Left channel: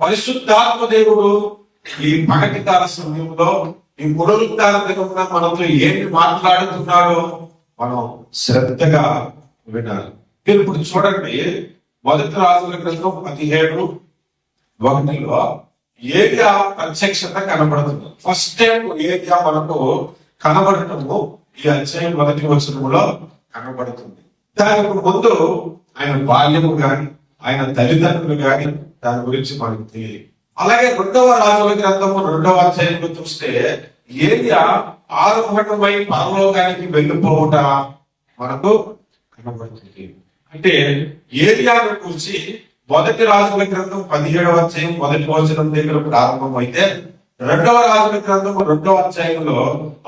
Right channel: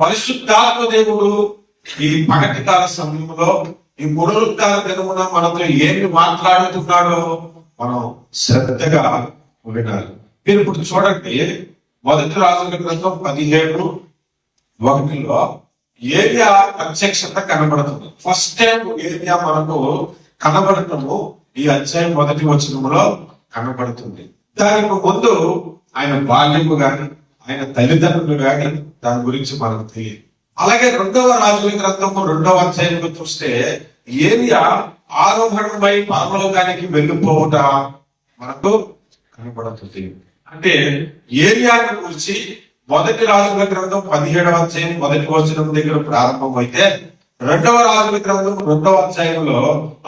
పరిశుద్ధాత్మ దేవుడు ఈ పగటి కాల సమయంలో ఈ పునరుద్ధాన దినమున మనతో ఏమి మాట్లాడుతున్నాడో మనం శ్రద్ధగా వినాలి. మీరు ఇప్పుడు చూడండి, మొదటి రాజుల గ్రంథం 17:1 ఏరియా ప్రత్యక్షత కనబడుతుంది. ఫస్ట్ టైం ఏరియా మనకు కనబడటము ఈ అధ్యాయం 1వ వచనంలో కనబడుతుంది. దానికి ముందు ఆయన బాల్యము గాని ఆయన తల్లిదండ్రులు గాని దాని గురించి మనకు తెలియదు. అలాగే 2వ రాజుల గ్రంథము 2వ అధ్యాయంలో చూస్తే ఏరియా ఆరోహణమై పరలోకానికి వెళ్ళిపోవుట మనకు కనబడుతుంది. అంటే ఏరియాను గురించి మొదటి రాజుల గ్రంథం 17వ అధ్యాయం 1వ వచనం దగ్గర ప్రారంభమైతే 2వ రాజుల గ్రంథం 2వ అధ్యాయంలో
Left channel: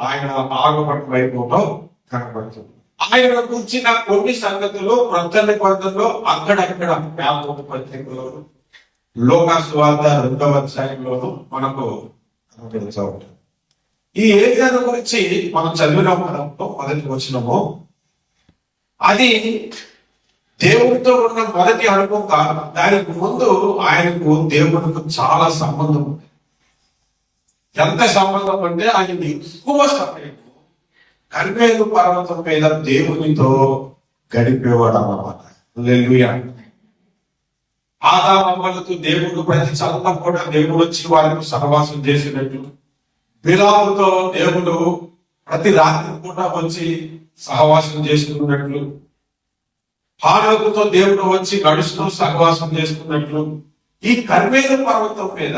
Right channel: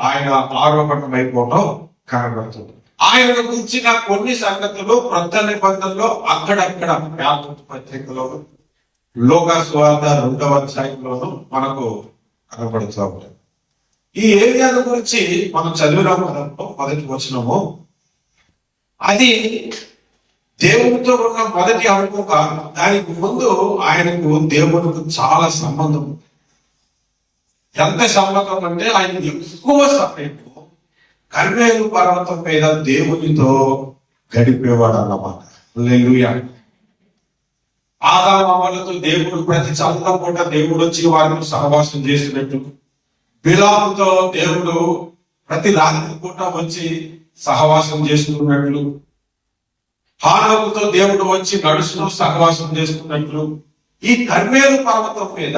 ఆయన ఆరోహణమైపోవటం కనబడుతుంది. ఆయన గురించిన కొన్ని సంగతులు క్రొత్త నిబంధనలో అక్కడక్కడ యాకోబు పత్రికలోను లోకా సువార్త 2వ అధ్యాయంలోను మనకు కనబడుతూ ఉంటాయి. ఈ ఏరియాను గురించి మనం చదివినాం కదా, మొదటి వచనము. అది దేవుడితో ఉన్న మొదటి అనుభవం కాదు. దానికి ముందు ఆయనకు దేవుడికి చాలా సంబంధం. ఎంత సంబంధం అంటే ఆయన ఎక్కువ సమయం కర్మేలు పర్వతం మీద దేవునితో గడిపేవాడు అన్నమాట. హల్లెలూయా. ఆదామమ్మలతో దేవుడు ప్రతి చల్లం పూట దేవుడు వచ్చి వారిని సహవాసం చేసినట్టు, బిలాముతో దేవుడు ప్రతి రాత్రి పూట వచ్చి సహవాసం చేసుకున్నట్లు, హానోకుతో దేవుడు వచ్చి నడుస్తూ సహవాసం చేసుకున్నట్లు, ఈ కర్మేలు పర్వతం మీద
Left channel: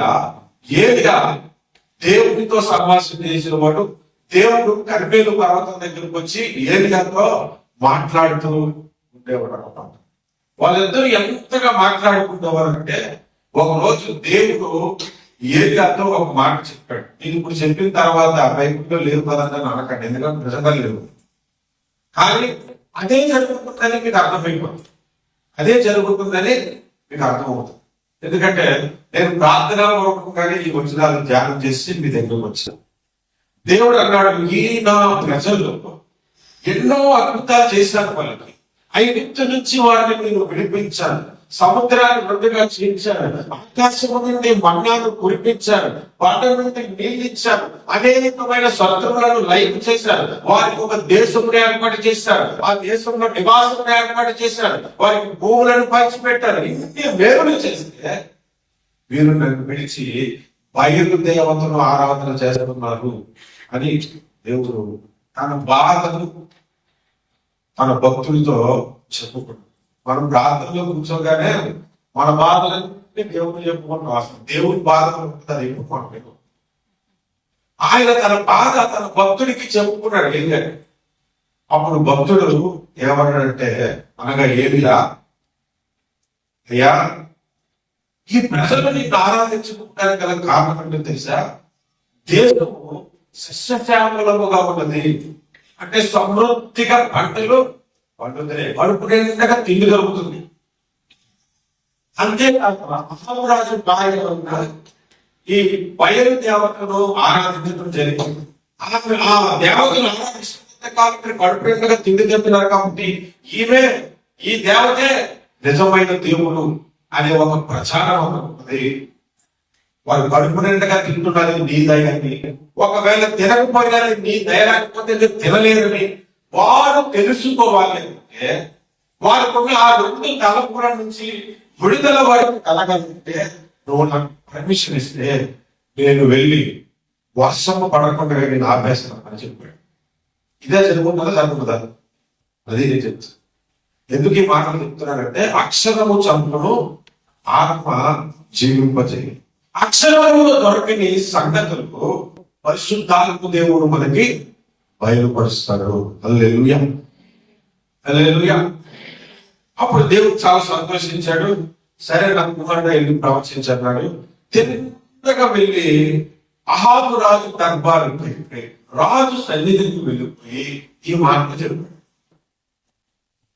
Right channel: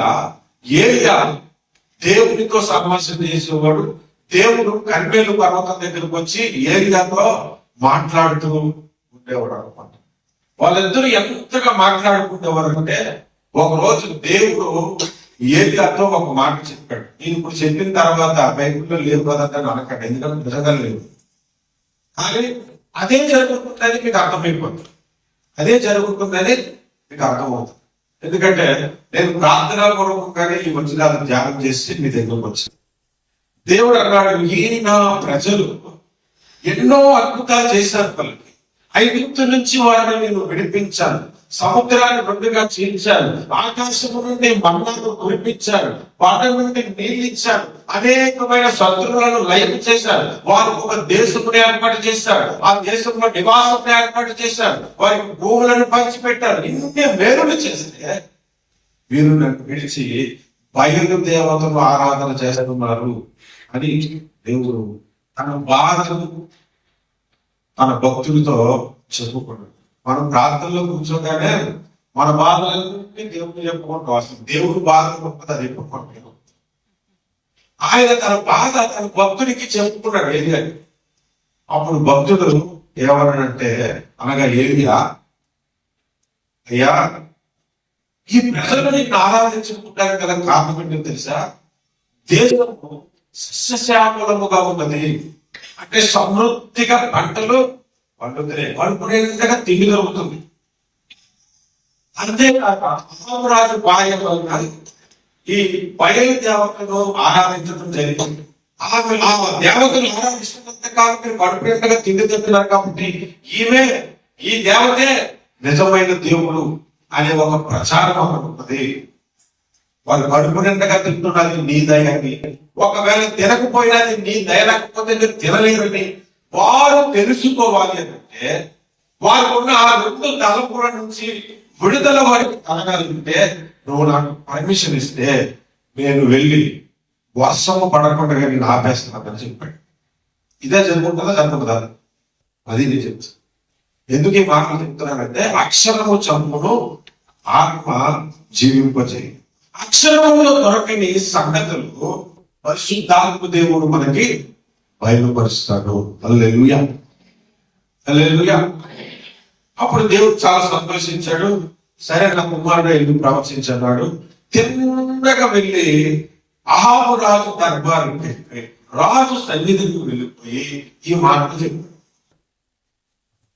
ఏలియా దేవునితో సహవాసం చేసేవాడు. దేవుడు కర్మేలు పర్వతం దగ్గరకు వచ్చి ఏలియాతో మాట్లాడుతూ ఉండేవాడు అన్నమాట. వాళ్ళిద్దరూ ఎంతగా మాట్లాడుకుంటేవారు అంటే, ఒకరోజు దేవుడు ఏలియాతో ఒక మాట చెప్పాడు. నేను ఇప్పుడు చెప్పిన తర్వాత బైబిల్లో లేవు కదంటే అనకండి, ఎందుకంటే నిజంగా లేవు. కానీ అదే జరుగుతుందని మీకు అర్థమైపోతుంది. అదే జరుగుతుందని మీకు అర్థమవుతుంది. ఎందుకంటే నేను ప్రార్థనా పూర్వకంగానే ఈ వచనాలు ధ్యానం చేసి మీ దగ్గరకు వచ్చాను. దేవుడు అన్నాడు, ఈ నా ప్రజలు ఎన్నో అద్భుతాలు చేశారు. వాళ్ళకి ఐగుప్తు నుంచి వారిని నేను విడిపించాను, సముద్రాన్ని రెండుగా చీల్చాను, ఆకాశము నుండి మన్నాను కురిపించాను, పాట నుండి నీళ్ళు ఇచ్చాను, అనేకమైన శత్రువులను లైక్ చేశారు, వారికి ఒక దేశంలో ఏర్పాటు చేశారు, ఆ దేశంలో నివాసం ఏర్పాటు చేశారు, వారికి భూములను పంచిపెట్టారు. ఇన్ని మేలులు చేస్తే వీరు నన్ను విడిచి బయలు దేవతను ఆరాధన చేస్తున్నారు అని దేవుడు తన బాధను తన భక్తులతో చెప్పుకున్నాడు. మనం ప్రార్థనలో కూర్చోగానే మన బాధలన్నీ దేవుడు చెప్పుకుంటూ వస్తుంది. దేవుడు బాధలు చెప్పుకుంటాడు. ఆయన తన బాధ తన భక్తుడికి చెప్పుకున్నాడు ఏలియా. అప్పుడు భక్తుడు ఏమన్నాడంటే, అనగా ఏలియా, అయ్యా ఈ ప్రజలని ఆరాధించుకుంటానికి గల కారణం ఏంటో తెలుసా? దేశము సస్యశ్యామలముగా ఉన్నది. అంటే సమృద్ధిగా పంటలు పండుతున్నాయి, కడుపునేంతగా తిండి దొరుకుతుంది. అంతేకాక మహారాజు భార్య వలన ఈ బయలు దేవతను ఆరాధించడం జరిగింది. ఆ దేవతను ఆరాధిస్తున్నంత కాలం మీరు కడుపునేంతగా తిండి తింటున్నారు కాబట్టి ఈ దేవతే నిజమైన దేవుడు అనే ఒక ప్రచారం ఉన్నది. వాళ్ళు కడుపు నిండగా తింటున్నది నీ దయని, ఒకవేళ తినకపోయినది నీ దయ లేకపోతే మీరు తినలేరని వారు తెలుసుకోవాలి. అంటే వారికున్న ఆ 2 తలపుల నుంచి విడుదల వారికి కలగలిగితే నువ్వు నాకు పర్మిషన్ ఇస్తే నేను వెళ్ళి వర్షము పడకుండా నేను ఆపేస్తున్నానని చెప్పాడు. ఇదే జరుగుతుందా జరుగుతుందా? అది నేను చెప్తాను. ఎందుకు ఈ మాటలు చెప్తున్నానంటే, అక్షరము చంపును ఆత్మ జీవింపజేయి. అక్షరములో దొరకని సంగతులు పరిశుద్ధాత్మ దేవుడు మనకి బయలుపరుస్తాడు. హల్లెలూయా, హల్లెలూయా. అప్పుడు దేవుడు చాలా సంతోషించాడు. సరే, నా కుమారుడు వెళ్ళి ప్రవచించన్నాడు. తిన్నగా వెళ్ళి అహాబు రాజు దర్బారుకి, రాజు సన్నిధికి వెళ్ళిపోయి ఈ మాట చెప్పాడు.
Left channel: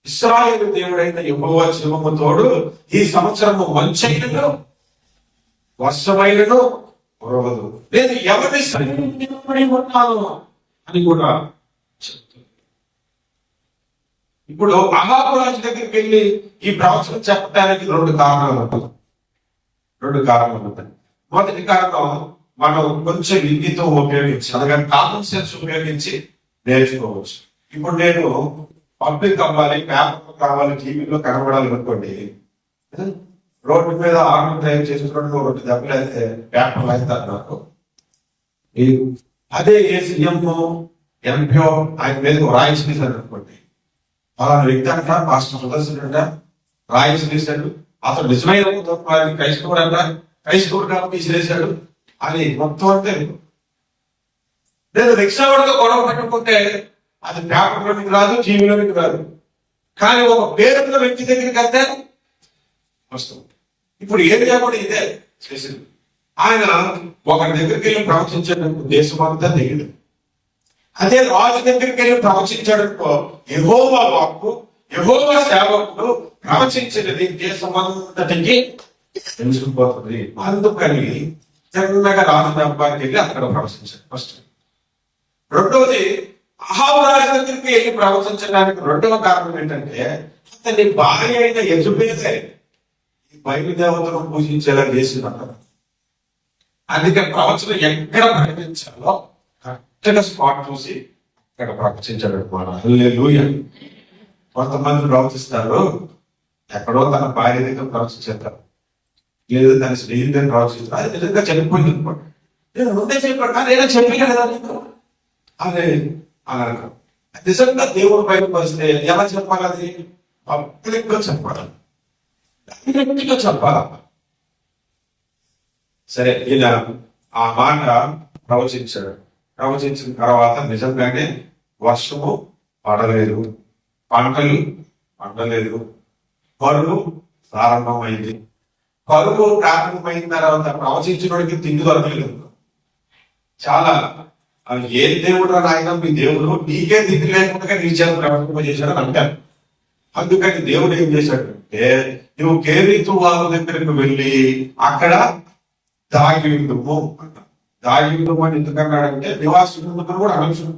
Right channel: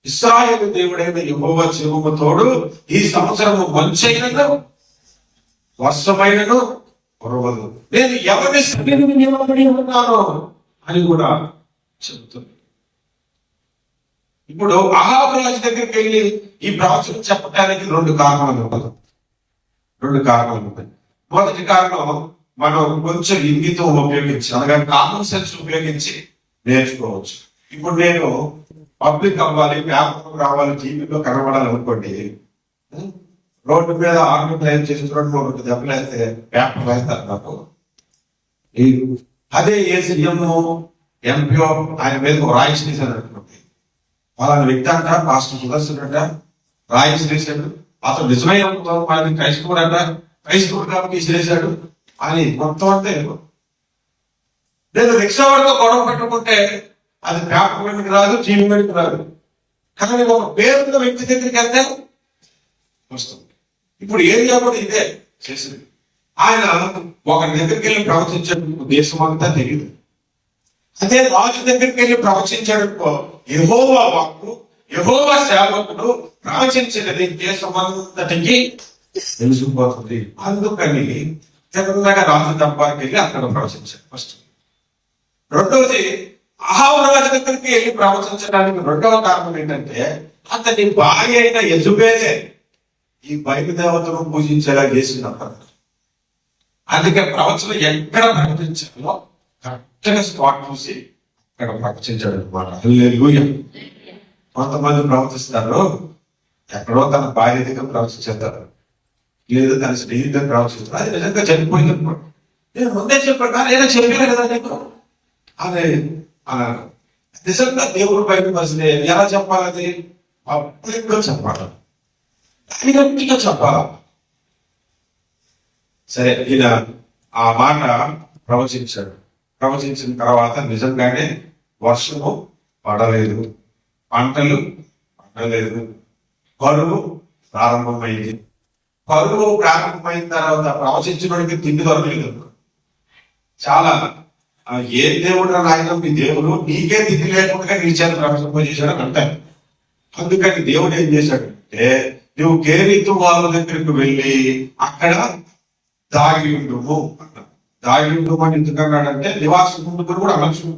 ఇశ్రాయేలు దేవుడైన యెహోవా జీవము తోడు, ఈ సంవత్సరము మంచైనను వర్షమైనను కురవదు, నేను ఎవరి సన్నిధిని నిలబడి ఉన్నాను అని కూడా చెబుతుంది. ఇప్పుడు అహాబు రాజు దగ్గరికి వెళ్ళి ఈ ప్రవచనం చెప్పడానికి 2 కారణాలు ఉంటాయి. రెండు కారణాలు ఉంటాయి. మొదటి కారణం, మనం కొంచెం ఇంగితం ఉపయోగించి, అనగా కామన్ సెన్స్ ఉపయోగించి నేర్చుకోవచ్చు. ఇప్పుడు నేను పబ్లిక్ అవ్వాలి, పేపర్ రావాలి, టీవీలో కనబడాలి అనుకోండి, రోడ్డు మీద ఆటో డ్రైవ్ చేస్తున్నట్టు ఒకటి దెబ్బలైతే పేపర్ వేస్తారు నాకు. అదే సీఎం ఎంపీఓ ఆయన మీద రాయిస్ తీశారు అనుకోండి, అలాంటి వ్యక్తి అంట పాస్టర్ సుదర్శన్ అంట రాయిస్ తీశాడు, అతను నిజమైన క్రైస్తవుడు అంట, క్రైస్తవుడు కాబట్టి తీసేశాడు అని మొత్తం అంతా. నేను రిక్షా వాడితో గొడవ పెట్టుకుంటే అది పేపర్లోనికి రాదు, టీవీలోనికి రాదు, కానీ ఒక పేరున్న వ్యక్తి దగ్గరికి వెళ్తే వస్తుంది. ఇప్పుడు ఏం చేయబడి ఇదే చేసింది. ఆయన ఒకరి దగ్గరికి వెళ్ళి ప్రవచించడానికి ఉద్దేశం అంతా తెలియదు. అదే రాజు దగ్గరికి వెళ్ళి ప్రవచించడంతో యెహోవా వాక్కు, యెహోవా సేవకుడు ప్రవచించినది దేశం అంతటికి తెలిసిపోతుంది. అందుకని చిన్నగా రాజు దర్బార్కి వెళ్ళి అక్కడ ప్రవచించాడు ఫస్ట్. రెండోది, అహాబు రాజు దగ్గరికి వెళ్ళి ప్రవచించడానికి రెండవ కారణం ఏంటంటే, అతని భార్య అయిన యెజబెలే ఈ బయలుదేవతను పూజించేలా చేసినప్పుడు. అందుకే ప్రవచనం ఎక్కడ ప్రకటించాలో కరెక్ట్గా స్పాట్ చూసి అక్కడ ప్రవచించాడు అనమాట. హల్లెలూయా. కొంతమంది ప్రవచిస్తారు, ఎక్కడో తన భార్య దగ్గర ప్రవచించేస్తారు, లేదు తన స్నేహితులు ప్రవచిస్తారు, అది నిజంగా చనిపోయింది అనుకోండి. నేను ముందే చెప్పాను కానీ ఏదో చెప్పాను కదా నీకు అదే అన్నారు. నిజంగా దేవుడు బయటపరిస్తే ఎలా చెప్పాలి? అది పబ్లిక్ గా చెప్పాలి, డైరెక్ట్గా చెప్పాలి. సరే, ఈయన ఆ మాట ప్రవచించాడు. ప్రవచించిన తర్వాత నిజంగానే వర్షము పడలేదు, పంటలు పండలేదు, కరువు ప్రారంభమైంది. కరువు ప్రారంభమైన తర్వాత ప్రవచించడానికి తిండి దొరకలేదు. చాలా ఏ దేవుడు నాయన మీ దేవుడు, నీకే తిండి లేకుండా నీ చేత ప్రవచింప చేశాడని అంటారు. అందుకని దేవుడు ఏం చేశాడు అంటే, నువ్వు కేరీతు వాళ్ళ దగ్గరికి వెళ్ళి అక్కడ దాగి ఉండుము అన్నాడు. దాగి ఉండుము అని ఎందుకన్నాడంటే, నివాసం కూడా అనొచ్చు.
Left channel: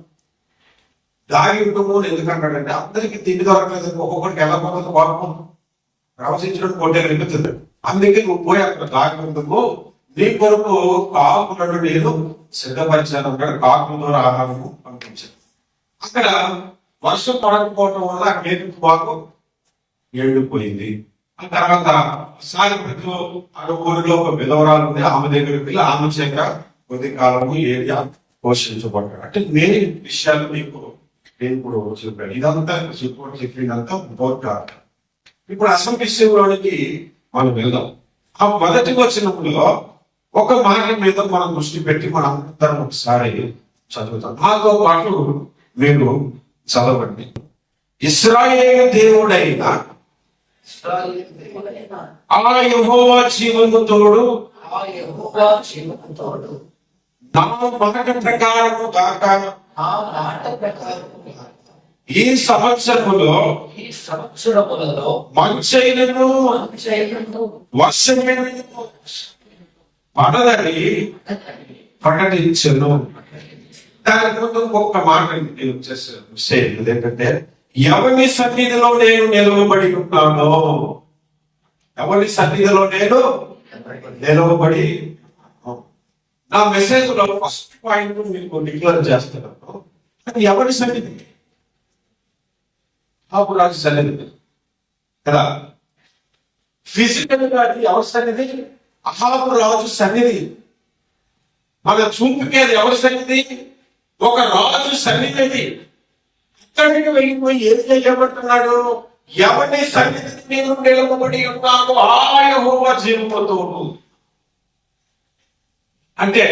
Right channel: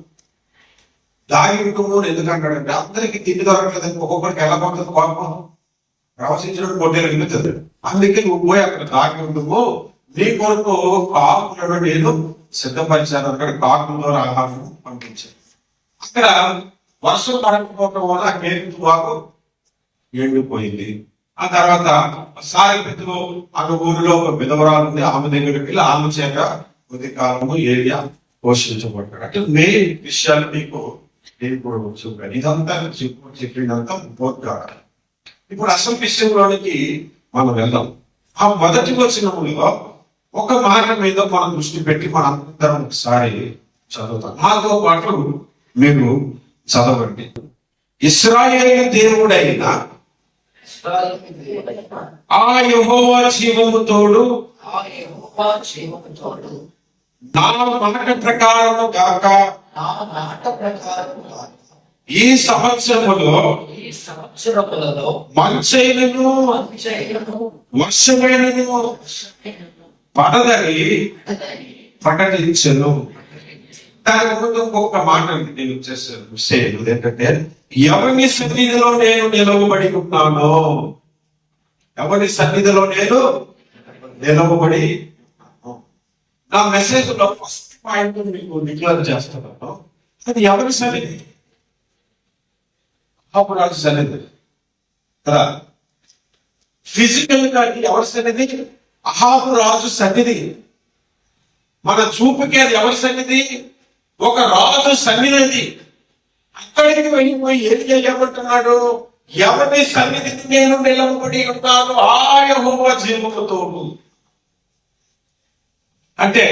దాగి ఉండుము ఎందుకన్నాడంటే, అందరికి తిండి దొరకలేదు, ఒక్కొక్కరికి ఎలా పడుతుంది పాపం, ప్రవచించడం కొట్టేలు వెళ్తుంది. అందుకే నువ్వు పోయి అక్కడ దాగి ఉండుము, నీ కొరకు కాకులను నేను సిద్ధపరిచాను అన్నాడు. కాకుల ద్వారా ఆహారము పంపించాను. అక్కడ వర్షం పడకపోవడం వల్ల ఆ కేరీతు వాగు ఎండిపోయింది. ఆ తర్వాత సాయపెట్టులో ఆమె ఊరిలో ఒక విధవరాలు ఉంది, ఆమె దగ్గరికి వెళ్ళి ఆమె చేత కొద్ది కాలము ఏరియా పోషించబడ్డాడు. అంటే మెయిన్ విషయాలు నీకు నేను ఇప్పుడు చెప్పాను. ఇదంతా చెప్పినంతా బోర్డు. ఇప్పుడు అసలు విషయంలోనికి మనం వెళ్దాం. ఆ మొదటి వచనంలో ఒక మాట మీద మనం దృష్టి పెట్టి మనందరం ఒకసారి చదువుతాం. నాతో పాటు మీరు చదవండి. ఇశ్రాయేలు దేవుడైన ఆ యెహోవా జీవము తోడు, నా మాట ప్రకారము గాక, ఈ సంవత్సరములో మంచైనను వర్షమైనను పడదని ప్రకటించను. దాని ముందు ఇంకొక మాట నేను చేశాను. ఏంటంటే, ఎవరి సన్నిధిలో నేను నిలవబడి ఉన్నానో, ఎవరి సన్నిధిలో నేను నిలవబడి, నా మెసేజ్ లో ఫస్ట్ పాయింట్ మీకు డిక్లేర్ చేస్తున్నాను. అది ఎవరి సన్నిధి? అహాబు రాజు సన్నిధి కదా. ఫిజికల్ గా ఎవరి సన్నిధి? అహాబు రాజు సన్నిధి. మన చూపుకి అది ఎవరి సన్నిధి? ఒక రాజు సన్నిధి. అక్కడికి వెళ్ళిపోయి ఏం చేయబడుతున్నాడు? ఎవరి సన్నిధిని నేను నిలవబడి ఉన్నాను, ఆ యెహోవా జీవముతో. అంటే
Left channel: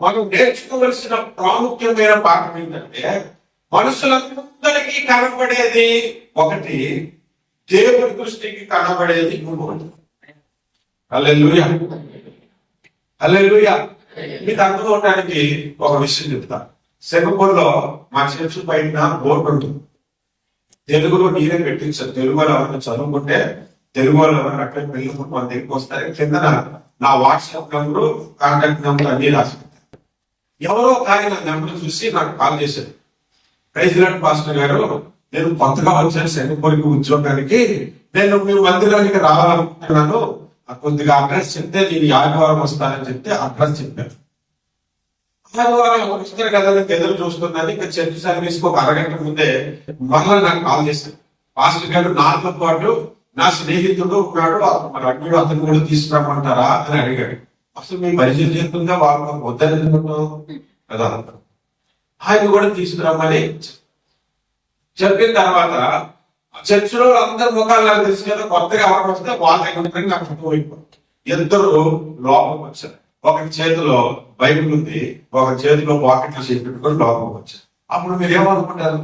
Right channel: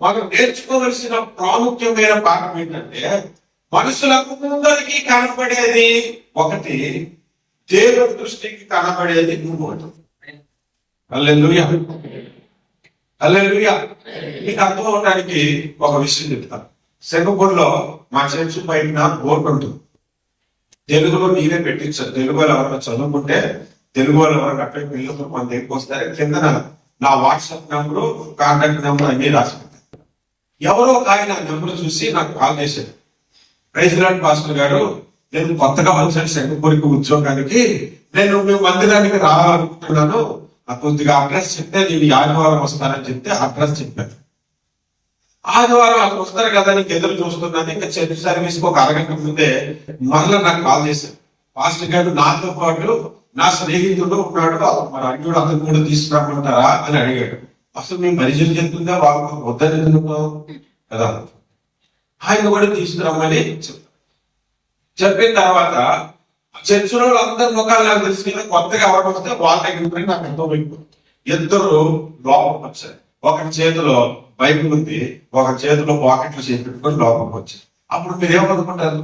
మనం నేర్చుకోవలసిన ప్రాముఖ్యమైన పాఠం ఏంటంటే, మనుషులందరికీ కనబడేది ఒకటి, దేవుడి దృష్టికి కనబడేది ఇంకోటి. హల్లెలూయా, హల్లెలూయా. మీకు అర్థం అవడానికి ఒక విషయం చెప్తా. సింగపూర్లో మా చర్చ్ బయట బోర్డు ఉంటుంది, తెలుగులో నీవే పెట్టించారు. తెలుగులో ఎవరైనా చదువుకుంటే, తెలుగులో ఎవరైనా అట్లా పిల్లలు మన దగ్గరికి వస్తారు, కింద నా వాట్సాప్ నెంబరు, కాంటాక్ట్ నెంబర్ అన్ని రాసుకుంటారు. ఎవరో ఆయన నెంబర్ చూసి నాకు కాల్ చేశారు. ప్రెసిడెంట్ పాస్టర్ గారు, నేను కొత్తగా వచ్చాను సింగపూర్కి ఉద్యోగానికి, నేను మీ మందిరానికి రావాలనుకుంటున్నాను, కొద్దిగా అడ్రస్ చెప్తే నేను ఆదివారం వస్తానని చెప్తే అడ్రస్ చెప్పాను. ఆదివారం అక్కడ వస్తారు కదా నీకు ఎదురు చూస్తున్నాను. ఇంకా చర్చ్ సర్వీస్ కి ఒక అరగంట ముందే మరలా నాకు కాల్ చేశాను. పాస్టర్ గారు నాతో పాటు నా స్నేహితుడు ఉన్నాడు, మరి అడ్డు అతను కూడా తీసుకురామంటారా అని అడిగాడు. అసలు మేము పరిచయం చెప్తుందా వాళ్ళు వద్దని కదా, ఆయన కూడా తీసుకురామని చెప్పిన తర్వాత చర్చిలో అందరి ముఖాలు నాకు తెలుసు కదా, కొత్తగా ఎవరికి వస్తే వాళ్ళ దగ్గర నాకు అర్థమైపోయింది. ఇద్దరు లోపలికి వచ్చారు. ఒకరి చేతిలో బైబిల్ ఉంది, ఒకరి చేతిలో పాకెట్లు చేసి పెట్టుకొని లోపలికి వచ్చారు. అప్పుడు మీరేమనుకుంటారు?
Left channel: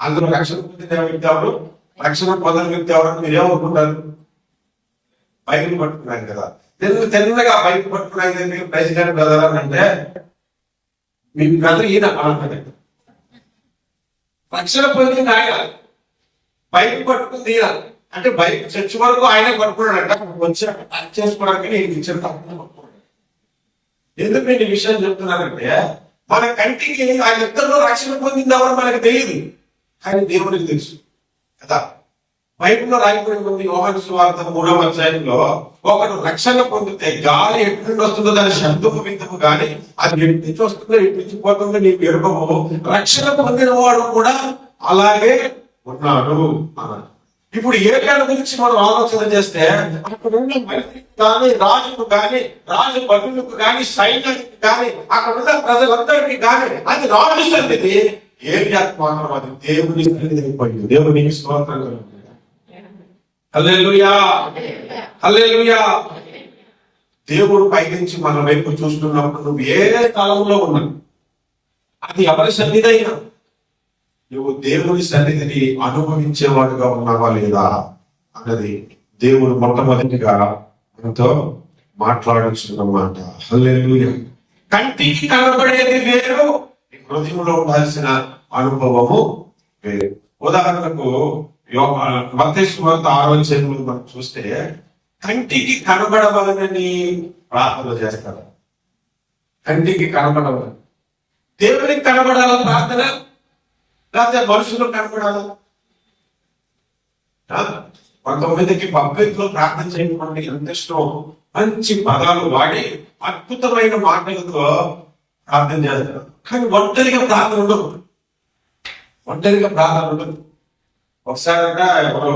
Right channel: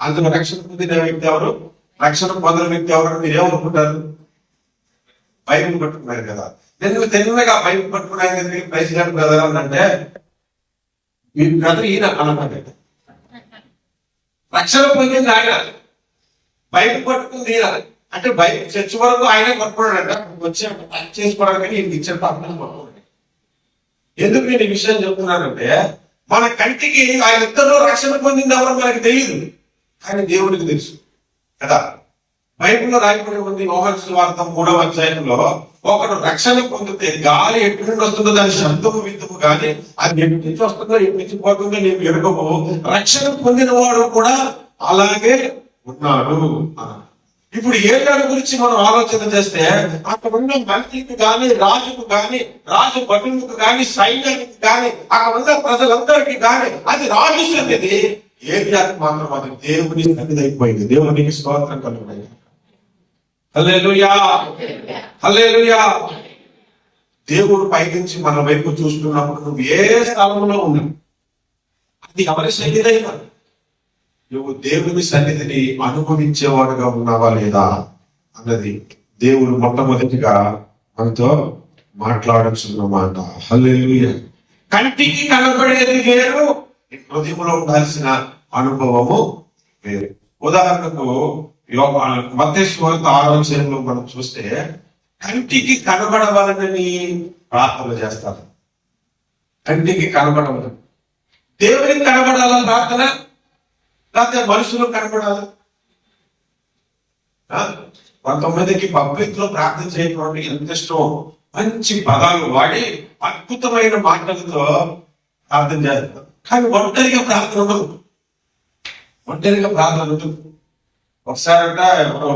అందులో రక్షణ పొందిన వ్యక్తి ఎవరు, రక్షణ పొందిన వ్యక్తి ఎవరు మీరేమనుకుంటారు? బైబిల్ పట్టుకున్నారు కదా. ఎందుకు తిన్నగా బైబిల్ పట్టుకున్నాయి ప్రెసిడెంట్ బ్రదర్ అని అంటే మీ బ్రదర్ ఈయన అనమాట. రక్షణ పొందింది ఆయన, బైబిల్ పట్టుకుంది ఈయన. అంటే బైబిల్ చర్చ్ వరకు ఆయనే పట్టుకున్నాడంట, వచ్చాడు టచ్ చేసుకోవడానికి నేను ఇచ్చిన పట్టుకుని పట్టుకున్నాడు. ఎందుకు నేను ఈ విషయం చెప్తున్నానంటే మన కంటికి ఆయన ఇద్దరిలో రక్షణ పొందింది ఎవరు మనకు తెలియదు, కానీ దేవుడికి తెలుసు కదా. బైబిల్లో రాయబడి ఉంది యోహాను సువార్త 3వ అధ్యాయంలో ఒకడు రక్షణ పొందితే గాలి ఎటు నుండి వస్తుందో దాని శబ్దము విందుకు కానీ అది ఎటు నుంచి వస్తుందో ఎటు నుంచి పోతుందో నీకు ఎరుగము, రక్షణ పొందిన వాడు కూడా అలాగే ఉన్నాడు అన్నాడు. ఇప్పుడు ఏళ్ళ గురించి మనం ఆలోచన చేస్తే అక్కడ ఉన్న మంత్రికి కానీ రాజుకు కానీ రాజు భటులకు కానీ సైన్యానికి కానీ అక్కడ ఉన్న ప్రజలందరికీ కానీ అది రాజు సన్నిధి, ఏరియాకు మాత్రం అది దేవుని సన్నిధి అయిపోయింది. దేవునికి స్తోత్రం కలుగుతాయి. హల్లెలూయా, హల్లెలూయా. దేవుడు పైనుంచి మన వైపు చూస్తున్నప్పుడు నువ్వు ఏ స్థలంలో ఉన్నావు, అది ఎవరి సన్నిధి అయినా నువ్వు దేవుని సన్నిధిని అనుభవించేవాడుగా ఉన్నావా లేదా అన్నది దేవుడు మొట్టమొదటిగా మనతో మాట్లాడుతున్నమాట. హల్లెలూయా. కంటికి కనబడేది వేరు, హృదయంలో ఉండాల్సిన అనుభవము వేరు. ఉదాహరణకు మత్తయి సువార్త 6వ అధ్యాయంలో మనం చూస్తే కంటికి కనబడవాలని ప్రార్థన చేస్తారు. కంటికి కనబడవాలని, దేవునికి కనబడాల ప్రార్థన, లేకపోతే మనుషులు కనబడాల? కొంతమందికి పబ్లిక్ లో ప్రార్థన చేయడం ఎంత ఇష్టం, మంచి పదాలు వాడి అద్భుతమైన మాటలతో ప్రార్థన చేస్తారు. కానీ ఒంటరిగా ప్రార్థన ఉండదు, ఒంటరిగా ప్రార్థన ఉండదు. ఒకసారి అంటే ఎవరో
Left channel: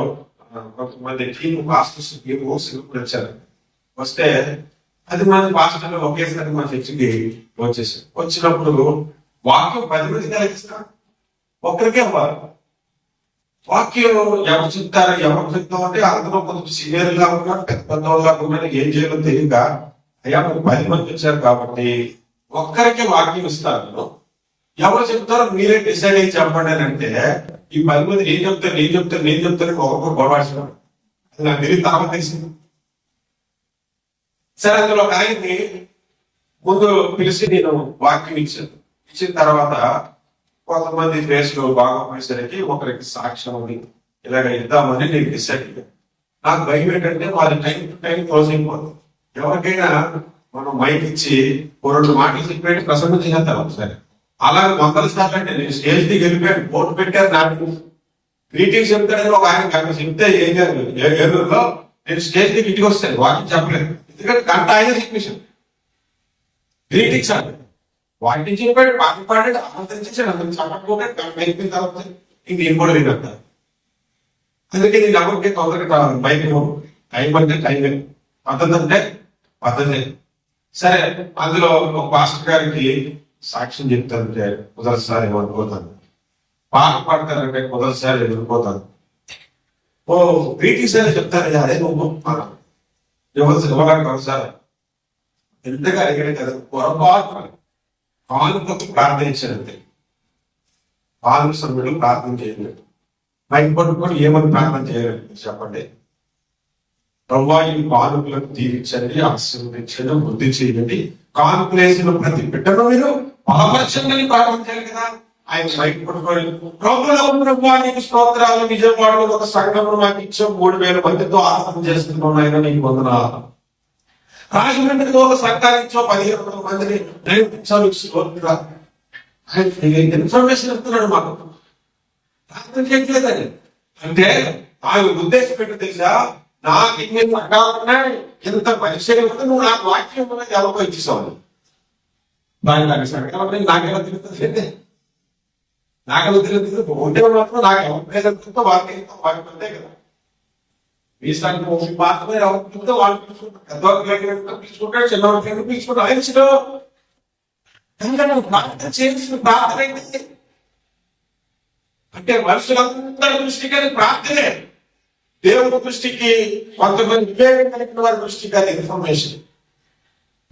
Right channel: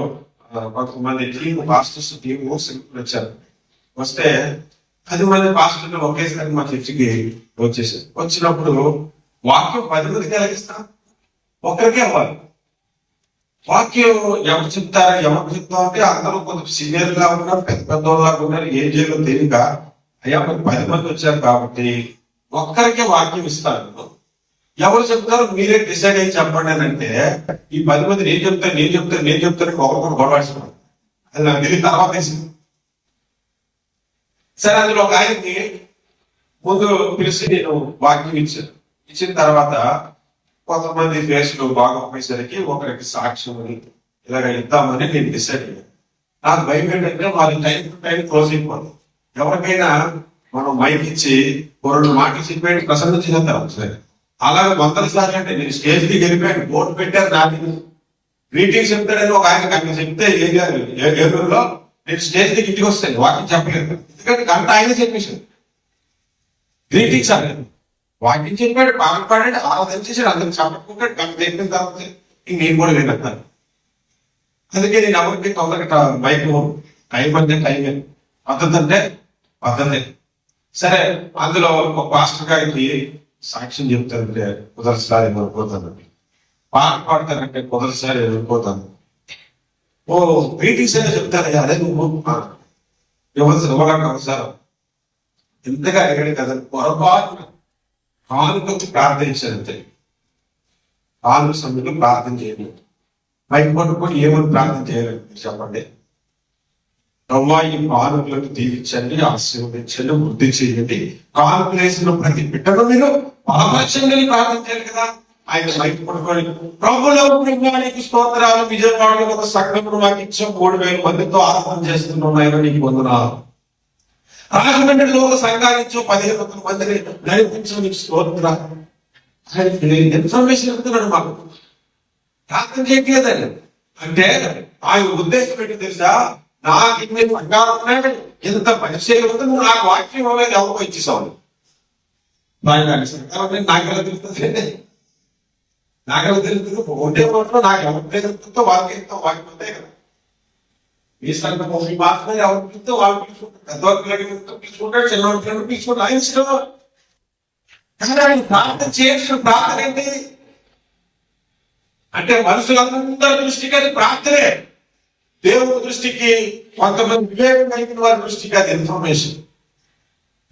కొంతమంది టీము పాస్టర్స్ టీము సింపుల్ వచ్చారు. వస్తే 10 మంది పాస్టర్లు ఒకేసారి మా చర్చికి వచ్చేసారు. వచ్చినప్పుడు వాక్యం 10 మందికి కలిగిస్తాం, ఒక్కరికే అవ్వాలి. వాక్యం ఎవరు చెప్తారు ఎవరు చెప్తామంటే అందరూ కొంచెం సీనియర్ గా ఉన్నారు, పెద్ద పెద్దవాళ్ళగా ఉన్నారు, ఏం చేయాలో తెలియక అయ్యా 10 మంది వచ్చారు కాబట్టి ఒక్కరికే వాక్యం ఇస్తాను, ఎవరు చెప్తారో మీరే డిసైడ్ అయ్యి చెప్పండి అని అంటే ఈ 10 మంది నేను చెప్తాను ఒకరికొకరు గొడవాడుతున్నాను. అది నాకు తెలియదు, తర్వాత తెలిసింది. సరే, అందులో ఒక ఆయన్ని ముందు పిలిచి నేను వాక్యం ఇచ్చాను. ఇచ్చిన తర్వాత కొంతమంది ఫేస్లు బాగోపోయేసరికి ఒకరికి సాక్ష్యం ఇలాగ ఇద్దామని నేను డిసైడ్ అయ్యాను. నాకు భయం ఏంటంటే వాళ్ళ టైం టు టైం క్లోజ్ అయిపోతుంది. ఎవరికైనా మనం మైక్ ఇచ్చి 2 మాటలు చెప్పేది ప్రసంగం చేద్దాం. సరే, అలాగే 100 సార్లు అంటే నేను స్టేజ్ దిగి వెళ్ళిపోయాను, బోర్డు పెట్టారు, నాకు గ్రీటింగ్స్ చెప్తాడని ఒక ఆయన గంట చెప్తే ఏలూరులో నేను స్టేజ్ దిగి ఇంటికి వస్తాను, వాకింగ్ చెప్పలేదు. ఎందుకంటే గంట ఆయన చెప్పేసాను గ్రీటింగ్స్ అంటే వాకింగ్ చెప్పాడు, పాట పాడాడు, ఆరాధన చేశాడు, అందరికి చెప్పకపోతే గంట అయిపోయిన తర్వాత ఇంక నేను కూడా విన్నాను. అందుకే నేను ఎవరికి తొందరగా బైక్ టైం అంటే టైమే, పద్ధతి అంటే పద్ధతి. సరే, అందులో ఒక పాస్టర్ గారికి సాక్ష్యం చెప్తానంటే కుదరసారి ఏమనుకోతాను, పాట పాడతానంటే కుదరసారి ఏమనుకోతాను. ఓ గ్రీటింగ్స్ అని చెప్తాను, అదే నువ్వు ఎవరు సార్ ఎంతగా అడిగాడు కదా. పొరపాటు కానుకకు ప్రార్థించారంతే, కానుక సమయంలో ప్రార్థన చేయలేదు. మైక్ పట్టుకొని ఏమని ప్రార్థన చేయలేదు చెప్పండి. ప్రభువా ఈ కానుకలకు దీవించండి, ఆశీర్వదించండి, వృద్ధి చేయండి, కానుకలు వేసిన ప్రతి బిడ్డను మీరు ఆకర్షంగా ప్రార్థన చేయాలి కదా. ఆయన మైక్ పట్టుకొని ప్రభులో ప్రభువానికి స్తోత్రాలు, విజయవాడలో ఒక సంఘమును మాకు ఇచ్చాం, 3000 మందితో ఆరాధన చేస్తున్నాయని నీకు వందనాలు. రాజమండ్రిలో ఒక సంఘాన్ని ఇచ్చో 1500 మందిని నడిపించావు, నీకు స్తోత్రాలు. ఆయన ఇన్ఫర్మేషన్ ఇస్తున్నాడు మాకు, ప్రార్థన చేయట్లేదని. అంటే ఆయన ఉద్దేశం ఏంటో తెలుసా, నాకు ఇన్ని సంఘాలు ఉన్నాయి, ఇంత పరిచయం ఉంది, నువ్వు నాకు వాక్యం అనేది ఎవరికో ఇచ్చేసావు. నాకు సంఘాలు నాకెలా తిరుగుతుంది, నాకెలా తిరుగుతుంది. ఉండే మాత్రం నాకు ఎవరి జరుగుతుందో వాక్యం అంతే కదా. మీ సంఘం మాత్రమే ఎవరితో వాళ్ళు పిలుచుకుంటారు, పెద్దవాళ్ళు పిలుచుకుంటాడు, చిన్నవాళ్ళు పిలుచుకుంటారు. ఆయన ప్రార్థన చేసిన ప్రార్థన ఏంటి అంటే మనుషులందరి దృష్టికి అది ప్రార్థనే. దేవుని దృష్టికి, కొంతమంది వివేకం కలిగిన వారి దృష్టికి అది ఇన్ఫర్మేషన్,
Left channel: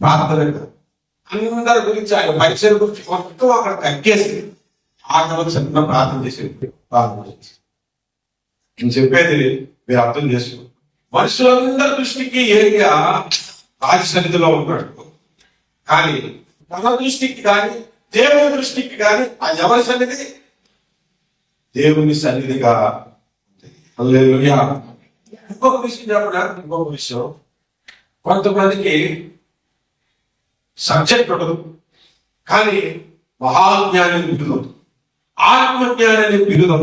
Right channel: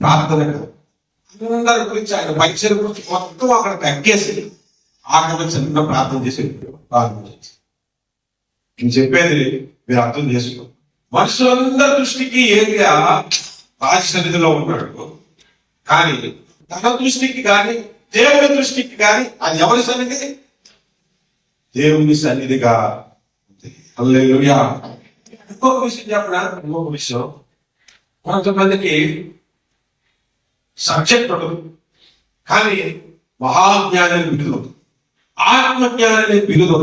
ప్రార్థన కాదు. అందరి గురించి ఆయన పరిచయం గురించి మొత్తం అక్కడ తగ్గేసి ఆకలి చిన్న ప్రార్థన చేసి నేను చెప్పేది మీరు అర్థం చేసుకో. మనుషులందరి దృష్టికి ఏరియా రాజ సన్నిధిలో ఉన్నాడు, కానీ తన దృష్టికి కానీ దేవుని దృష్టికి కానీ అది ఎవరి సన్నిధి? దేవుని సన్నిధిగా. హల్లెలూయా. ఇంకొక విషయం చెప్పనా, ఇంకొక విషయం, కొంతమందికి సబ్జెక్ట్ ఉండదు కానీ మహాజ్ఞానాన్ని బిరుదు, ఆత్మజ్ఞానాన్ని బిరుదు,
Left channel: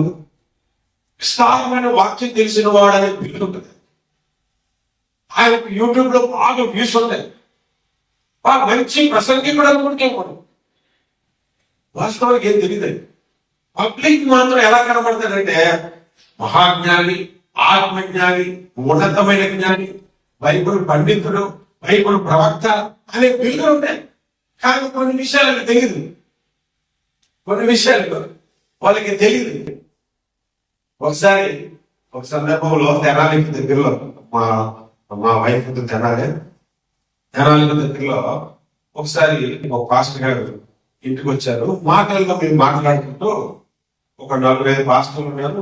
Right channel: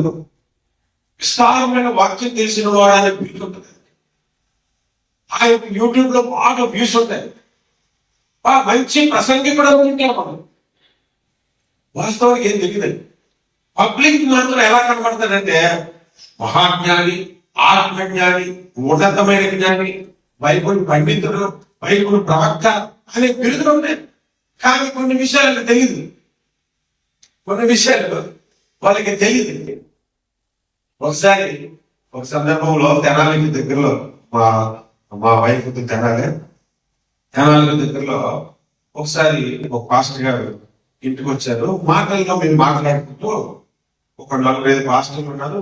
విస్తారమైన వాక్యం తెలిసిన వాడని బిరుదు ఉంటుంది. ఆయనకు యూట్యూబ్ లో బాగా వ్యూస్ ఉంటాయి, బాగా మంచి ప్రసంగికుడు అనుకుంటాం మనం. వాస్తవానికి ఏం తెలియదు. పబ్లిక్ మాత్రం ఎలా కనబడతాడంటే మహాజ్ఞాని, ఆత్మజ్ఞాని, ఉన్నతమైన జ్ఞాని, బైబుల్ పండితుడు, బైబుల్ ప్రవక్త అనే బిరుదులు ఉంటాయి. కానీ కొన్ని విషయాలకు తెలియదు, కొన్ని విషయాలు వాళ్ళకి తెలియదు. ఒకసారి ఒక సందర్భంలో తెనాలికి దగ్గరలో మా వైఫ్ తెనాలి దగ్గరలో ఒకసారి ఒక పాస్టర్ గారు ఇంటికి వచ్చారు. మాటల్లో మేము మాట్లాడుకుంటూ ఒక 4-5 పాస్టర్లు ఉన్నారు,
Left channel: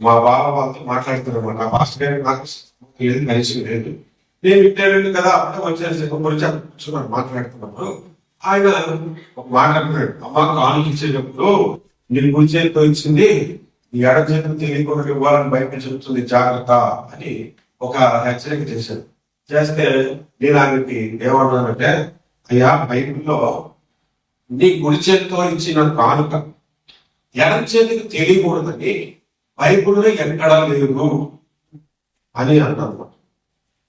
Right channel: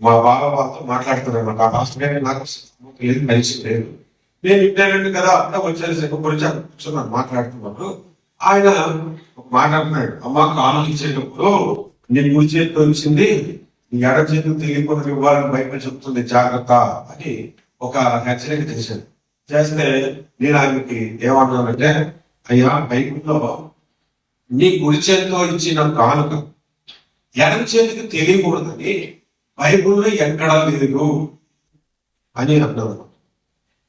మా బావ వాళ్ళతో మాట్లాడుతున్నాను. ఆ పాస్టర్ గారు నాకు కలిసి లేదు, నేను ఇంటర్వ్యూ కదా అప్పుడే వచ్చారు గురించి కూర్చున్నాను మాట్లాడుతున్నాను. ఆయన ఒక మాట అంటున్నాడు, అమ్మ ఆలోచించేటప్పుడు నేను గుడి చేతితో వచ్చింది, ఈ ఎడ చేతులు తెలియకుండా ఇవ్వాలని బయట చెప్తుంది, జాగ్రత్త అని ఒక హెచ్చరిక చేశాను. చేస్తే నేను ఆయనకి ఏమన్నానంటే, అయ్యా బైబిల్లో నీ కుడి చేతితో ఇచ్చిన కానుక ఎడం చేతికి తెలియకూడదని బైబిల్లో ఎక్కడా లేదు అని అన్నాను.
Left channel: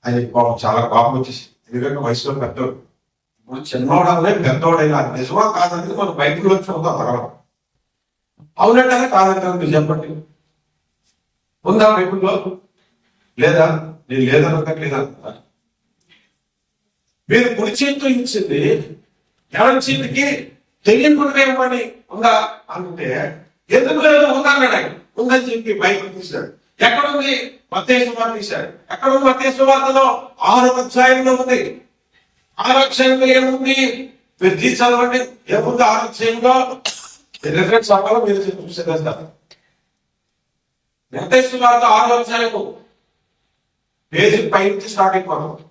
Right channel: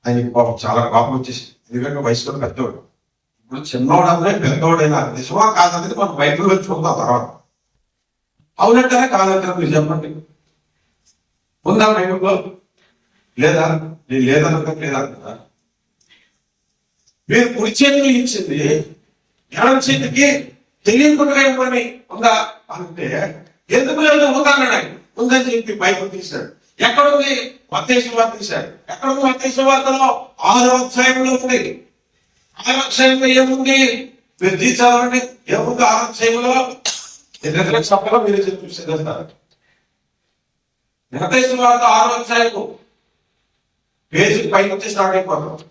ఆయన చాలా కోపం వచ్చేసి, ఎందుకంటే వయసులో పెద్దోడు, ఇప్పుడు చిన్నోడనే పెద్దోడైనా నిజమా కాదనేది మనం బైబిల్లో చూద్దాం తర్వాత. అవునంటేనే కాదంటే మీరు చెప్పండి, ఉందా బైబిల్లో? లేదా? నేను లేదనుకోలేదా? మీరు కుడి చేతిలో ఇచ్చింది ఎడం చేతికి తెలియకుండా ఇవ్వమని ఉందా అంటే, ఎందుకు లేదు ఉందన్నాడు ఆయన. ఉందని చెప్పి బైబిల్ తీశాడు. ఎక్కడుంది? మత్తయి సువార్త తీశాడు. ఎక్కడుంది? మత్తయి సువార్తలో 6వ అధ్యాయంలో ఉంది. 6వ అధ్యాయంలో ఏముంది? మీరు తీసి చదవండి, ఏముంది 6వ అధ్యాయంలో? రిఫరెన్స్ అవ్వాలో మీరు చూసే కదా. మత్తయి సువార్త 6వ అధ్యాయము పేజీ పై నుంచి స్టార్ట్ అయిపోతాం.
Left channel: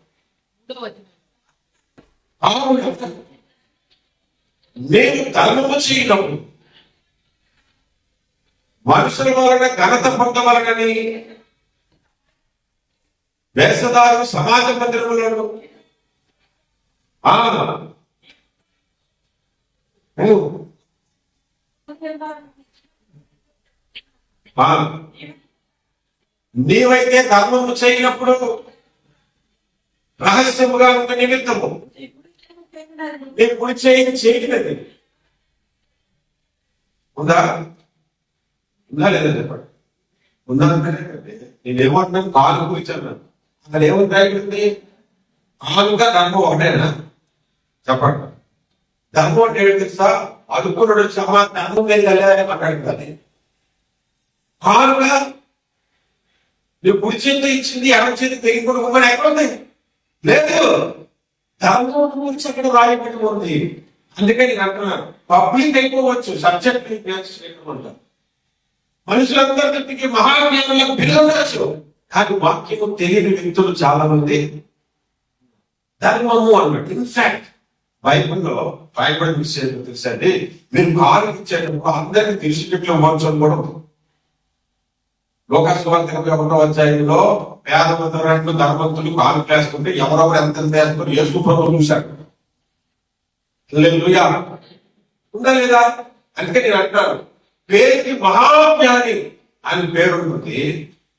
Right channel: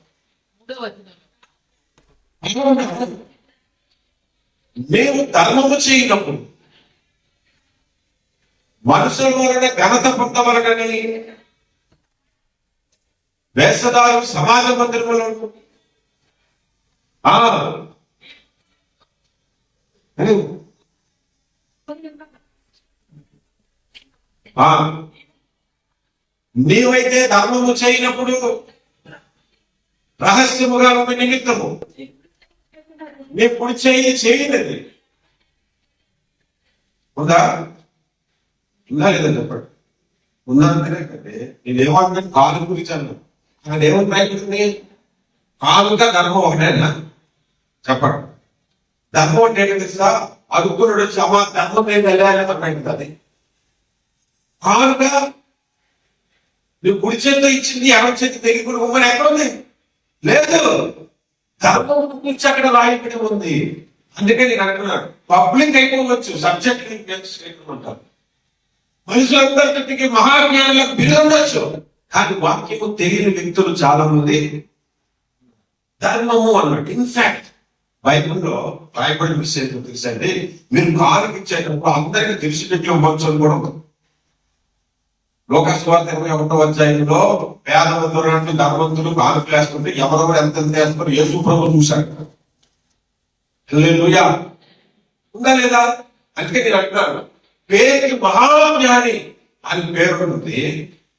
నేను ధర్మము చేయనప్పుడు మనుషుల వలన ఘనత పొందవలనని వేషధారు సమాజ మందిరములను నీవైతే ధర్మము చేయనప్పుడు రహస్యముగా ఉన్న నిమిత్తము నీ కుడి చేయి చేయలేదు. ఉందా? ఉందా లేదా చెప్పండి. ఉందా అంటే నేనేమంటున్నాను, కాలు గురించి అన్నాను. అదేమని ప్రయత్నింది? కాలుగా ధర్మం ఒకటేనా? చెప్పండి. ధర్మం అంటే ఏంటి తెలుసా? అదుకునుడు వచ్చి అమ్మ ధర్మం నేను వెళ్ళాలని అన్నాడు. కాలుగా నువ్వు కుడి చేతితో ఇచ్చింది ఎడం చేతి తెలియకుండా ఎక్కడుంది? లేదు. ధర్మం గురించి అక్కడ రాయబడి ఉంది. అందుకని నేను అంటున్నాను, పబ్లిక్ అయిపోవచ్చు, సబ్జెక్ట్ ఉంటారు. మనుషులందరికీ మహాజ్ఞానులకు బిరుదు, కానీ వాక్యము తెలియని వ్యక్తులు చాలా మంది. ధర్మము అన్నట్టు ఇన్ఫాక్ట్ బైబిల్లో రాయబడిన విషయం తెలుసండి, మీరు కాలుకి ఇచ్చేటప్పుడు అందరికీ తెలిసినట్లు ఇవ్వాల్సి కూడా ఉంది. లోకస్వార్థ 21వ అధ్యాయంలో పేదమంతులు ధనవంతులు కాలు వేసుకుంటే ఎవరెవరు ఎంత వేసుకుని యేసు ప్రభు చూశారు. హల్లెలూయా. ఉందా లేదా? అందుకే నేను అంటున్నాను, పేరుకి మహాజ్ఞాని అని పేరు ఉంటుంది,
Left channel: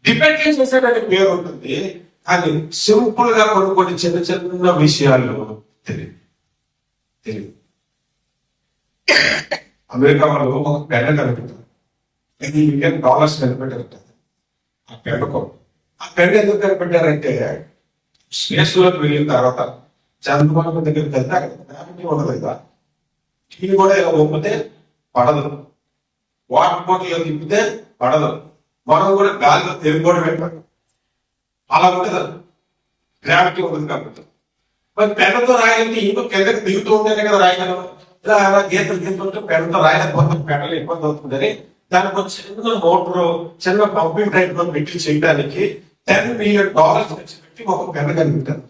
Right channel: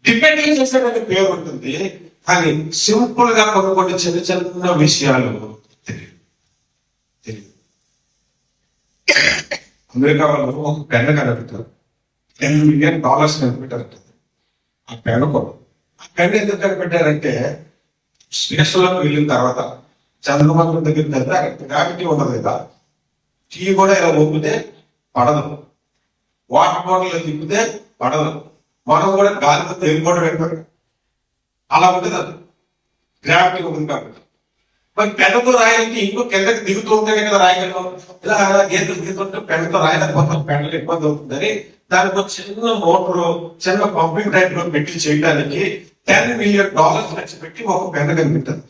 డిపెండ్ చేశాడని పేరు ఉంటుంది, కానీ సింపుల్ గా కొన్ని చిన్న చిన్న విషయాలు తెలియదు. అమెరికా వాళ్ళు ఒక పెన్ కనిపెట్టారు, $10 మిలియన్ కనిపెట్టారు. ఆ పెన్ ఎందుకు కనిపెట్టారంటే స్పేస్ లోకి వెళ్ళిన తర్వాత చంద్రమండలం దగ్గరికి వెళ్తే అక్కడ గ్రావిటీ ఉండదు కదా, టీ కూడా ఇలా ఊపితే పడదు, వాటర్ బాటిల్ తిప్పితే పడదు, మనం కూడా గాలిలో తేలిపోవడం పెట్టారు, అలా ఉంటుంది, గ్రావిటీ ఉండదు కాబట్టి. మరి పెన్నుతో రాయాలంటే ఇంకో కిందకి దిగుతూ ఉంటేనే కదా రాయగలం, ఇలా గీతలు గీతుంటే పెన్నుతో రాయలేకపోతే పెన్నులు ఇబ్బంది అవుతుందని దానికి ఒక చిన్న మోటార్, చిన్న పంపింగ్ టైప్ లో పెట్టి చేయడానికి $10 మిలియన్ ఖర్చు పెట్టి ఒక పెన్ను కనిపెట్టారు.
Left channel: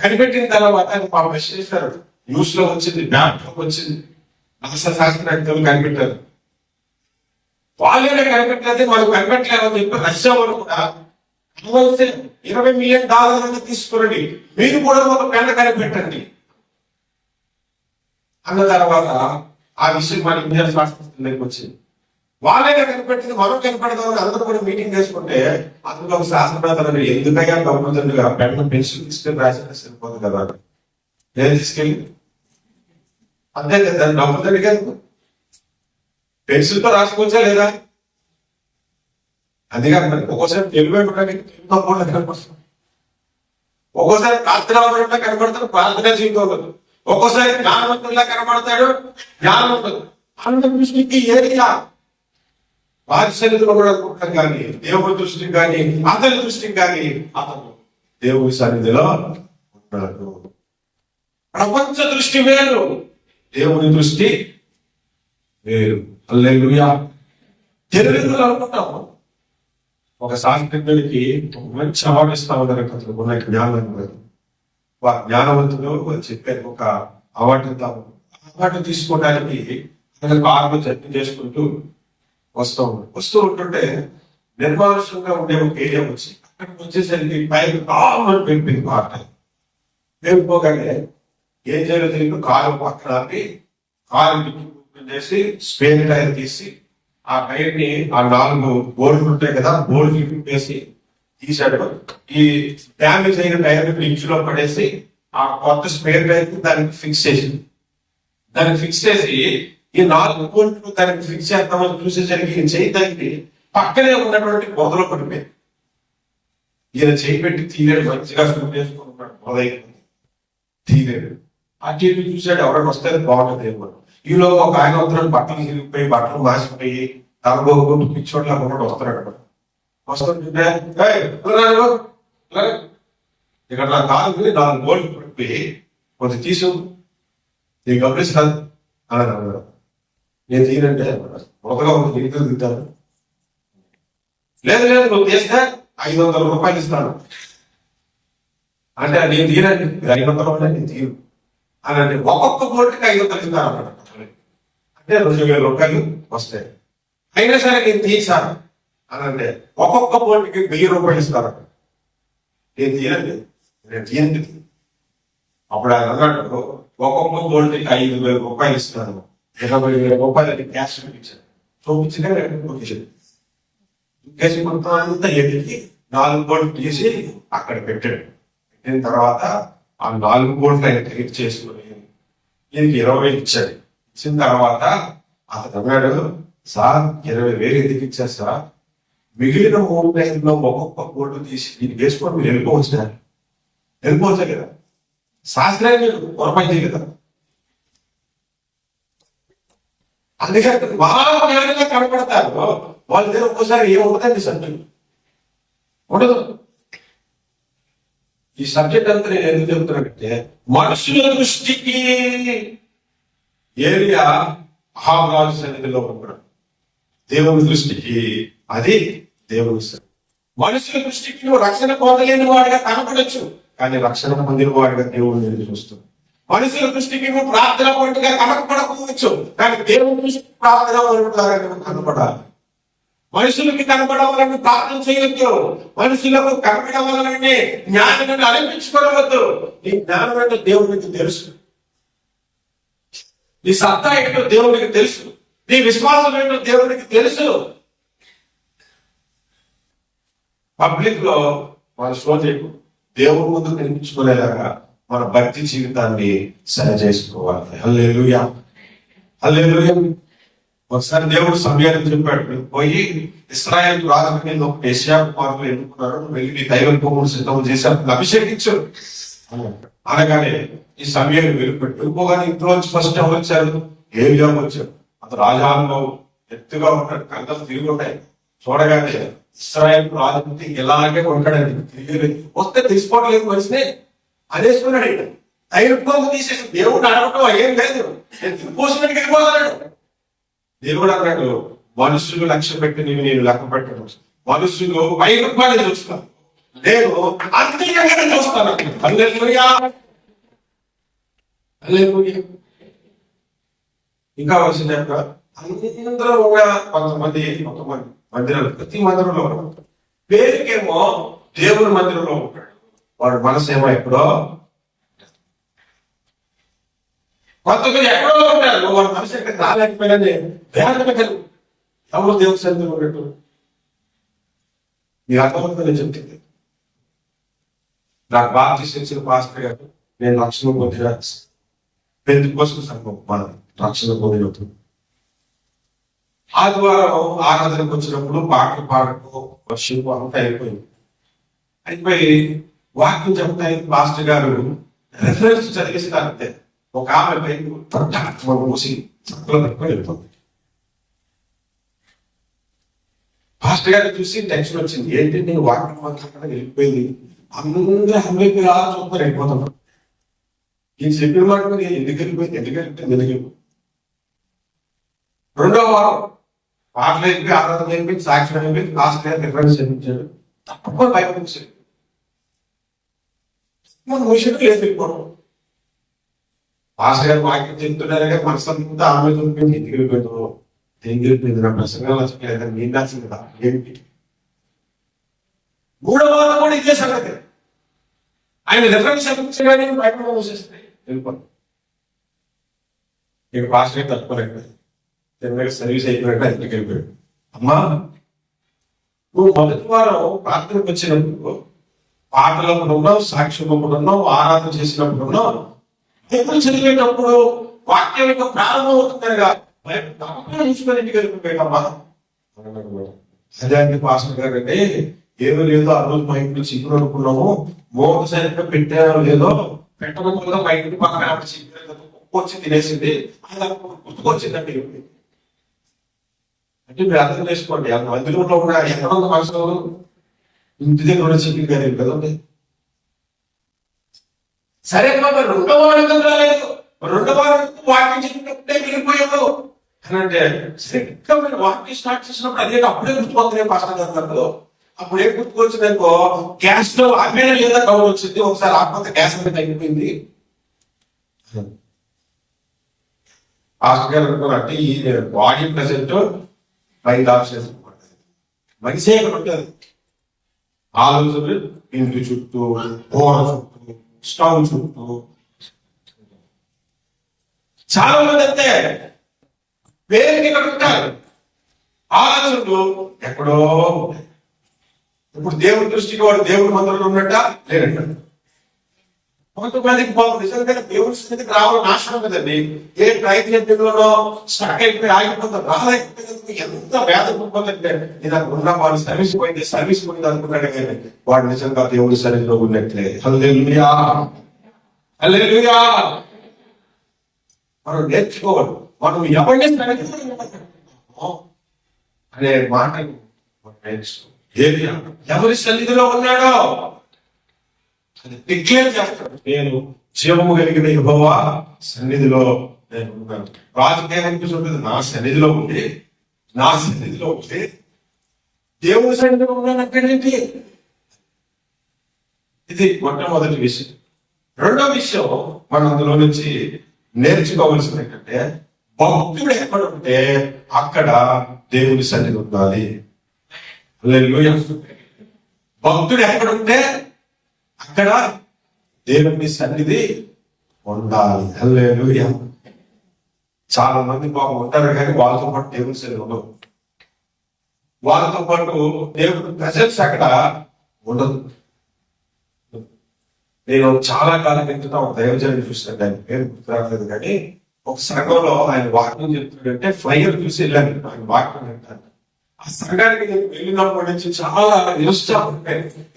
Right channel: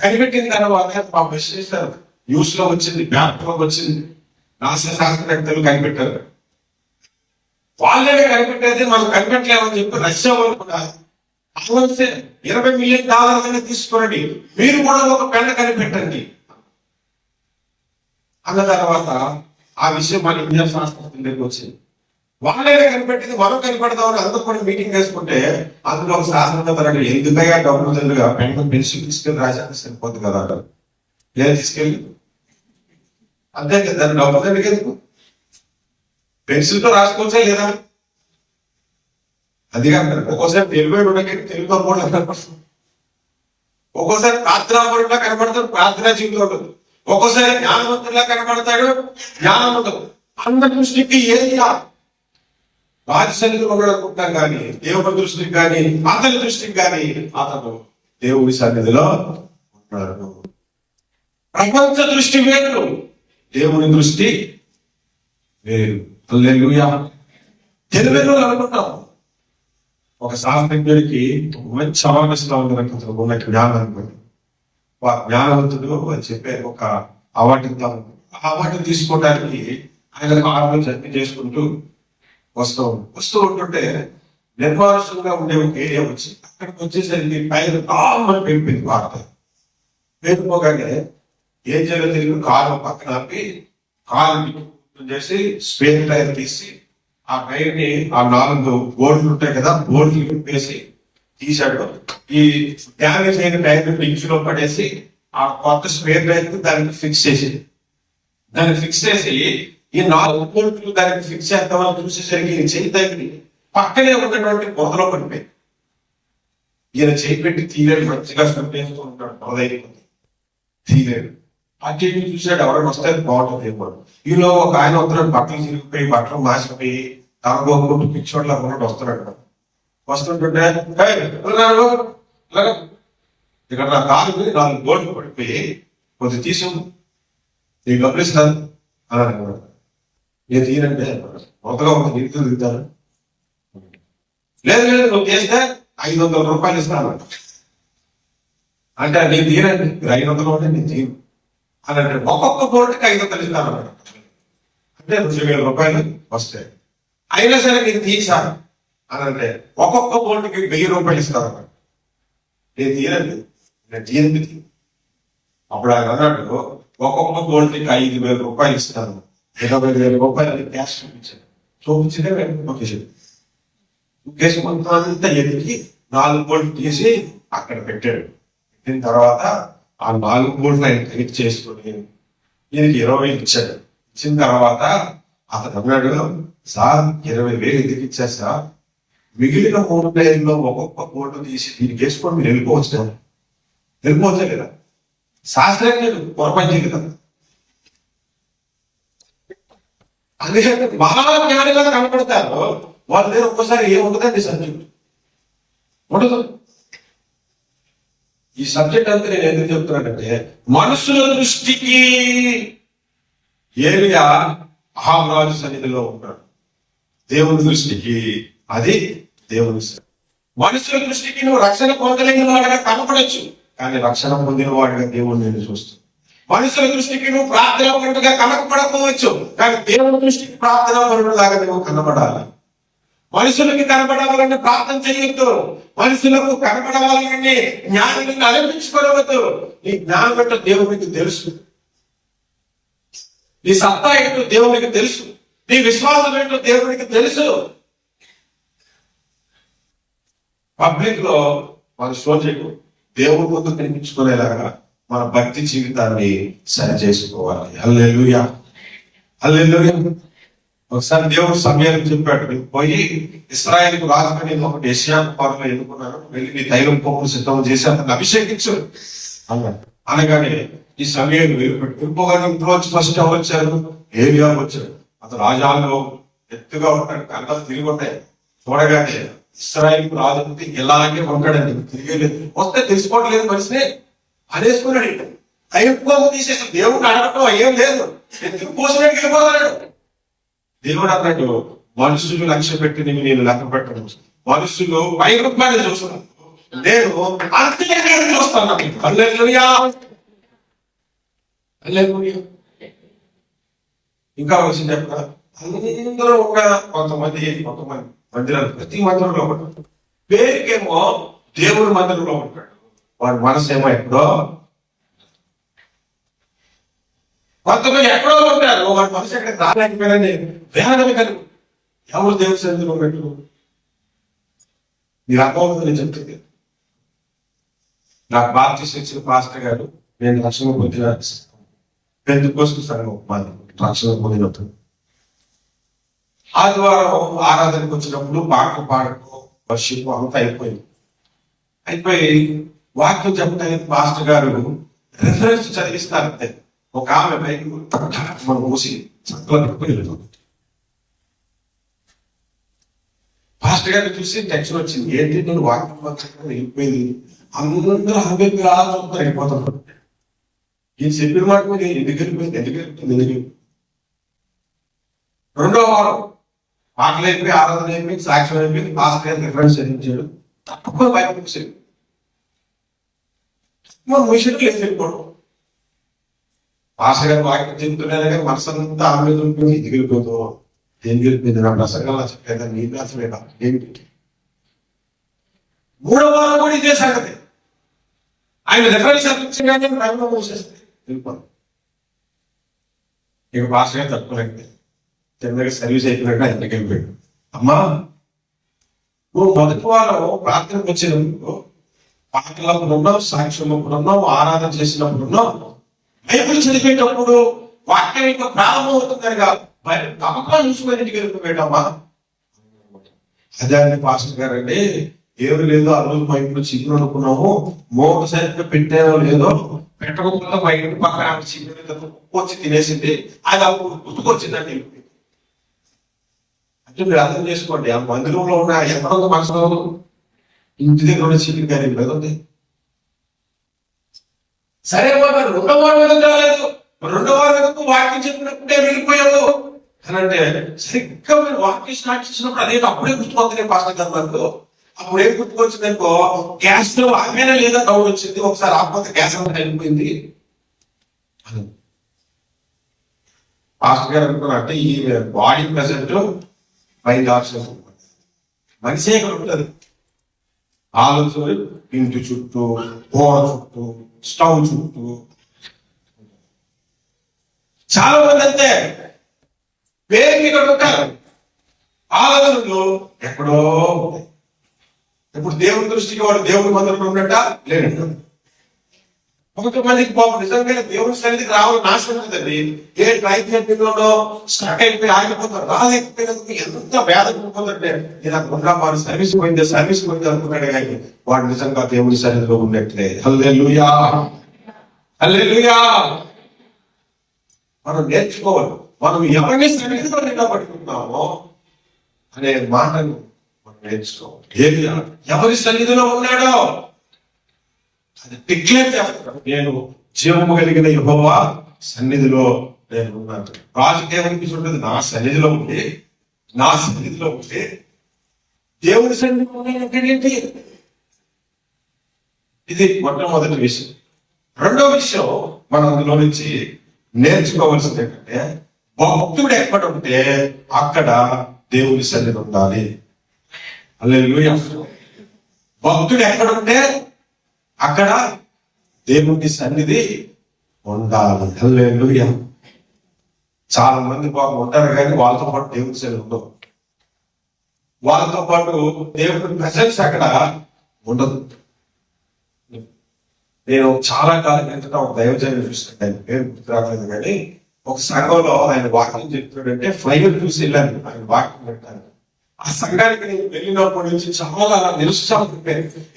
కనిపెట్టిన తర్వాత పబ్లిష్ చేశారు, న్యూస్ లో వచ్చింది, పేపర్లోకి వచ్చింది, నాసా శాస్త్రవేత్తలు కనిపెట్టారు. వాళ్ళే కనిపెట్టేది మనం కనిపెట్టలేమని చెప్పి రష్యా వాళ్ళు కూడా $20 మిలియన్ తీసుకోండి, మీరు కూడా ఒక పెన్ను కనిపెట్టండి అన్న తర్వాత ఆ విషయం మన ఇండియా శాస్త్రవేత్తలకు వచ్చింది. వాళ్ళే కనిపెట్టింది మనం కనిపెడదామని అందరూ కూడా మీటింగ్ చేసుకుంటే అందులో ఒక శాస్త్రవేత్త ఎందుకయ్యా డబ్బులు తెలుగుగా పెన్ను పెన్సిల్ తీసుకెళ్ళి రాశాక సరిపోదు కదా, నేను తీసుకెళ్ళి అంతే కదా, దాన్ని డబ్బులు తెలుగు పెన్సిల్ తో రాసుకోవచ్చా లేదా, అందుకే ఒక్కోసారి తెలుగులో కూడా కనపడుతుంది, ఒక్కోసారి ప్రార్థనా కనపడతాడు, ప్రార్థనా జీవితంలో ఒక్కోసారి జ్ఞానవంతుల్లా కనపడతాడు, జ్ఞానవంతుడు. అందరి దృష్టికి ఏరియా బాధ్యతలు కూడా అనుకుంటాం, కానీ దేవుడి దృష్టికి కానీ అతని దృష్టికి కానీ అతను దేవుడి సన్నిధిలో ఉన్నాడు. ప్రపంచ దృష్టి వేరు, దేవుని దృష్టి వేరు. హల్లెలూయా. తెలుగులో అనుకుంటాము, ఒక శాస్త్రజ్ఞుడికి మంచి అవార్డు ఇస్తా ఉన్నారు అతను ఉన్న జ్ఞానం, జ్ఞానవంతుడు అని చెప్పే ఒక అవార్డు ఇద్దాం. ఆ అవార్డు తీసుకోవడానికి ఆయన కారులో జర్నీ చేసుకుంటూ వస్తూ ఉంటుంటే నిర్మానుషంగా ఉండే ఒక ఏరియా వచ్చి అక్కడికి వచ్చేసరికి పైన కామని పెరిపింది పాట. పెరిగిపోగానే ఏం జరుగుతుంది, కారు పక్కన కారు చేసి స్పేర్ టైర్ తీసి ఆ టైర్ ని ఆ 4 బోర్డులు ఉంటాయి కదా, బోర్డులు విప్పేసి తీసాడు. ఈ డ్యామేజ్ అయిన టైర్ ని ఇంచులో పడేసి ఆ కొత్త స్పేర్ టైర్ ని దానికి ఫిక్స్ చేసి ఈ 4 బోల్ట్లు దానికి ఫిక్స్ చేద్దామని చూసేసరికి ఈయన చేయి తగ్గి పక్కనే ఉన్నటువంటి పొదలో పడిపోయింది. ఈయన చేయి పెట్టి తీరేడు, మంచిగా స్టూట్ వేసుకుని ఉంటాడు, మొదలైపోయింది, తీరేడు. అటు ఇటు చూసాడు, ఎవరైనా వస్తే బాగుంటుంది ఏమో. ఈలో ఒక ఆయన వస్తున్నాడు, బట్టలు చిరిగిపోయి బట్టలు మాసిపోయి తనబోకుండా పిచ్చోట్లా ఉన్నట్టు వస్తున్నాడు. వస్తుంటుంటే ఇక్కడ నా కారు 4 బోల్ట్లు పడిపోయి కొంచెం తీసు, నేను గమనిస్తాను అని అన్నాడు. నేను తీరంటే మొదగా ఒక ఇరుకు దిగుతాను, లేదు నువ్వు చేస్తే $500 ఇస్తాను అంటే నేను తీరండి, 500 ఉంటే నేను తీరు అని అంటే ఒక్కొక్క బోర్డుకి 500 ఇస్తాను అన్నాడు. అంటే $2000 వస్తాయి, అయినా సరే నేను తీసా అని అంటే ఒక్కొక్క బోర్డుకి $1000 ఇస్తాను అన్నాడు. నేను తీరండి, నేను తీరండి. అప్పుడు ఆయన అన్నాడు, ఒక్కొక్క బోర్డుకి $5000 ఇస్తాను, $20,000 క్యాష్ చూపించాడు. చూపించిన మొత్తం అంతా ఎదిగి 4 బోర్డులు తీసి అక్కడ పెట్టాడు. పెట్టిన తర్వాత ఆ 4 బోర్డులు ఆయన క్రియేట్ చేసుకుని దీనికి 20,000 ఇచ్చాడు. ఇచ్చిన తర్వాత అతను అన్నాడు, సార్ 20,000 ఎందుకు ఇచ్చారు సార్, మిగిలిన 3 టైర్లో ఒక్కొక్క బోర్డు తీసి దీనికి వేసుకొని మీరు వెళ్ళిపోవచ్చు కదా, శాస్త్రీయ పొరపాటు కదా. అందుకే బాగా జ్ఞానిగా కనపడతారు వాళ్ళ దగ్గర ఒక్కసారి ఏముంటుందండి సబ్జెక్ట్ ఉండదు. ఈ సబ్జెక్ట్ అంతా నేను ఎందుకు చెప్తున్నానంటే మనుషుల దృష్టికి ఏరియా అహారాజు సన్నిధిలో ఉన్నాడు, దేవుని దృష్టికి అది దేవుని సన్నిధి. మనుషుల దృష్టికి నువ్వు రక్షణ పొందలేని వాడిగా కనపడచ్చు, కానీ రక్షణ పొందిన వాడిగా దేవుని నేను చూస్తాను. మనుషుల దృష్టికి నువ్వు ప్రార్థన పరుడుగా కనపడకపోవచ్చు, కానీ దేవుని దృష్టికి ప్రార్థన పరుడులాగా నువ్వు కనపడాలి. మనుషులకి కనపడవాలని ప్రార్థన చేయొద్దు, మనుషులకు కనపడవాలని జ్ఞానాన్ని అనిపించుకోవద్దు. నీ జ్ఞానం ఏంటో దేవునికి తెలుసు, నీ సత్తా ఏంటో దేవునికి తెలుసు, నీ విశ్వాసం ఏంటో దేవునికి తెలుసు. పబ్లిక్ లో మన షో చేయకు, దేవుడి ముందు కనిపించుకునేలాగా మన భక్తి జీవితాన్ని సరి చేసుకోవాలి. హల్లెలూయా, హల్లెలూయా. ఒకసారి దేవుడు సమయాన్ని చెప్పాడు, నువ్వు పోయి ఇశ్రాయేలు రాజు నేను ఒకటి యెషయా కుమారులు ఎన్నుకున్నాను, వెళ్ళి నీ దైవం పోగులు సిద్ధం చేసి అతను అభిషేకించు అన్నాడు. అనగానే ఈ సమయాన్ని వెలుపెట్టు. ఇంకోగానే ఇంట్లోంచి ఫస్ట్ ఎవరు వచ్చారు? ఏలియా వచ్చాడు. అతను రాజాలలో ఎత్తుగా ఉంటాడు, కళ్ళలు తిరిగి ఉంటాయి. చూడగానే ఇశ్రాయేలు రాజు ఇలాగే ఉంటాడని తిరిగి వస్తే తెలుసుకోవట్లేదు మనిషిని అనేసుకున్నాడు. దైవం తీసేసి దేవుడు అడగటం ఏం లేదు, ఎత్తుకు పోసినట్టు వెళ్ళిపోతాడు. దేవుడు అన్నాడు, మనుషులు లక్ష్య పెట్టి నేను లెక్క పెట్టను, మనుషులు 1000 రూపాయలు చూస్తున్నాను, నేను అంత్యంగా చూస్తాను. హల్లెలూయా, హల్లెలూయా. ఇంకా వచ్చింది అందరూ ఒక కొంతమంది మందిరాలు, ప్రతి మందిరంలో ఉంటాడు. పేరుకేమో దేవుడి మందిరంలో ఉంటాడు, వాడు మనసు ఏమో ఎక్కడో. కొంతమంది ఎక్కడో ఉంటారు, వాడు మనసు ఎక్కడ రాలేకపోయినని వేదన కలిగి ఎవరు దేవుడి సన్నిధిలో ఉన్నట్టు మీరు అర్థమవుతుంది. నేను చెప్తుంది, నాకు బాప్టిస్ట్ ఇచ్చిన పాస్టర్ గారు, నేను రక్షణ పొందిన పెందుకోసం సంఘం మాది, రక్షణ పొందినప్పుడు ఆదివారం ఆరాధనకు వచ్చినప్పుడు పాటలు పాడుకో వర్షిప్ అంతా అయిపోయి వాక్యం చెప్తాయి. మాస్టర్ గారు రెఫరెన్స్ చదివిస్తారంతే. ఒక ఆమె పైకి మూసి చక్కలో పెట్టుకుని వెళ్ళిపోతుంది. పాస్టర్ గారిని చూసి టెన్షన్ వచ్చింది, ఏంటి నేను వాక్యం పంచకుండా వెళ్ళిపోయింది, అందరూ హంబేపి అలా చూస్తారు, వెళ్ళిపోతాను. ఈయన చెప్పిన మాట మీద ఎందుకు వెళ్ళిపోయింది. రెండో వారం పాటలు అయిపోయి, ఆరాధన అయిపోయి, సాక్ష్యం అయిపోయి, పాస్టర్ గారు రిఫరెన్స్ చదివించాడు. తప్పకుండా బయటకు వచ్చాడు. ముషికి లేదు వెళ్ళిపోవడం. పాస్టర్ గారు వాక్యం చెప్తున్నారే కానీ మనసంతా ఆమె చూపించి ఎందుకు వెళ్ళిపోయిందో, దేనికి వెళ్ళిపోయింది, నా ప్రసంగం నచ్చలేదా, నేను నచ్చలేదా ఏంటి. 3వ వారం కూడా ఇదే సంగతి. ఆయన రిఫరెన్స్ చదివించగానే బయట మూసేస్తే వెళ్ళిపోతాం. ఇక పాస్టర్ గారు తట్టుకోలేకపోయింది. సర్వీస్ అయిపోయాడు, ఇంటికి వెళ్ళిపోయాడు. అమ్మా, నువ్వు మొదటి వారం ప్రార్థనకు వచ్చినప్పుడు పాటలప్పుడు ఉన్నావు, సాక్ష్యం అప్పుడు ఉన్నావు, ఆరాధన చేసినప్పుడు ఉన్నావు, బైబిల్ చదివేటప్పుడు వాక్యం యొక్క ప్రారంభం అవుతుందనగా నమ్మకం చూసుకొని ఇంటికి వెళ్ళిపోయాడమ్మా. అదే అండి పాస్టర్ గారు అంటే, ఏమీ లేదు, ఆ రోజు మా ఇంట్లో చిక్కులు అనుకున్నాము, మూత సరిగ్గా పెట్టారో లేదో, పెట్టకుండా మా ఇంటి పక్కన చిక్కులు వచ్చి తినేసింది, అది అప్పుడు గుర్తుకొచ్చిందండి. అంటే మీరు అర్థం చేసుకోండి, ఆ మందిరంలో ఉన్న ఎంతో మనసులో ఇంటి దగ్గర ఉన్న చిక్కులు కానీ కదండి. సరే బాబా, 2వ వారం రాలేదు, 2వ వారం వాక్యం చెప్పినప్పుడే వెళ్ళిపోయావు అని అంటే, సరిగ్గా మీరు వాక్యం స్టార్ట్ చేసినప్పుడు అదే అప్పుడే గుర్తుపోతున్నాయి పాస్టర్ గారు నాకు. అప్పుడే గుర్తుకొచ్చినాకో గ్యాస్ లో ఆమెనే లేదా డౌన్ వచ్చింది, ఒకసారి ఆపత గ్యాస్ అంతా అయిపోయింది. పాస్టర్ గారు అనుకున్నట్టు ఈ బాడీ ప్రెసెంట్ మైండ్ ఆప్షన్ మనిషే ఉంటుంది. ఆలోచన ఇంటి చుట్టూ, గోడ చుట్టూ, స్టవ్ చుట్టూ. చాలా మంది అంతే పేరుకి ఇక్కడ ఉంటారు, ఆలోచనలు ఎక్కడో ఉంటాయి. ఇప్పుడు దేవుడి దృష్టికి వాడు దేవుడి మందిరంలో ఉన్నట్ట లేనట్ట. కొంతమందికి బాబు నిజంగా దేవుడి సన్నిధికి రావడం నాశనం కదండి. ఏ ప్రయత్నంలో స్టక్ అయిపోయి ఆగిపోతారు, రాలేకపోయినందుకు ఎంత వేదన పోతుంటే, నేను అక్కడ ఉన్నా వాడు సర్వీస్ పోయింది అనుకున్నాడు కానీ వాడు నిజంగా దేవుడి సన్నిధిలో ఉన్నట్లే. హల్లెలూయా, హల్లెలూయా. మనం నేర్చుకోవాలి, మనం ఎవరిని సన్నిధిలో నిలబడుతున్నామో అనే మాటను మనం నేర్చుకోవాలి. ఎవరి సన్నిధిలో ఉన్నాడో అది డిక్లేర్ చేస్తాడు, నేను జీవము కలిగిన యెహోవా సన్నిధిలో నేను ఉన్నాను. రాజకీయానికి నా సన్నిధిలో ఉంటే దేవుని సన్నిధిలో ఉన్నానంటే ఏంటి? ఇది మొట్టమొదటి విషయం. రెండో విషయం మనం అందులో నుంచి నేర్చుకోవాల్సింది ఏంటంటే, భక్తుడు ఎక్కడ ఉంటే అక్కడ దేవుని సన్నిధి ఉండాలి. హల్లెలూయా. భక్తుడు ఎక్కడుంటే అక్కడ దేవుని సన్నిధి ఉండాలి. హల్లెలూయా. చాలా మంది ఉంటారు కానీ వాళ్ళతో పాటు దేవుని సన్నిధి ఉండవు. వాళ్ళతో పాటు దేవుని ప్రెసెన్స్ అక్కడ ఉండదు. నేను చాలా కాలం కిందట ఒక దైవజనుని చూసాను, ఆయన పేరు గుర్తు రావట్లేదు, కానీ ఒక సంఘంలో ఆయన వాక్యం చెప్తున్నాడంటే ఫ్లైయర్ చూసి వెళ్ళాను ఆయన వాక్యం వింటాను. ఆ సంఘానికి నేను వెళ్ళినప్పటి నుంచి చాలా నిరుత్సాహం,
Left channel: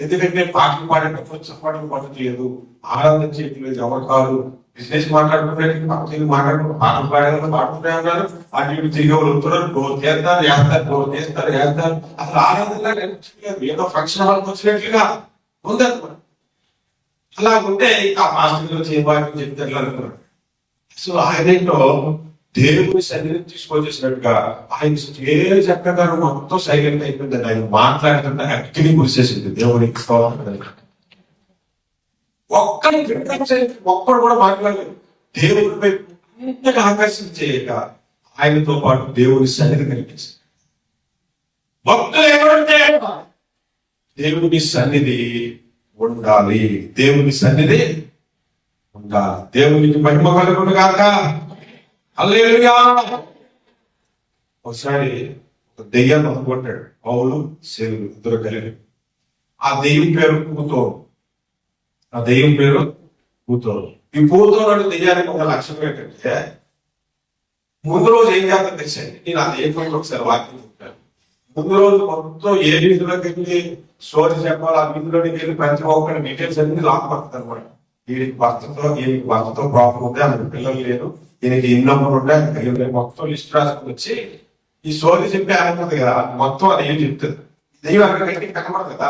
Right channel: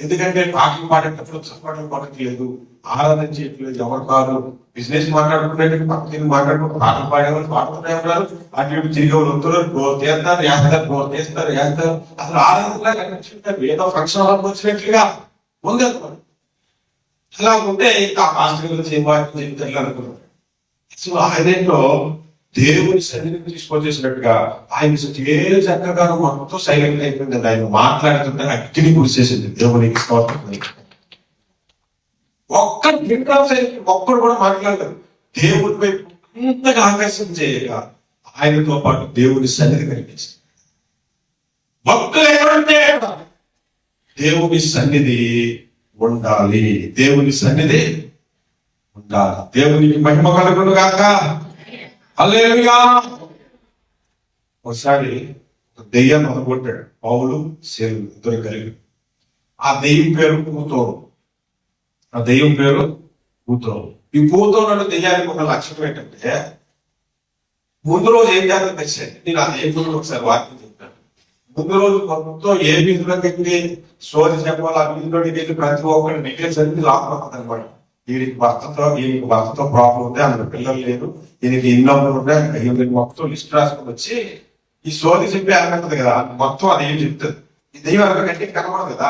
ఎందుకంటే పాటలు పాడేటప్పుడు చెప్పడం పడట్లేదు, ఆరాధన చేయట్లేదు, ఎవరు కాదు, బిజినెస్ మాట్లాడుకునే పక్కన మాట్లాడుకుంటూ పాటలు పాడేవాళ్ళు పాడుతూనే ఉన్నారు, అటు ఇటు తిరిగి వస్తున్నారు, గోల్ చేస్తారు వేస్తారు, గోల్ చేస్తారు వేస్తారు, అసలు ఆరాధనలా కనిపించట్లేదు, ఏదో ఫంక్షన్ హాల్కి వచ్చినట్లుగా ఉంది. అలా ఉంటే ఇంకా పాస్టర్ గురించి ఏం వాక్యం చెప్తారు అనుకున్నాడు. సో ఆయనేంటో దేవుని సన్నిధిని తీసుకొచ్చేసినట్టుగా ఆయన ఏ చక్కగా మొత్తం సైలెంట్ అయిపోయింది. ఆయన మాట్లాడుతుంటే అగ్ని కూర్చేసింది. దేవునికి స్తోత్రం. ఒక్కడు ఒక్కడు కూడా మాట్లాడలేదు. దేవుడి వైపు అంతగా ఆకర్షణ చేయక ఆయనతో పాటు దేవుని సన్నిధి కనిపించింది. భక్తులు ఎవరంటే దేవుని సన్నిధి ఉండాలి, దేవుని సన్నిధి ఉండాలి. దేవునికి మహిమ కలుగును గాక. హల్లెలూయా. ఒకసారి దెయ్యాన్ని అనుకుంటాడు పౌలు సేలు ఇద్దరు కలిగి. ఆ దెయ్యం పేరు పూతోను. ఆ దెయ్యం పేరు పూతోను. ఈ పూతోను దెయ్యానికి ఒక లక్ష్యం ఏంటంటే, ముందు రోజు ఏం చేద్దాం తెచ్చాను, నేను ఆ దెయ్యం ఒకసారి వాక్యం చెప్తాను. ముందు రోజు మొత్తం ఏ వీధిలోకి వెళ్ళి సోది చెప్పాలి, ఆ వీధిలోకి వెళ్ళి ప్రతి ఒక్కరి డీటెయిల్స్ అన్ని లాక్పడుతుంది అనమాట. ఈయనకి భర్తతో ప్రాబ్లం ఉంది, ఆమె పిల్లలు లేదు, ఈయనకి ఇన్ని నంబర్ ఉండే, మొత్తం లిస్ట్ రాసుకుని వచ్చి ఈ సోది చెప్పి అనుకుంటుంది కదా, మొత్తం అది ఏం చెప్తుంది. ఈ దెయ్యం అనకంటే కనబడదు కదా,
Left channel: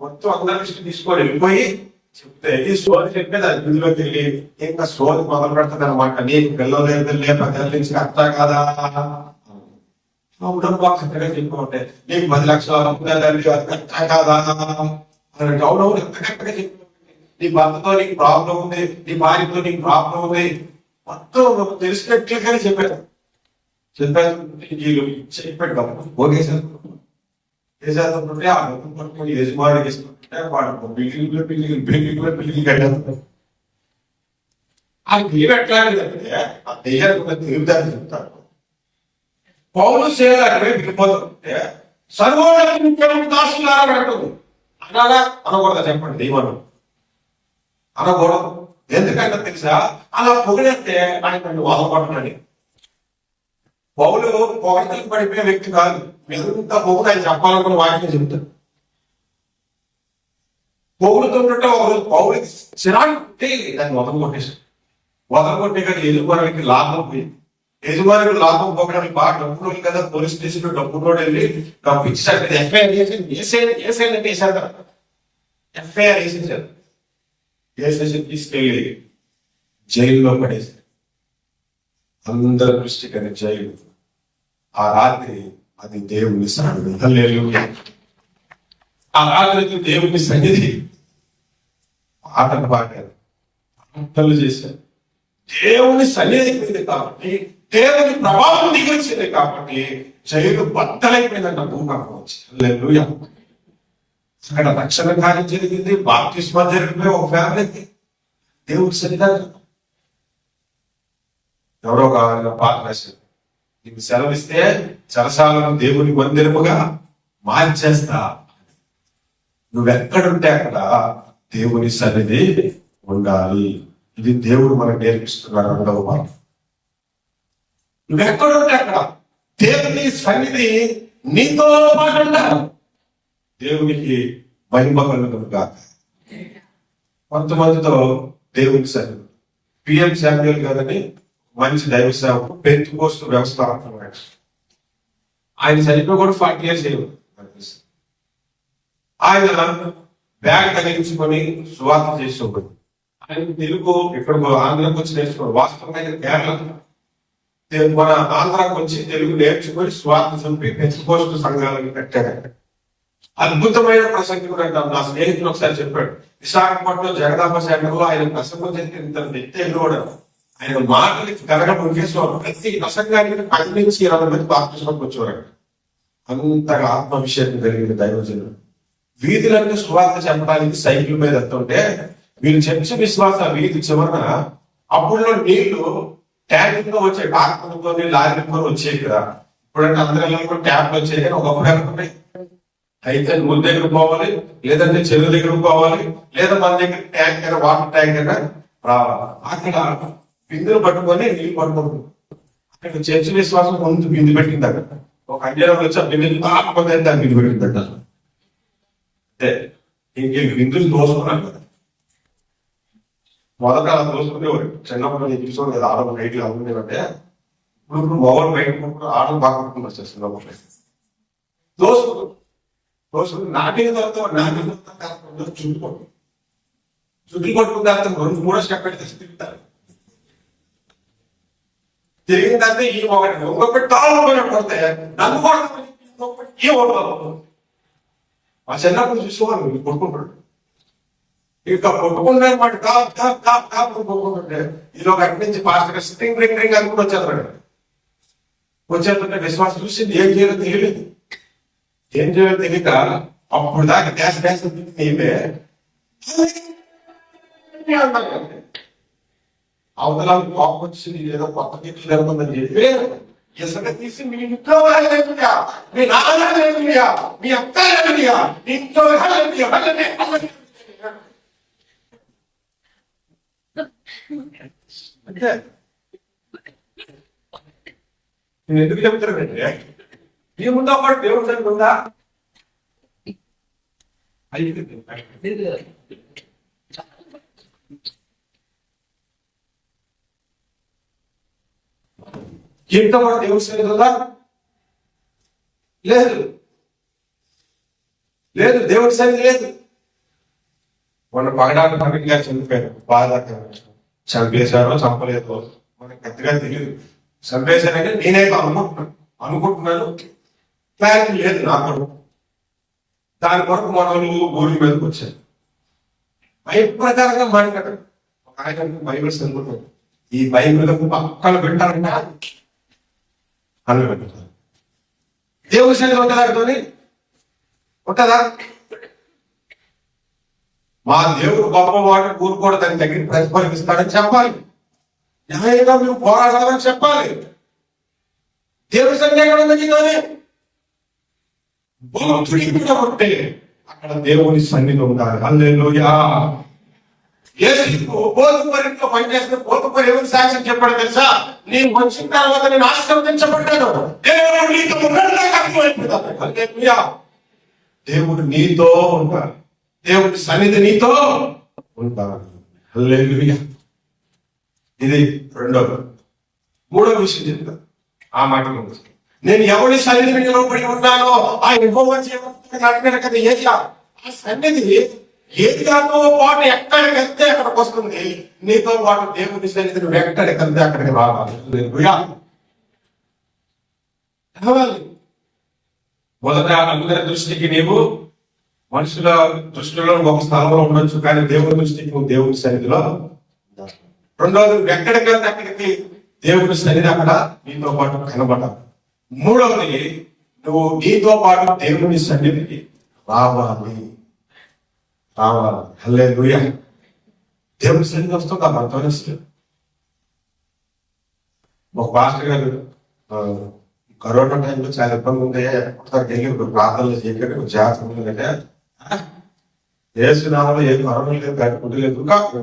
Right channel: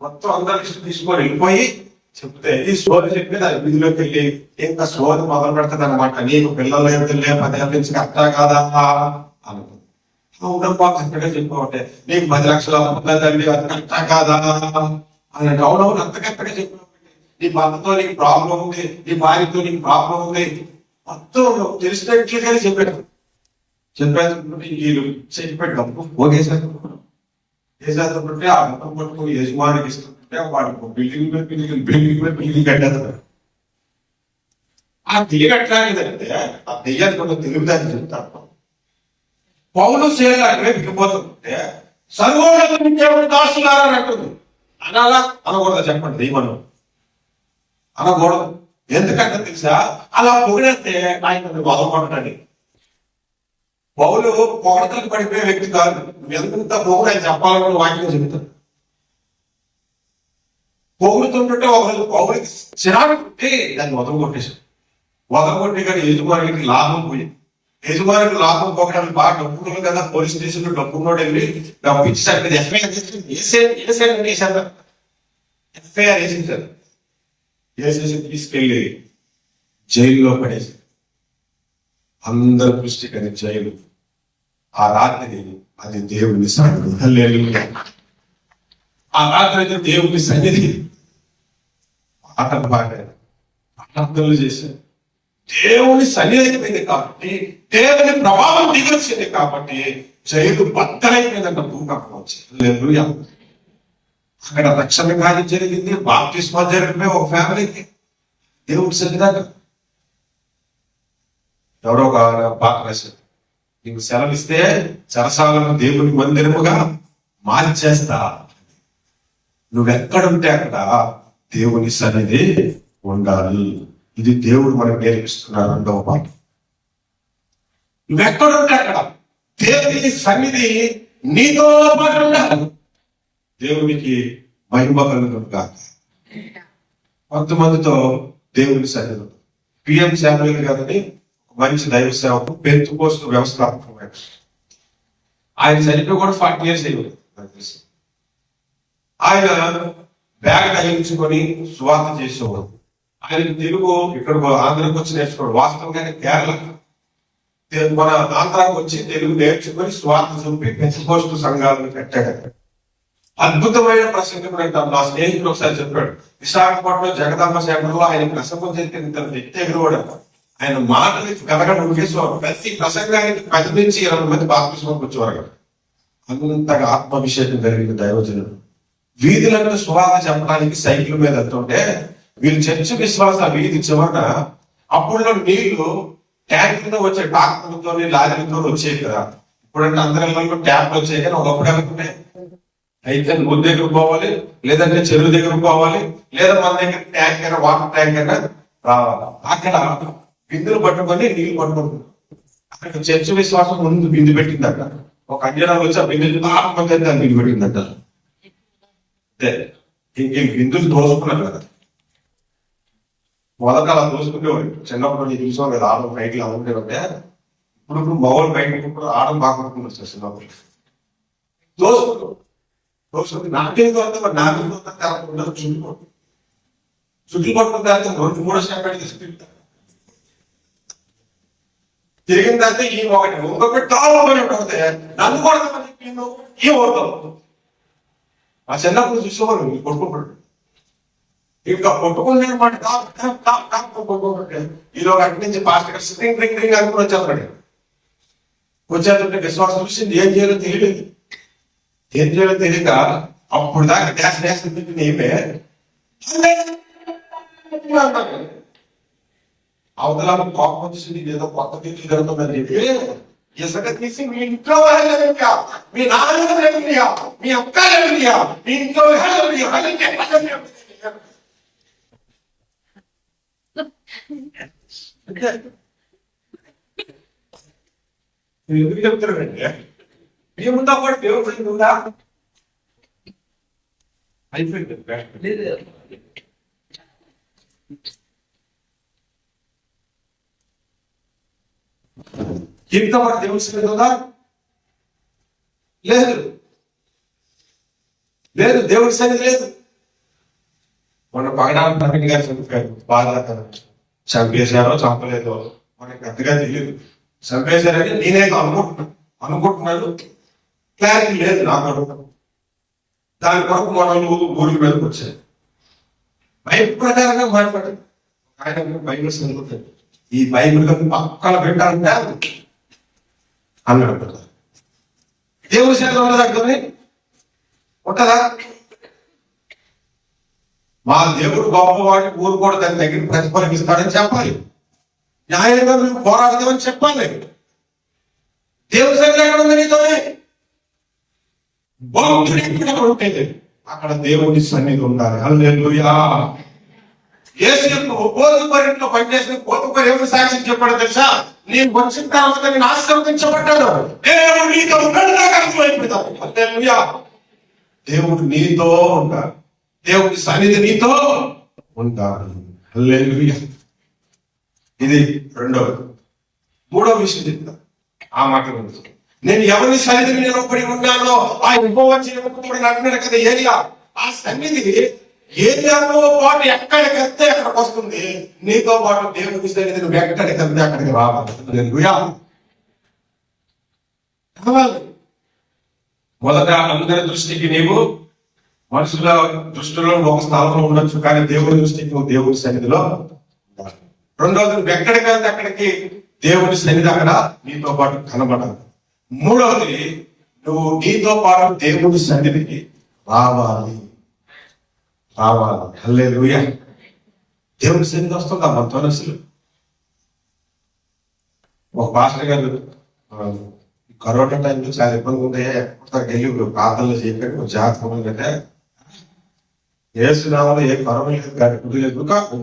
మొత్తం అందరి లిస్ట్ తీసుకొని వెళ్ళిపోయి చెప్తే ఈ సోది చెప్పేది అది వీధిలోకి వెళ్ళి ఇంకా సోది మొదలు పెడుతుంది అనమాట. నీకు పిల్లలు లేదు, 10 నుంచి కరెక్టా కాదా అనుకుంది. చక్కగా చెప్పమంటే నీకు 10 లక్షల తల్లి అది కరెక్టా కాదా అని అవునవును అంత కరెక్ట్గా చెప్పిన, నీ భర్తతో నీకు ప్రాబ్లం ఉంది, నీ భార్యతో నీకు ప్రాబ్లం ఉంది, మొత్తం తెలిసినట్లుగానే చెప్పాడు. చెప్పాడు ఓకే సార్ చేసేస్తుంటే ఆ మొత్తం పట్టుకుని యజమానికి ఇస్తుంటే వాడు బిల్డింగ్ కట్టేస్తాడు. ఆ తెలివి ఎట్లాంటిదంటే ఆ దెయ్యానికి ఉన్న తెలుగుదాన్ని చెప్తాను. పౌలు సేలాగే విడిపోతుంటే సర్వోన్నత దాసులారా అంటుంది. అనగా అనకూడదా చెప్పండి, దైవం అనకూడదు. ఎందుకంటే తెలుసా, అలా పొగిడితే ఆయన బాధపడతాడు. పౌలు పొగడతలకు పడిపోయే వ్యక్తి కాదు. ఎంత పొగుడు ఆయన చెప్పాలనుకున్న వాటిని చెప్తాడు. పొగుడుతుంటే ఒకరోజు పౌరుడికి చిరాకు పుట్టి దాన్ని వదలగొట్టి కానీ యజమానికి లాభం పోయింది. యజమానికి లాభం పోకడానికి బాగా డబ్బులు కదా, పోలీస్ స్టేషన్ లో డబ్బులో వెళ్ళి డబ్బు ఇచ్చేసారు, ఎఫ్ఐఆర్ చేసేయండి వేసారు, ఎఫ్ఐఆర్ వేసేసారు, వేసేసి తీసుకెళ్ళి జైల్లో పడేసి అందరి దృష్టికి అది జైలు. ఆ రాత్రి అది దేవుని సన్నిధి. హల్లెలూయా. ఆ రాత్రి అది దేవుని సన్నిధి. పాటలు పాడారు, ప్రార్థనలు చేశారు. దేవుని సన్నిధి అయిపోయింది కాబట్టి, దేవుని ప్రభావం దిగొచ్చింది కాబట్టి జైలు బద్దలైపోయిందంట. భూకంపం వచ్చి హల్లెలూయా. అక్కడ రక్షణ కార్యం జరిగింది, బాప్తిస్మా జరిగిపోయి ఒక ఫ్యామిలీకి దేవుడి సన్నిధానం. ఎవరో ఒక పాట రాశారు, నీకు సెలవిస్తే చెరసాలను దేవుని మందిరముగా మార్చేస్తా. నువ్వెక్కడుంటే అక్కడ దేవుని సన్నిధి ఉండాలి. ఇది దేవుడు మనకు నేర్పిస్తున్నారు. 2వ పాట, నువ్వెక్కడుంటే అక్కడ దేవుని సన్నిధి నీతో పాటు ఉండాలి. దేవునికి మహిమ కలుగును గాక. కొంతమందితో దేవుని సన్నిధి. పిఎం శామ్యూయల్ గారని మంచి దైవ సేవకు పెంతెకోస్తు వ్యవస్థాపకుడు. ఆయన చనిపోయి కూడా 40 years అయ్యింది. ఆయన బ్యాగ్ తగిలించుకొని సువార్త చేసేవాడు. ఆయనకి తెలుగు ఇక్కడ ఆంధ్రాకి వచ్చి నేర్చుకోడు. వాస్తవంగా కేరళ మన ఆంధ్రాకి వచ్చి తెలుగు నేర్చుకొని సువార్త చంపి పెంతెకోస్తు సంఘాలను కట్టాడు. అద్భుతమైన ప్రసంగం అంటాం. నా స్నేహితుడు ఒకసారి చెప్పాడు, విశాఖపట్నం జగదాంబ సెంటర్లో ఆయన ప్రసంగం చేస్తే వ్యక్తి కూడా ఆయన మాటలకి కలగడం ముఖ్యస్వామి. ప్రతి ప్రసంగానికి 10 నుంచి 20 మంది బాప్తిస్మాకి వచ్చేవారు. అంతగా ఆత్మాభిషేకం కలిగిన దైవజనుడు. వీధులంతా సువార్త చెప్పడానికి సైకిల్ మీద వెళ్తుంటే వీళ్ళు చర్చ విశ్వాస వీధి చివరన అప్పుడు నీళ్లు ట్యాంకులతో వచ్చే టాక్టర్లతో లారీలతో వచ్చేవి కదా. ఇప్పుడంటే అందరూ ట్యాప్లు వచ్చాయి, కానీ ఒకప్పుడు అనుకుంటే అయితే ఊరి దగ్గర పోవాలి, లేదంటే చెరువు దగ్గర పోవాలి, లేదా మన దగ్గర ట్యాంకర్ వాటర్ ట్యాంకర్ రావాలి. అక్కడ బిందులు పట్టుకొని నీళ్ళు పట్టుకుంటుంది. అక్కడ చర్చ విశ్వాసం ముందు బిందు పెట్టింది. అక్కడ ఒక అంజనం వచ్చి ఆ బిందులు తాపకపోతే దాన్ని బిందు పెట్టిందట. అంటే ఇంక బిందులు దోసుకున్నారు కదా. మొదట అలా దోసుకునేవాడు. చిన్నప్పుడు నేను చూసుకోవాలి కదా, ఆడడం బయటలు అవుతుంటే ఇప్పుడు మొగలు బయట ఆడడం బాగుంటుంది వచ్చేస్తుంది. దోసుకుంటూ నాకేం దొరుకుతావు, నాకేం దొరుకుతా చుట్టుకోండి. చుట్టూ పట్టుకున్న తర్వాత 2-3 స్టెప్ పెట్టి తీసుకుంటారు. తిరిగిన తర్వాత ఈ ఒకటి ఇంకొకటి కొడితే నన్ను కొడతామని చెప్పి ఓడతావు. మా చిన్నప్పుడు చూసుకోవాలి కొట్టుకుంటాడు. ఇంకా కొట్టుకున్నమాట కొట్టుకుంటే ఇది ఒక అటు నుంచి ఫాస్ట్ గా స్ప్రింగ్ రింగ్ రింగ్ అనుకుని వచ్చేస్తాడు. వచ్చేస్తుంటే విశ్వాసం చూసింది ఏం చేయాలో తెలియదు. ఏం చేయాలో తెలియక అప్పుడు దాకా డ్యాన్స్ డ్యాన్స్ ఏమే అవతల కోపం వచ్చింది, ఏదో కొత్త తీర్చి జరుగుతుందని చెప్పి ఇసుక తీసి మీ ఇంట్లో వాళ్ళ, మీ నాన్న, మీ అక్క, మీ ఇంట్లో అంటే నేను ఎందుకు చెప్తున్నానండి, మీ ముందు పాటు దేవుడు సన్నిధి ఉందా? అయిపోయింది. జీవితం పాటు దేవుడి సన్నిధి ఉందా? లేదు, లేదు, దేవుడి సన్నిధి లేదు. మన పగడాలు ప్రకటన గారు చనిపోయారు. బాధాకరం. చంపేశారో చంపలేదో మనకి పెద్దగా తెలియదు. చంపేశారని నేనేదో అనుకుంటున్నాను. క్లారిటీ లేదు నాకు. దాని కొరకు మనలు ఊరి మీదకి వచ్చాయి. బైబిల్ ప్రకారంగా మాట్లాడారు. ఆయన బైబిల్ చదువుతారు. ఈ బైబిల్ పక్కన పెట్టాలంటే అని అంటారు. దేవుడి సన్నిధి ఉండదా? ఉంటుందా? మా దేవుడు గొప్పవాడు, ఊరు కూడా దాని దగ్గర ప్రతిఫలిస్తాడని చెప్పాలి. న్యాయంగా మేము పోరాడదామని చెప్పాలి. దేవుడి సన్నిధి ఎక్కడ ఉంది నీతోనే? ఉంటే అక్కడ దేవుడి సన్నిధి ఉండాలి. హల్లెలూయా. యేసు గోధుమరింట్లో పనిచేసిన గోధుమరి ఎవరి సాక్ష్యం చెప్పాడు తెలుసా? నేను వచ్చిన తర్వాత నేను ఆశీర్వదించబడ్డాను. దేవుడు నీతో ఉన్నాడు. హల్లెలూయా. దేవుడు నీతో ఉంటాడు. దేవుడి సన్నిధి నీతో ఉంటాడు. హల్లెలూయా. ఇది రెండవ. మూడవ విషయం చెప్తా ఆ మాట గురించి. నేను ఎవరి సన్నిధిని నిలబడి ఉన్నానో ఆయన ఇవ్వవచ్చి అంటున్నాడు కదా ఏరియా. ఆ సన్నిధి ఏరియాతో పాటు ఎక్కడికి వెళ్తే అక్కడికి వస్తుంది. నీతో పాటు దేవుడి సన్నిధి నువ్వు ఎక్కడికి వెళ్తే అక్కడికి రావాలి. మొదట అందరి దృష్టికి నీవు మనుషుల దృష్టిలో ఒక స్థలంలో ఉండొచ్చు, కానీ దేవుడి దృష్టికి నువ్వు దేవుడి సన్నిధిలో. రెండవది, నువ్వు ఎక్కడికి వెళ్తే అక్కడికి దేవుడి సన్నిధి అక్కడ నీతో పాటు కనబడాలి. మూడవది, నువ్వు నీతో పాటు దేవుడి సన్నిధికి రావాలి. హల్లెలూయా. దేవుడి సన్నిధి వస్తుందా మనతో? అసలు ఒక పాస్టర్ గారు కరోనా టైంలో చాలా ఇబ్బంది ఉంటే వెళ్ళి ప్రార్థనలు చేయకండి, జాగ్రత్త ఉందంటే ఏసునామలో ఏ కరోనా లేదు, కుడి లేదు,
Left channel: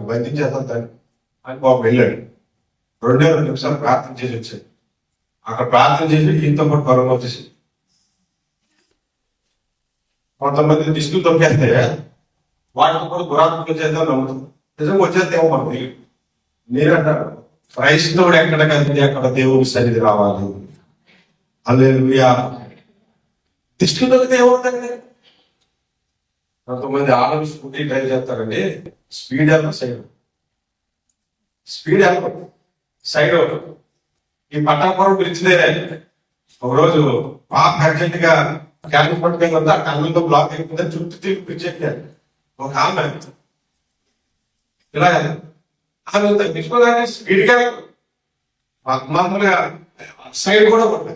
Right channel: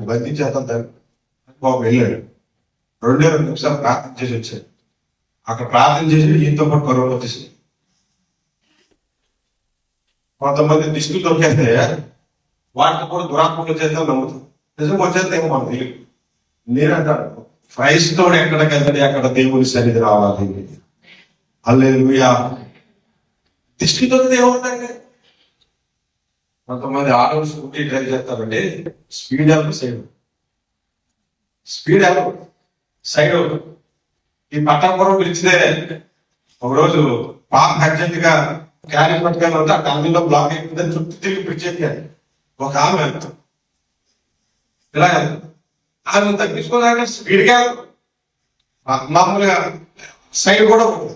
బంధించేద్దాం దాన్ని అని బాబు వెళ్ళాడు. 2 నిమిషాలు ప్రార్థన చేసి వచ్చాడు. అక్కడ ప్రార్థన చేసి ఈయనతో పాటు కరోనా వచ్చేసింది. కొంతమంది దిష్టులు దొరికేస్తే వాటితో కూడా దురాత్మకులు చేద్దాం నమ్ముతుంది. నిజంగా వచ్చేస్తే ఏమో మాకు తెలియదు. నేనంటాను, క్రైస్తవుడు ఎక్కడికి వెళ్తే అక్కడ దేవుడి సన్నిధి రావాలి. హల్లెలూయా. దిష్టి దొరికితే ఏమవుతుంది? కొంతమంది ఆటోలు స్కూటీ డ్రైవ్ చేస్తారండి, స్పీడ్ సైడ్ ఈ పట్టాపురం పిలిచితే ఒకరోజు పాప అర్జెంట్ గా క్యారీ పట్టుకొని ఉందా, టన్నుల్లో బ్లాక్ అయిపోయిందని చుట్టూ తిరిగి పిలిచి ఎక్కారు. ఒక ఆమె ఇలా ఆమె తగ్గించుకోవాలంటే స్పీడ్ గా మామూలుగా సైడ్ కూడా ఉంటుంది.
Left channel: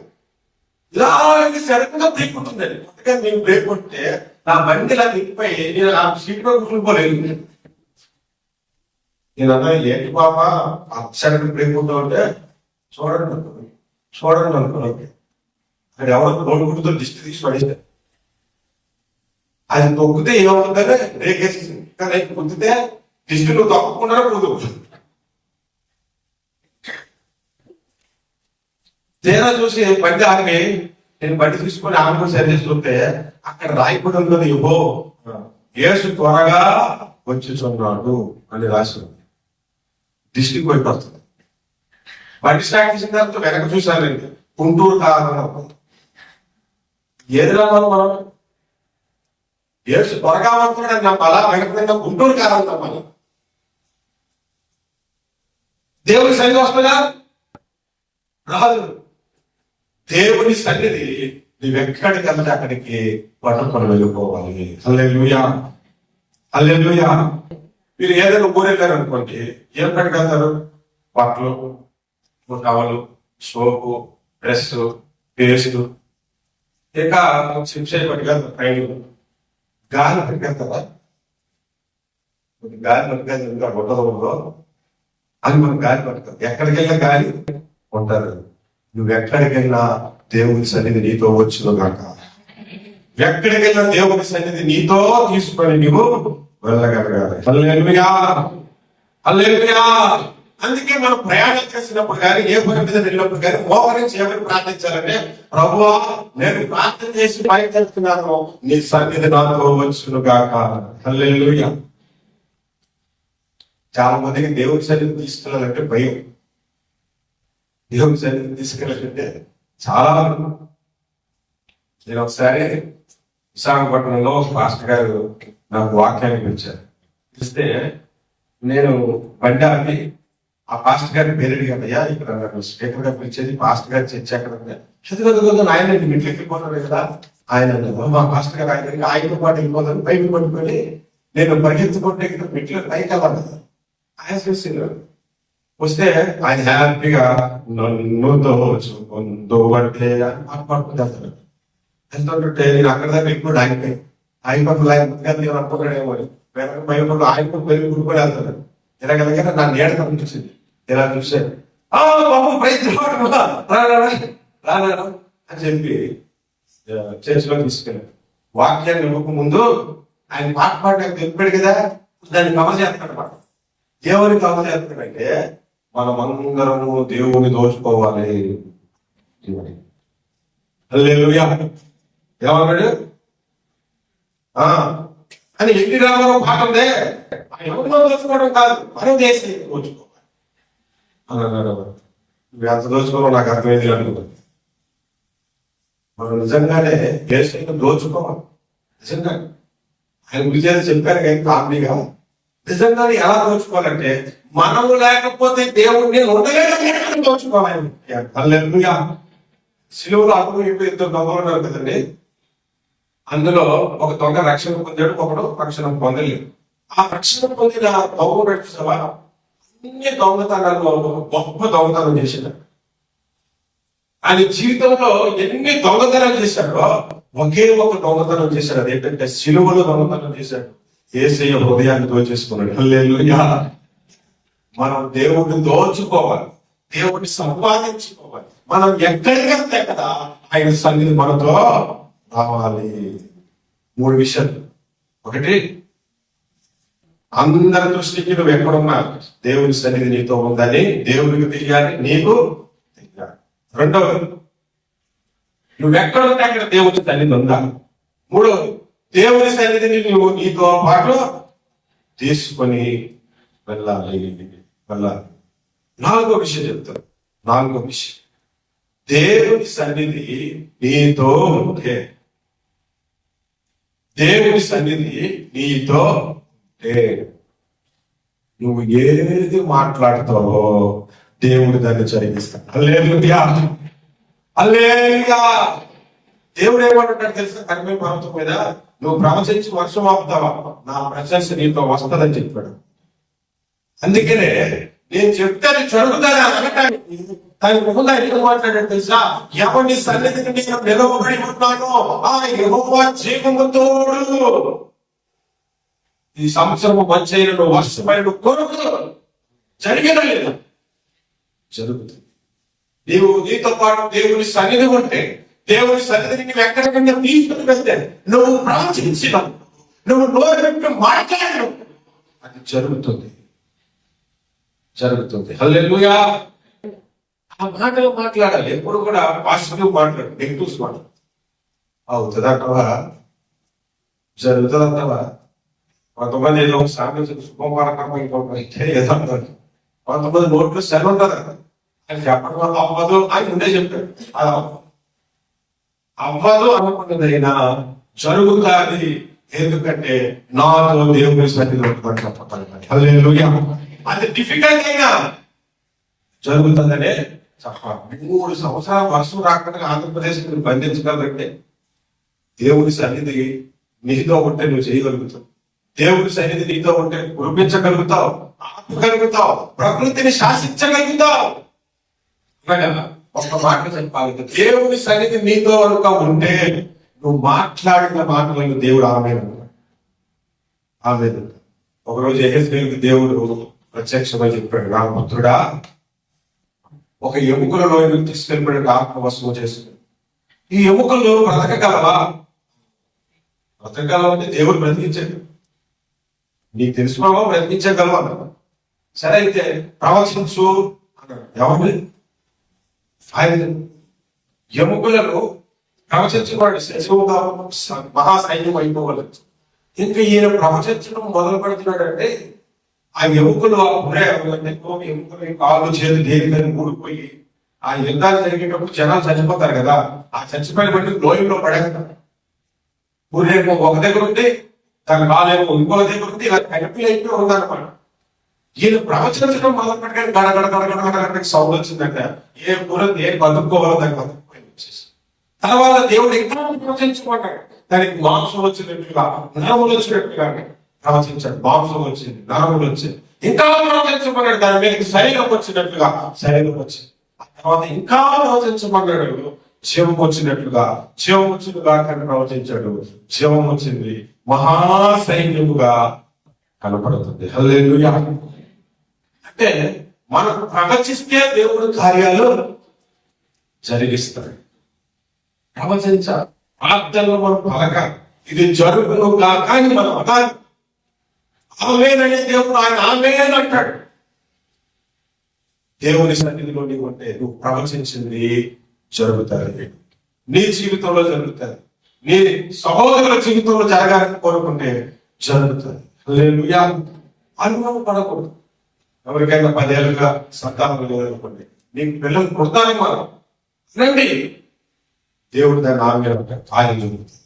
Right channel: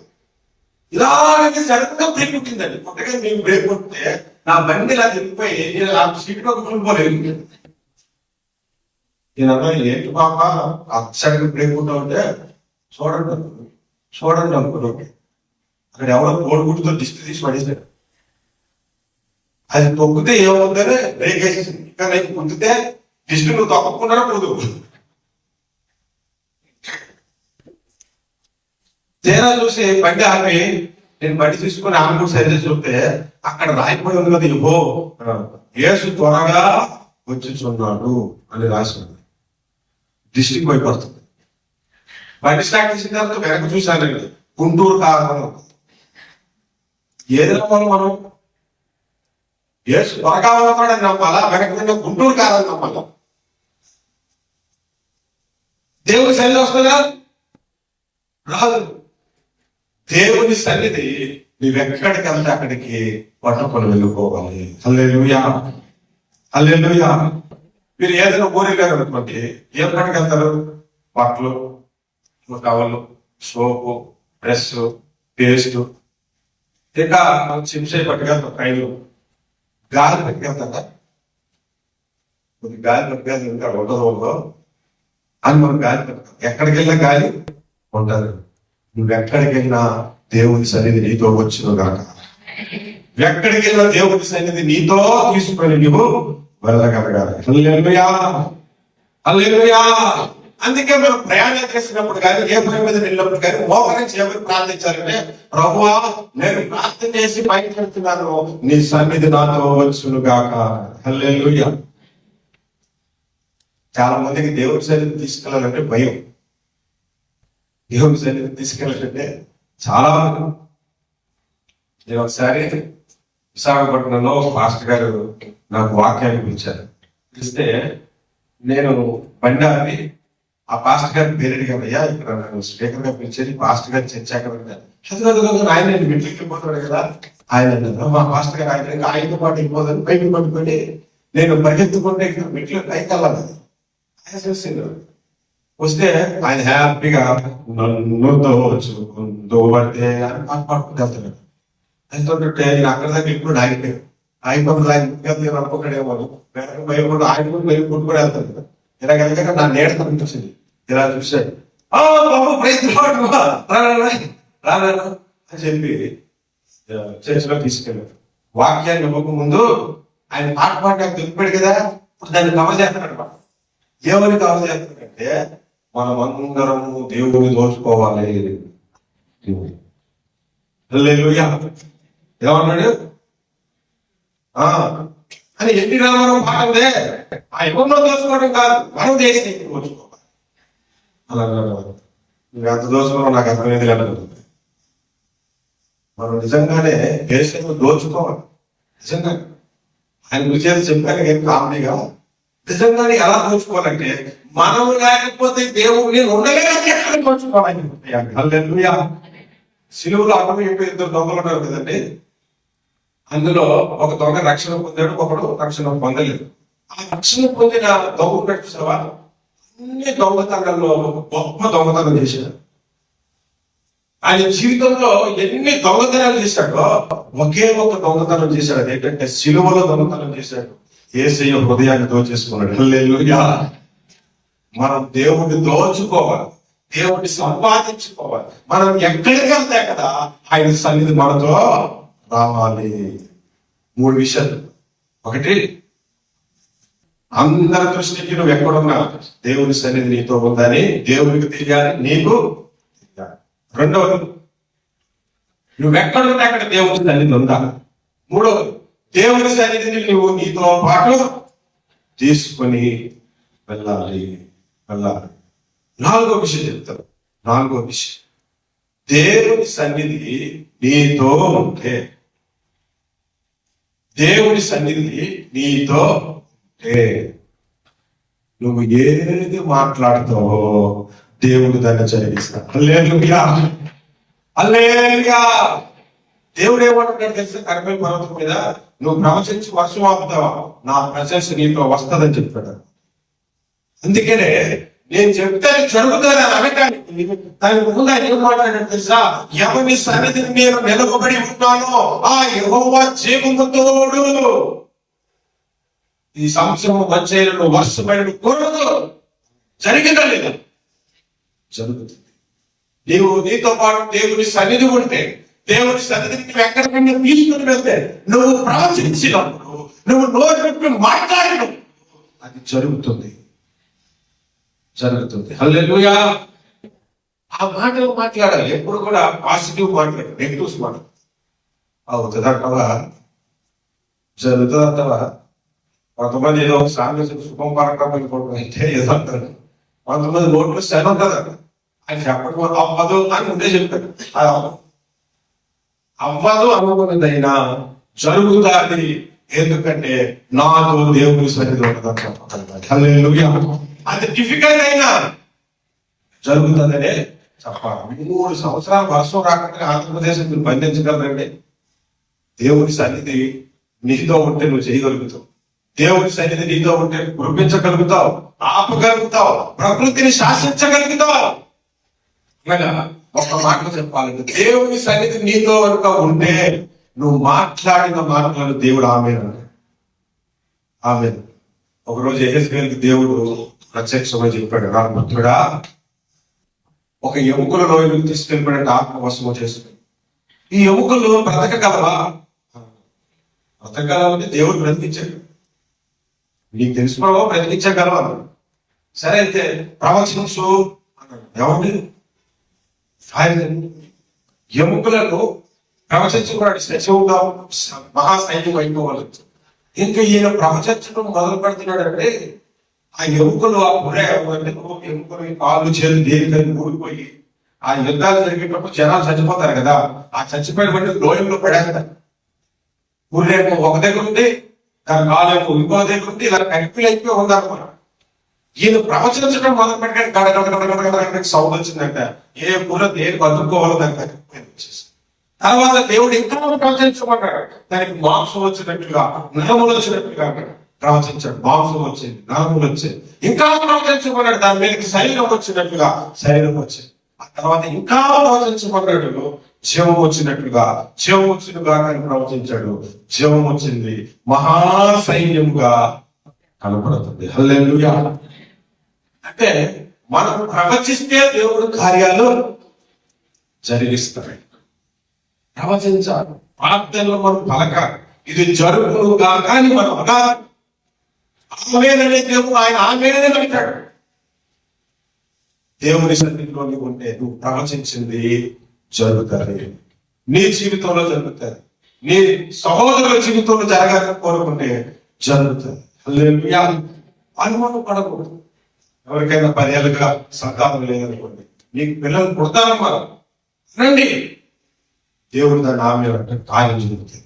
ఇలా సడన్ గా బ్రేక్ పుట్టిందండి. కొత్తగా నేను బ్రేక్ కొట్టితే నా బండి ఇలా తిప్పిపోయి నేను ఆ సీట్ లో కూలిపోలేదు. నేనన్నా ఏంటి పాప సడన్ బ్రేక్ కొట్టామంటే చూడండి అనుకున్నాను. అక్కడ ఎవరో కోడిగుడ్డుతో దిష్టి తీసి పడేసాడు. అది తొక్కితే ఏమవుతుందని బ్రేక్ వేసేసింది. కానీ తొక్కితే దిష్టి నువ్వు తొక్కకుండా పోదు. తేడా చూసి బండి ఆపి నేను బండి తీసుకుని ఆమె కూడా సరి చేసి చూస్తే అక్కడ రాయబడి ఉంది కదా, ఇవ్వో యేసు త్వరగా వచ్చుచున్నాడు అని రాసి ఉంది. దిష్టికి పోయిపోతుంది. బండి స్టార్ట్ చేసిన తర్వాత వెనక చూశానండి, గుంటూరు కారణం. ఏది నమ్మాలి మనం? యేసు త్వరగా అవుతాడని నమ్మాలా, వెనక గుంటూరు కారణం నమ్మాలా? దేవుడి సన్నిధి వస్తుందా? రాదు. దేవుని సన్నిధి నువ్వెక్కడికి వెళ్తే అక్కడికి పట్టుకొని వెళ్ళిపోవాలి. హల్లెలూయా, హల్లెలూయా. మీరు ఏదైనా ఊరెళ్ళారు అనుకోండి, ఏం పట్టుకెళ్తారు? బట్టలు, టవలు, సోపు, డ్రెస్, పేస్ట్, ఇంకా చిప్సే పట్టుకెళ్తారు. ట్రైన్లు గాలి పట్టుకెళ్తారా? గాలి పట్టుకెళ్తారు. ఇంకా ఉండదు అని మనం గాలి పట్టుకెళ్తాం. ఎక్కడికి వెళ్ళినా గాలి ఉంటారు. నువ్వెక్కడికి వెళ్ళినా దేవుని సన్నిధి నీతో వచ్చును గాక. ఎక్కడికి వెళ్ళినా దేవుని సన్నిధి నీతో తీసుకొని నువ్వు వెళ్ళగలగాలి. హల్లెలూయా, హల్లెలూయా. అందుకే మనం ప్రయాణం చేసినప్పుడు కానీ, ఏ పని మీద వెళ్ళినప్పుడు కానీ మోకరించి ఎవరు ప్రార్థించాలంటే, ప్రభువా నేను ప్రార్థన చేసి బయట చెప్తున్నాను, నీ సన్నిధి నాతో వచ్చును గాక. హల్లెలూయా. చాలా మందికి దేవుడి సన్నిధి తీసుకెళ్ళాలంటే భయం. దేవుని సన్నిధిని తీసుకెళ్ళాలంటే చాలా. నేను ఒకసారి విశాఖపట్నంలో పాస్టర్ గారు నాకు వాక్యాన్ని పిలిచారు. పిలిస్తే నేను బండి ఆపి ఆ పాస్టర్ గారి పేరు అడిగానయ్యా, ఇక్కడ నన్ను స్పీకర్ గా పిలిచేది పాస్టర్ గారు చర్చ ఆయన మెట్లకి వెళ్ళిపోతాడు కదా. ఆయన మా పాస్టర్ గారు ఆయనతో పాటు వెళ్ళిపోతాను పైకి పట్టుకొని నేను పరిగెత్తుకుంటే ఇక్కడ మెట్లు పైకి వెళ్ళాలి. ఆయన చూసిండు. వస్తే ఆయన హ్యాపీగా నన్నుతో పడితే అని పాడుకుంటూ వెళ్తాడు. వెళ్తుంటే నేను అక్కడ దాకా వెళ్ళిపోయి ఆగిపోయాను. ఆగిపోయి ఆయన అనుకున్నాడేమో భయపడు ఆయన కూడా వెళ్ళిపోయి వెళ్తున్నాడు. ఇలాగ నా నీడ కనిపించింది. ఇలా చూశాడు. రారా అని చెప్పి చర్చిలో తీసుకెళ్ళాడు. వాక్యాన్ని ఇవ్వక ముందు ఆయన పాట పాడడానికి తెలిపాడు కదా, దాన్ని కవర్ చేస్తున్నాడు అనమాట. ఏమని కవర్ చేస్తున్నాడంటే, మనం అందరము దేవుని దోచుకోవాలి. హల్లెలూయా. ఏమన్నాడు అని ఎన్టీ రామారావు పాట ఉందే, ఆ ఎవరినో దోచుకోవడం కాదు, మనం దేశాన్ని దోచుకోవాలి అన్నాడు. నువ్వు ఎంత దోచుకోవడం నాకు అర్థమైంది అనుకుంటుంది. మనం నిజంగానే దేశంలో దోచుకోవాలి. నిజంగా ఆయన గురించి చెప్పాను కానీ కామెడీగా, నిజంగానే ఎలా దోచుకోవాలంటే, మనము లేకపోతే దేవుడిని ఉండలేదని దోచుకోవాలి. హల్లెలూయా. సిలువలో అప్పుడు ఇద్దరు దొంగలు ఉన్నారు కదండి. అందులో ఒక దొంగ రక్షణ పొందాడు, ఒకడు రక్షణ పొందలేదు. ఆ రక్షణ పొందిన దొంగ చూసావా, అన్ని దొంగతనాల్లో ఒక గొప్ప దొంగతనం చేశాడు. ఆయన జీవితంలో ఎన్ని దొంగతనాలు చేశాడో ఒకే ఒక దొంగతనం చేశాడు. అదేంటంటే సిలువలో దొంగతనం చేశాడు. యేసయ్య హృదయాన్ని దోచేసుకున్నాడు. హల్లెలూయా. మనం దేవుడిని దోచుకోవాలి, దేవుడిని సంపాదించుకోవాలి. మనం ఎక్కడికి వెళ్తే కదా ఆయన సన్నిధి మనతో రావాలి. 3 విషయాలు. ఒకటి, అందరి దృష్టికి నువ్వు ఎక్కడున్నా దేవుని సన్నిధి నీతో ఉందని దేవునికి తెలియాలి, నీకు తెలియాలి. రెండవది, నువ్వెక్కడుంటే అక్కడ దేవుని సన్నిధి ఉందా. మూడవది, దేవుని సన్నిధిని నువ్వు నీతో పాటు తీసుకొని వెళ్ళాలి. నాలుగో విషయం చెప్తాను. నాలుగో విషయం, దేవుని సన్నిధి నీతో ఉంటే, దేవుని సన్నిధి నీతో ఉంటే నువ్వు ఏది మాట్లాడతావో దేవుడు దాన్ని జరిగిస్తాడు. హల్లెలూయా, హల్లెలూయా. దేవుడు ఏమంటాడు తెలుసా, కర్మేలు పర్వతం మీద నువ్వు ప్రవచించి వర్షం ఆపుతావా, నా ప్రశంస నీతో వస్తుందని చెప్పాడు. అందుకనే నేను చెప్తే అది జరుగుతుంది అని అనటానికి దానికి ముందు ఆయన ఏం మాట్లాడాడు తెలుసా, ఎవరి సన్నిధిని నేను నిలవబడి ఉన్నానో ఆ యెహోవా జీవము తోడు. ఈ సంవత్సరం మంచైన వర్షమైన కొరకు జరిగిందా లేదా? జరుగుతుంది. నీతో పాటు దేవుని సన్నిధి ఉంటే, దేవుని సన్నిధిని నువ్వు ఎక్కడికైనా తీసుకుని వెళ్తే, నువ్వు ప్రవచించినప్పుడు నువ్వు నోరు పెట్టి మాట్లాడు, అది జరుగుతుంది. హల్లెలూయా. ఆ మాటలు మాట్లాడాలి. ఎప్పుడు కూడా పాజిటివ్ మాట్లాడు, నెగిటివ్స్ మాట్లాడు. అవుతుందంటవా, జరుగుతుందంటవా. కొంతమంది ఏదో ఒక సామెత శుభం పరకం అయితే ఏదో అంటారు. కొంతమంది నోట్లు శనం కదా అని చెప్పడం వల్ల అవ్వదు అని ఉండే చెప్పారు. అది అవ్వదు అనుకున్నదైనా జరుగుతుంది. ఎందుకంటే నాతో దేవుని సన్నిధిలో హల్లెలూయా. అది డిఫికల్ట్ అయినా జరుగుతుందనే చెప్పాలి. 3 సంవత్సరాల వర్షం రాకుండా ఆంధ్రప్రదేశ్ మీరు బంధించగలరండి. దేవుని సన్నిధి నీతో ఉంటే నువ్వు చేయగలుగుతావు. దేవుని సన్నిధి నీతో ఉంటే కురిపించగలుగుతావు, ఆపగలుగుతావు, ప్రకృతిని శాసించగలుగుతావు. ఒక్క మాటలు చెప్పాలి, దేవుని సన్నిధి నీతో కనుక ఉంటే నువ్వు మాట్లాడిన మాటలను దేవుడు ఆమేన్. ఒకరోజు యెహెజ్కేలుకి దేవుడు ప్రత్యక్షమై చెప్పాడు, నా పుత్రుడా, ఒక ఎముకలలో తీసుకెళ్ళిపోయినట్టు ఆత్మవశము చేసుకుని ఈ ఎముకలు బ్రతకగలవా? బ్రతకగలవంటే దేవుడు బ్రతికించాడు. నీకు తెలుసుకున్నావా బ్రతికించగలవా? సరే అయితే ప్రవచించు అన్నాడు. ఏమండి ఆయన ఎముకలను ప్రవచించుకున్నాడు. సచివుగా మహాసైన్యం అయిపోవచ్చు. ఇంకా ఈయన ప్రవచించడం మొదలు పెడుతున్నాడు అంటే ఆ ఎముకలు ఆ పురే ఎముకలు కాళ్ళు చేతులు దేనికని కూడిపోయి ఆ యుద్ధాలు జరిగేటప్పుడు జనాలు చచ్చిపోతారు కదా, ఆ చచ్చిపోయిన వెంటనే లోయంలో పడేస్తారు. ఊరేమో ఒక దగ్గర ఉంది, దాని కాలేమో ఇంకో దగ్గర ఉంది, ఇలా కనిపిలు అయిపోయి ఉందన్నమాట. ఈయన ప్రవచించడం మొదలు పెట్టాడు. గడగడ సౌండ్ వచ్చిందంట. ఏ పుర దేని బతుక్కోవాలో దానికి బతికిపోయింది వచ్చేసి. తర్వాత దేవుడు ఇంకా ప్రవచించమన్నాడు. దానికి మాంసం వచ్చినట్టుగా, నరములు వచ్చినట్టుగా ప్రవచించాడు. మాంసం వచ్చింది, నరములు వచ్చింది. ఇంకా ప్రవచించమన్నాడు. దాని మీదకి శరీరం వచ్చినట్టుగా శరీరం వచ్చింది. ఆ తర్వాత ఇంకా ప్రవచించమన్నాడు. జీవం వచ్చినట్టుగా ప్రవచించాడు. జీవం వచ్చింది, మహాసైన్యముగా కనపడుతుంది. హల్లెలూయా. అంటే మనం ప్రవచిస్తే దేవుడు కార్యాలు జరిగిస్తాడు. ప్రవచించాలి, ప్రార్థనలు మనం పలకాలి, ఇది జరుగును కాక అని మనం అనాలి. ఆమేన్ అనే దేవుడు ఆయన ఆమేన్ అంటాడు. దేవుని సన్నిధిలో నీవు ఉంటే నువ్వు ప్రవచించింది జరుగుతుంది. నీ జీవితంలో జరుగుతుంది, నీ సహోదరుల జీవితంలో జరగాలని కోరుకుంటే జరుగుతుంది. హల్లెలూయా. అనుభవం పడకూడదు. ఎవరికైనా 10 ఏళ్ళుగా సంతానం లేదనుకోండి, నీకు పిల్లలు పుడతారమ్మా రండి, దేవుడు దాన్ని ఆమె కార్యం జరుగుతుంది.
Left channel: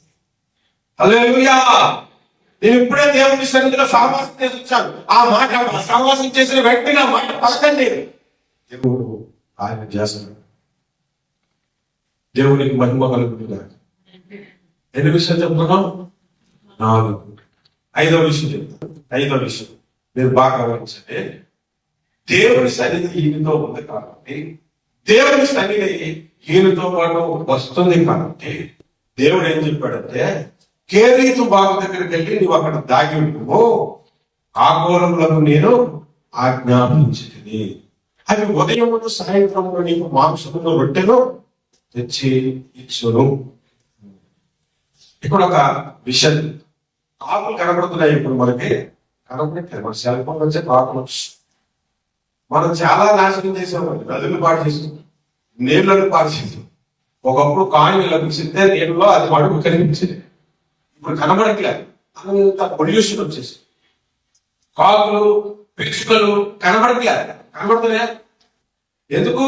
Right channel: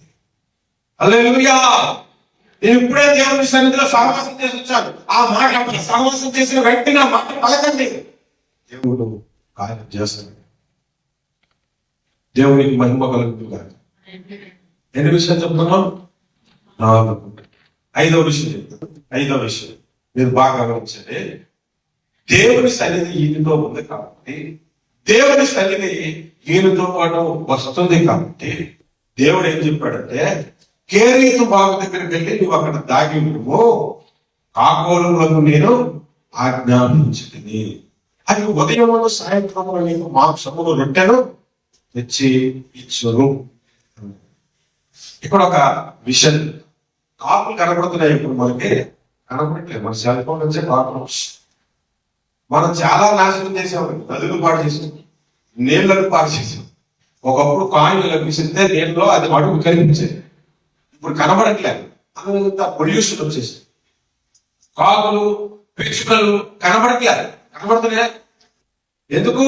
హల్లెలూయా. నేను ఇప్పుడే దేవుని సన్నిధిలో సహవాసం చేసి వచ్చాను. ఆ మాట సహవాసం చేసిన వెంటనే ఆ మాట పలకండి, దేవుడు కార్యం చేస్తున్నాడు. దేవునికి మహిమ కలుగుతుంది. ఎన్ని విషయాలు చెప్తున్నాం? 4. 5వ విషయం చెప్తాను. 5వ విషయం మీరు బాగా గమనించండి. దేవుని సన్నిధి ఈయనతో ఉంది కాబట్టి, దేవుని సన్నిధి ఈయనతో పాటు వస్తుంది కాబట్టి దేవుడు ఏం చెప్పాడంటే, కేరీతు బాగు దగ్గరికి వెళ్ళి నువ్వు అక్కడ దాగి నువ్వు కాకోలంలో నేను ఆజ్ఞాపించింది. అది ఉదయము సాయంత్రంలో నీకు మాంసమును రొట్టెను తెచ్చి ఇచ్చును. ఇక్కడ ఒక విషయం, కాకులు కనబడుతున్నాయి. ఇప్పుడు మనకి కనబడట్లేదు. మన సెల్ ఫోన్ వచ్చే కాకులు మనం చాలా నాశనం చేసామండి. నదులు పాడు చేసాం, నీళ్లను పాడు చేసాం. ఒకప్పుడు కాయిన్ లభిస్తే నీళ్ళలో అది అడుగు కనిపించేది. ఇప్పుడు కనబడట్లేదు. అంత పొల్యూషన్ వచ్చేసి కాకులు పిచ్చుకలు కనబడట్లేదు. కనబడుతున్నాయి ఎందుకు?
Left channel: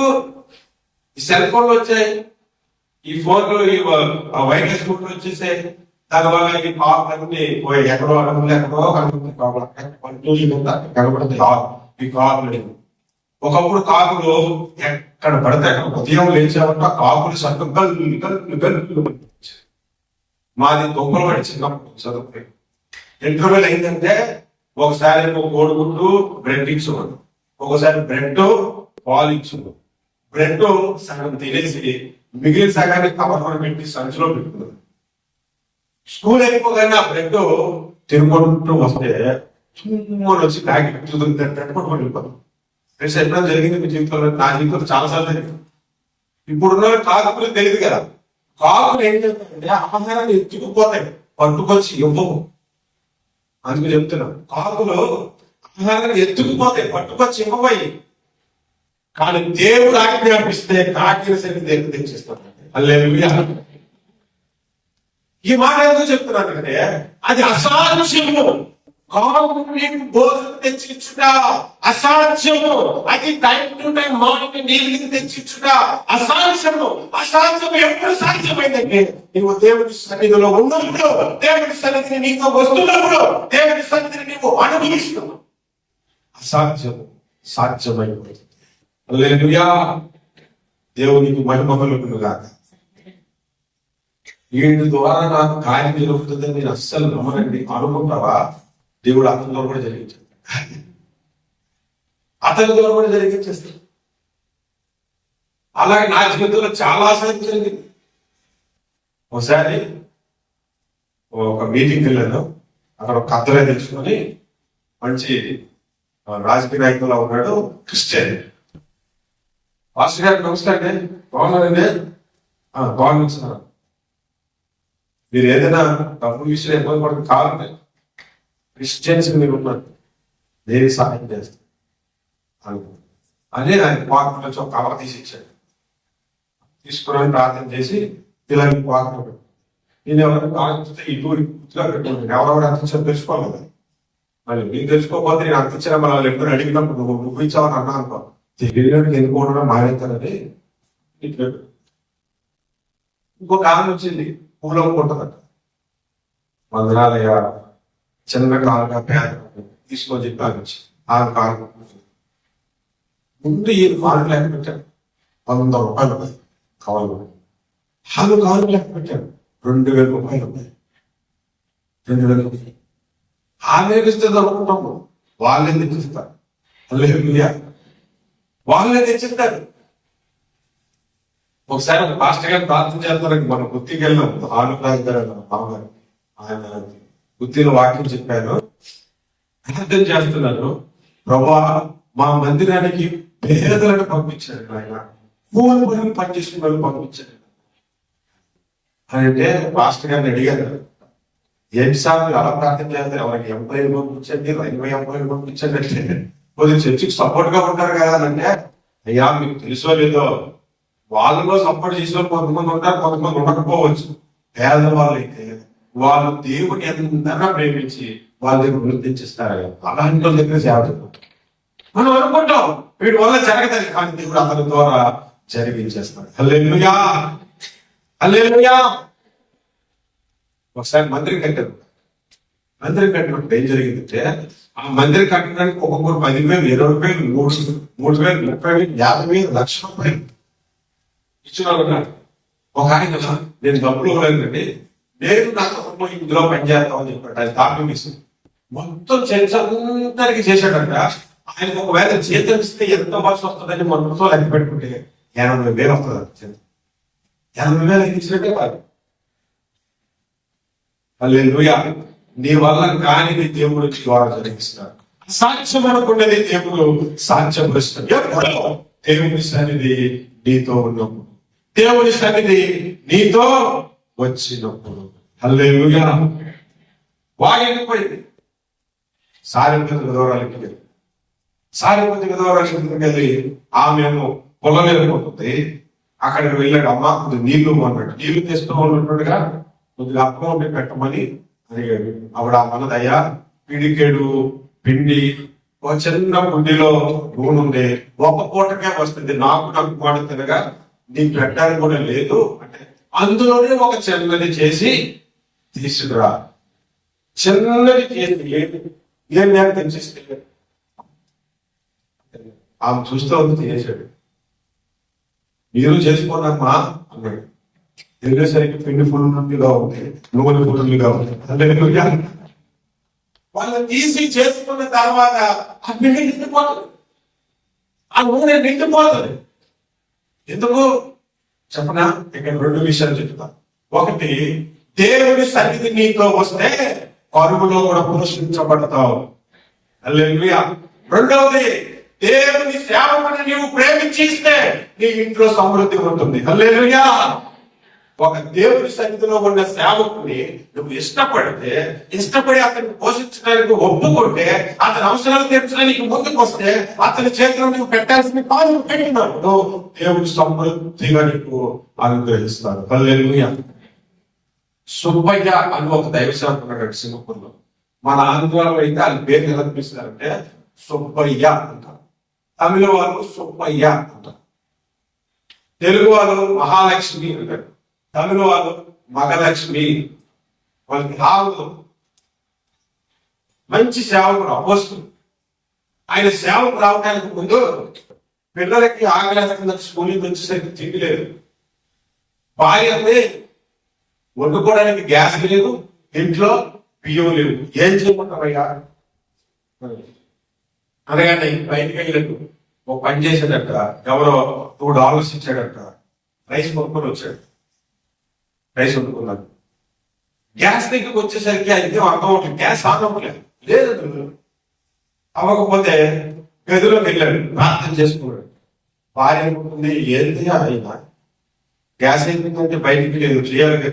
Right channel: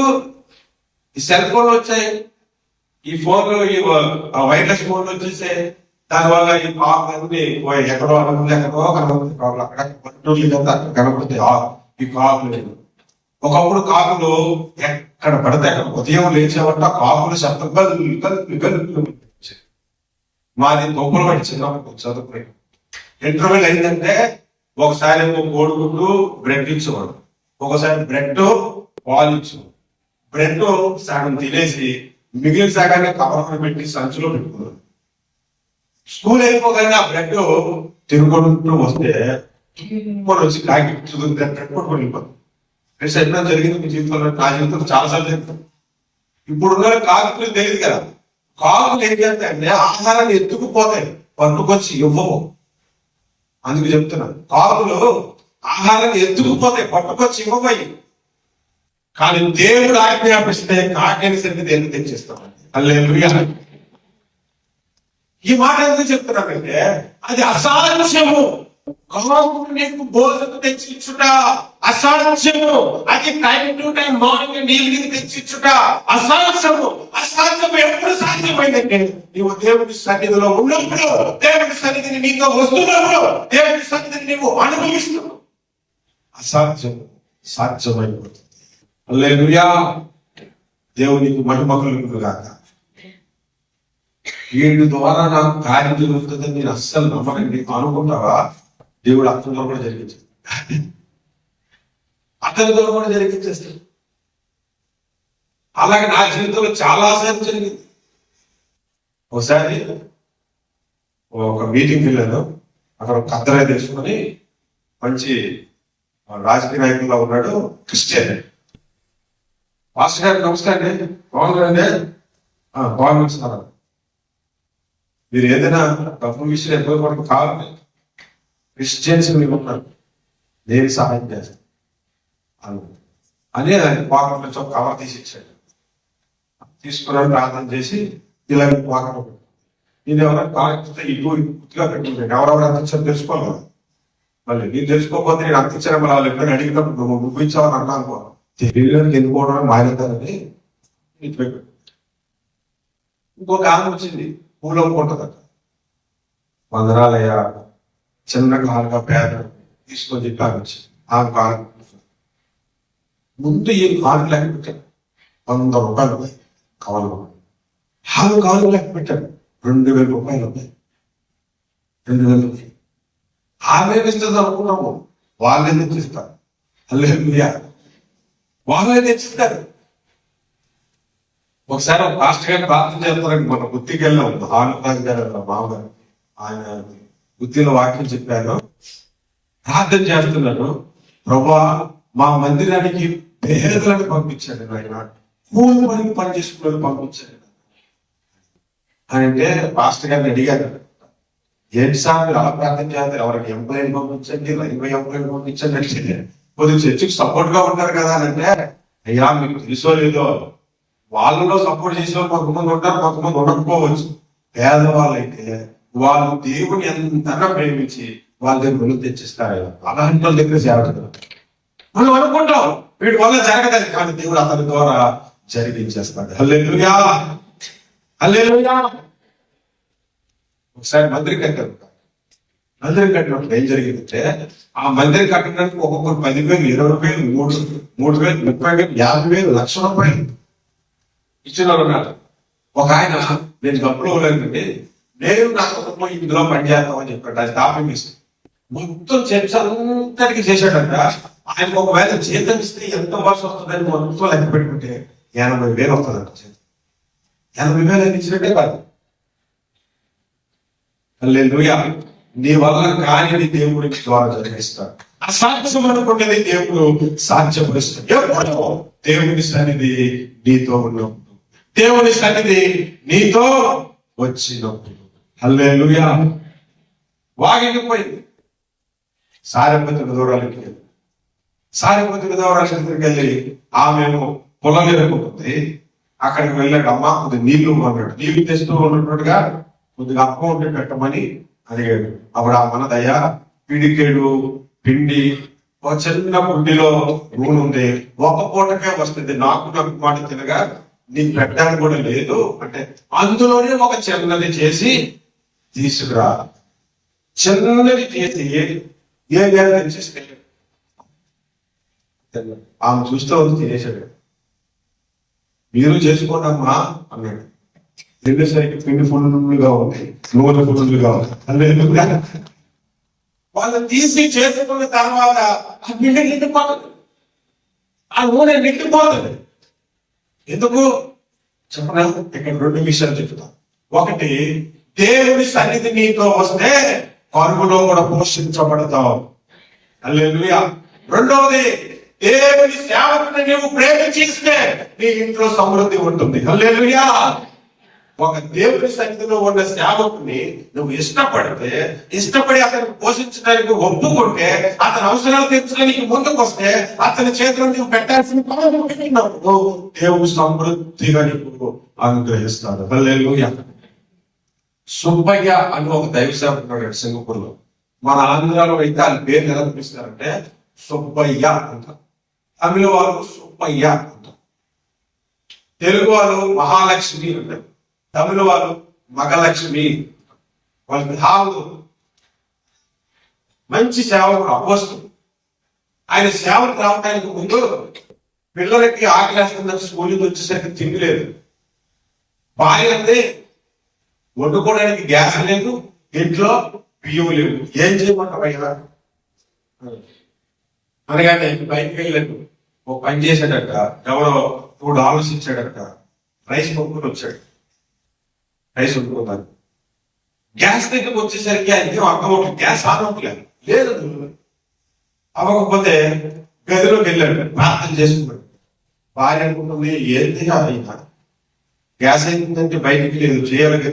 ఈ సెల్ ఫోన్లు వచ్చాయి, ఈ ఫోన్లు, ఈ వైర్లెస్ ఫోన్లు వచ్చేసాయి. దానివల్ల ఈ కాకులన్నీ ఎక్కడో ఎక్కడో కనబడుతాయి. కాకులు అక్కడ కనబడతాయి ఈ కాకులు. ఒకప్పుడు కాకులు ఎక్కడ పడతాయి ఉదయం లేచేవాళ్ళ కాకులు శబ్దం గల్లు. మాది తొక్కులు పడి చిన్నప్పుడు చదువుకుని ఇంటర్వ్యూలు అయిందంటే ఒకసారి కోడిగుడ్డు బ్రెడ్ ఇచ్చేవాడు, ఒకసారి బ్రెడ్ పాలు ఇచ్చేవాడు. బ్రెడ్ సగం తినేసి మిగిలిన సగాన్ని కవర్లో పెట్టి సంచిలో పెట్టుకున్నాడు. స్కూల్ అయిపోగానే ఆ బ్రెడ్ తిరుగుకుంటూ వస్తే వచ్చి కాకి పెట్టుకుంటూ వెళ్ళిపోతాం. ఎప్పుడైనా జరిగింది మీ జీవితంలో? నా జీవితంలో చాలాసార్లు జరిగింది. ఇప్పుడున్న కాకులు తెలియదు కదా, కాకులు ఏం చేస్తాయంటే ఆహారాన్ని ఎత్తుకుపోతాయి, పట్టుకొచ్చి ఇవ్వవు. అందుకు చెప్తున్నాను, కాకులు ఆహారాన్ని ఎత్తుకుపోతాయి, పట్టుకొచ్చి ఇవ్వబోయి. కానీ దేవుడు ఆజ్ఞాపిస్తే కాకైన సరికి దేవుడు తెచ్చిస్తామండి. హల్లెలూయా. ఈ మాట ఎందుకు చెప్తున్నానంటే అది అసాధ్యము. కాకు నీకు భోజనం తెచ్చిచ్చుట అసాధ్యము. అది టైం టు టైం మార్నింగ్ నీళ్ళు తెచ్చిచ్చుట అసాధ్యము. అసాధ్యము ఎప్పుడు సాధ్యమైందంటే నీవు దేవుడి సన్నిధిలో ఉన్నప్పుడు, దేవుడి సన్నిధిని నీకు వస్తున్నప్పుడు, దేవుడి సన్నిధిని నీవు అనుభవిస్తున్నావు. అసాధ్యము సాధ్యమైపోతుంది. హల్లెలూయా. దేవునికి మహిమకలుగును గాక. వీడి ద్వారా నాకు కార్యం జరుగుతుందని నేను అస్సలు నమ్మనండి. అనుకుంటావా? దేవుడు అతని ద్వారా కూడా జరిగించాడు, అతని ద్వారా కూడా జరిగించేస్తాడు. అలాగే నా జీవితంలో చాలాసార్లు జరిగింది. ఒకసారి ఒక మీటింగ్కి వెళ్ళాను. అక్కడ ఒక కద్దరాయి తీసుకొని మంచి రాజకీయ నాయకుల్లో ఉన్నాడు, క్రిస్టియన్. పాస్టర్ గారు నమస్కారం అండి, బాగున్నారండి? బాగున్నాను. మీరు ఏదైనా డబ్బు విషయం ఎక్కువ కూడా కావాలి, క్రిస్టియన్స్ మీరు ఉన్నారు, నేను సహాయం చేస్తాను అని ఆయన పాకంలో ఒక కవర్ తీసి ఇచ్చాడు. తీసుకుని ప్రార్థన చేసి ఇలా పాకంలో పెట్టాను. నేను ఎవరైనా పాకిస్తే ఇటు ఇట్లా పెట్టుకున్నాను. ఎవరెవరు అందించారో తెలుసుకోవాలి. మళ్ళీ నేను తెలుసుకోకపోతే నేను అందించాను, మళ్ళీ వాళ్ళు ఎప్పుడైనా అడిగినప్పుడు నువ్వు ముగించావని అన్నాను. తెలియడానికి ఎందుకోవడం నాగేతానని ఇటు పెట్టాను. ఇంకొక ఆమె వచ్చింది, పూలు అమ్ముకుంటుందట. వందనాలయ్యా, చిన్న కారుగా పేద తీసుకొని కానిచ్చి ఆ కారు ముందు ఈ కారు లెక్క పెట్టాను. 100 రూపాయలు కావాలి. ఆరు కారు లెక్క పెట్టాను. 2000 రూపాయలు. 2000 రూపాయలు ఆమె ఇస్తుంది అనుకున్నాము. వాళ్ళే తెచ్చిస్తారు. హల్లెలూయా. వాళ్ళే తెచ్చిస్తారు. ఒకసారి ఒక పాస్టర్ గారు ప్రార్థన చేస్తారండి. మన గుత్తికి వెళ్ళాం. ఆనందరాజు గారు మామగారు, ఆయన గుత్తిలో వాక్యం చెప్పాను. ప్రార్థన చేస్తున్నాను, ప్రభువా మా మందిరానికి పేదలను పంపించాడు, ఆయన కూలి పనికి పనిచేసిన వాళ్ళు పంపించాడు అంటే పాస్టర్ గారిని అడిగారు, ఏంటి సార్ మీరు అలా ప్రార్థన చేస్తారు, ఎవరికి ఎంప్లాయీలు పంపించండి, రైల్వే ఎంప్లాయీలు పంపించండి అంటే కొద్దిగా చర్చికి సపోర్ట్ గా ఉంటారు కదా అని అంటే, అయ్యా మీకు తెలుసో లేదో వాళ్ళలో సపోర్ట్ చేసే వాళ్ళు కొంతమంది ఉంటారు, కొంతమంది ఉండకపోవచ్చు. పేదవాళ్ళు అయితే వాళ్ళు దేవుని ఎంతగా ప్రేమించి వాళ్ళ దగ్గర రుణం తెచ్చిస్తారు. అలాంటి వాళ్ళ దగ్గర సేవ చేస్తారు. మనం అనుకుంటాం వీడి వల్ల జరగదని, కానీ దేవుడు అతని ద్వారా జరిగించేస్తాడు. హల్లెలూయా. హల్లెలూయా. ఒకసారి మందిరం కట్టారు. మందిరం కట్టినప్పుడు ఏం జరిగిందంటే, ఆ మందిరం కట్టడానికి ఒక్కొక్కరు 10,000, 20,000, 3,000, 30,000, 50,000, 1,00,000 రూపాయలు ఇచ్చిన వాళ్ళు ఉన్నారు. ఒక ఆయన నేను డబ్బులు ఇవ్వలేదండి, నేను నా కుటుంబం ఇందులో పనిచేస్తామని చెప్పాడు. అది తాపం వేసి మొత్తం చర్చ అందరికి చేశాడంట. ఆయనకు ఒకవేళ జీతం ఇస్తే ఎంత బస్సు వస్తుందని మొత్తం లెక్క పెట్టుకుంటే 80,000 వస్తుందంట. 80,000 ఇచ్చినట్టే కాదు. హల్లెలూయా. నీ వల్ల కానిది దేవుడి ద్వారా జరిగిస్తాడు. అసాధ్యం అనుకున్నది దేవుడు సాధ్యపరుస్తాడు. ఎప్పుడు? దేవుని సన్నిధి నీతో ఉన్నప్పుడు, దేవుని సన్నిధి నీతో వచ్చినప్పుడు. హల్లెలూయా. వాగిపోయింది. సారెపతికి దూరాలకి వెళ్ళి, సారెపతికి దూరాలకి వెళ్ళి ఆమెమో పొలం వెళ్ళిపోతుంది. అక్కడికి వెళ్ళాడు. అమ్మ కొద్ది నీళ్లు అన్నాడు. నీళ్లు తెచ్చుకోవాలన్నట్టుగా కొద్దిగా అప్పం ఉంటే పెట్టమని అడిగాడు. అప్పుడు ఆ మనదయ్యా పిడికేడు పిండి, ఒక చిన్న గుడ్డిలో నూనె ఉంది, ఒక పూటకే వస్తుంది, నాకు మాట తినగా నీకు పెట్టడానికి కూడా లేదు అంటే, అందులోనే ఒక చిన్నది చేసి తీసుకురా. చిన్నది చేసి ఏం లేదు తెచ్చిస్తే ఆమె చూస్తే ఉంది తినేశాడు. మీరు చేసుకోండమ్మా అన్నాడు. తినేసరికి పిండి ఫుల్గా ఉంది, నూనె ఫుల్గా ఉంది. హల్లెలూయా. వాళ్ళు తీసి చేసుకున్న తర్వాత ఆ పిండి నిండిపోతుంది, ఆ నూనె నిండిపోతుంది. ఎందుకు చెప్పనా? ఇక్కడ 2 విషయాలు చెప్తా. ఒకటి, దేవుని సన్నిధి నీతో వస్తే పరుగులో కూడా పోషించబడతావు. హల్లెలూయా. రెండవది, దేవుని సేవకుని నీవు ప్రేమించిస్తే నీ ఇంట్లో సమృద్ధి ఉంటుంది. హల్లెలూయా. ఒక దేవుని సన్నిధిలో ఉన్న సేవకుని నువ్వు ఇష్టపడి అతను పోషించడానికి ఒప్పుకుంటే, అతని అవసరాలు తీర్చడానికి ముందుకు వస్తే, అతని చేతిలో నువ్వు పెట్టాల్సిన కాలు పెట్టినప్పుడు దేవుడు సమృద్ధిగా నీకు అనుగ్రహిస్తాడు. హల్లెలూయా. సుబ్బయ్య అని ఒక దైవ సేవకుడు ఉన్నాడు సింగపూర్ లో. మన ఆంధ్రాలో అయితే వాళ్ళ పేరు ఎలా పిలుస్తారంటే సుబ్బయ్య అంటారు. తమిళ వాళ్ళు సుబ్బయ్య అంటారు. తెలుగు వాళ్ళు మహాలక్ష్మి అంటారు. తమిళ వాళ్ళు మగలక్ష్మి. వాళ్ళకి హావు మంచి సేవకుడు, అపోస్తలుడు. ఆయన సేవకు రావడానికి ముందు పిల్లలకి ఆకలేస్తుందని స్కూల్ నుంచి వచ్చేసరికి తిండి లేదు. భార్య అంటే వండుకోవడానికి గ్యాస్ లేదు, ఇంట్లో బియ్యం లేవు. ఏం చేయమంటావయ్యా అనగానే బయటికి వెళ్ళాడు. ఓ పని చేశాడట, ఎవరో $2 ఇచ్చాడట. రైస్ కొనుక్కొని వచ్చాడు. రైస్ వండుకున్నాడు. గ్యాస్ దగ్గరికి వచ్చేసరికి ఆయనకి అర్థం అవుతుంది, గ్యాస్ ఆన్ అవ్వలేదు. లేదు అవ్వకపోతే గదిలోకి వెళ్ళాడు, ప్రార్థన చేసుకున్నాడు. భార్య అనుకుంటుంది, ఏంటి అయినా గ్యాస్ అయిపోయిందంటే బయటికి లేదు, చేయాలి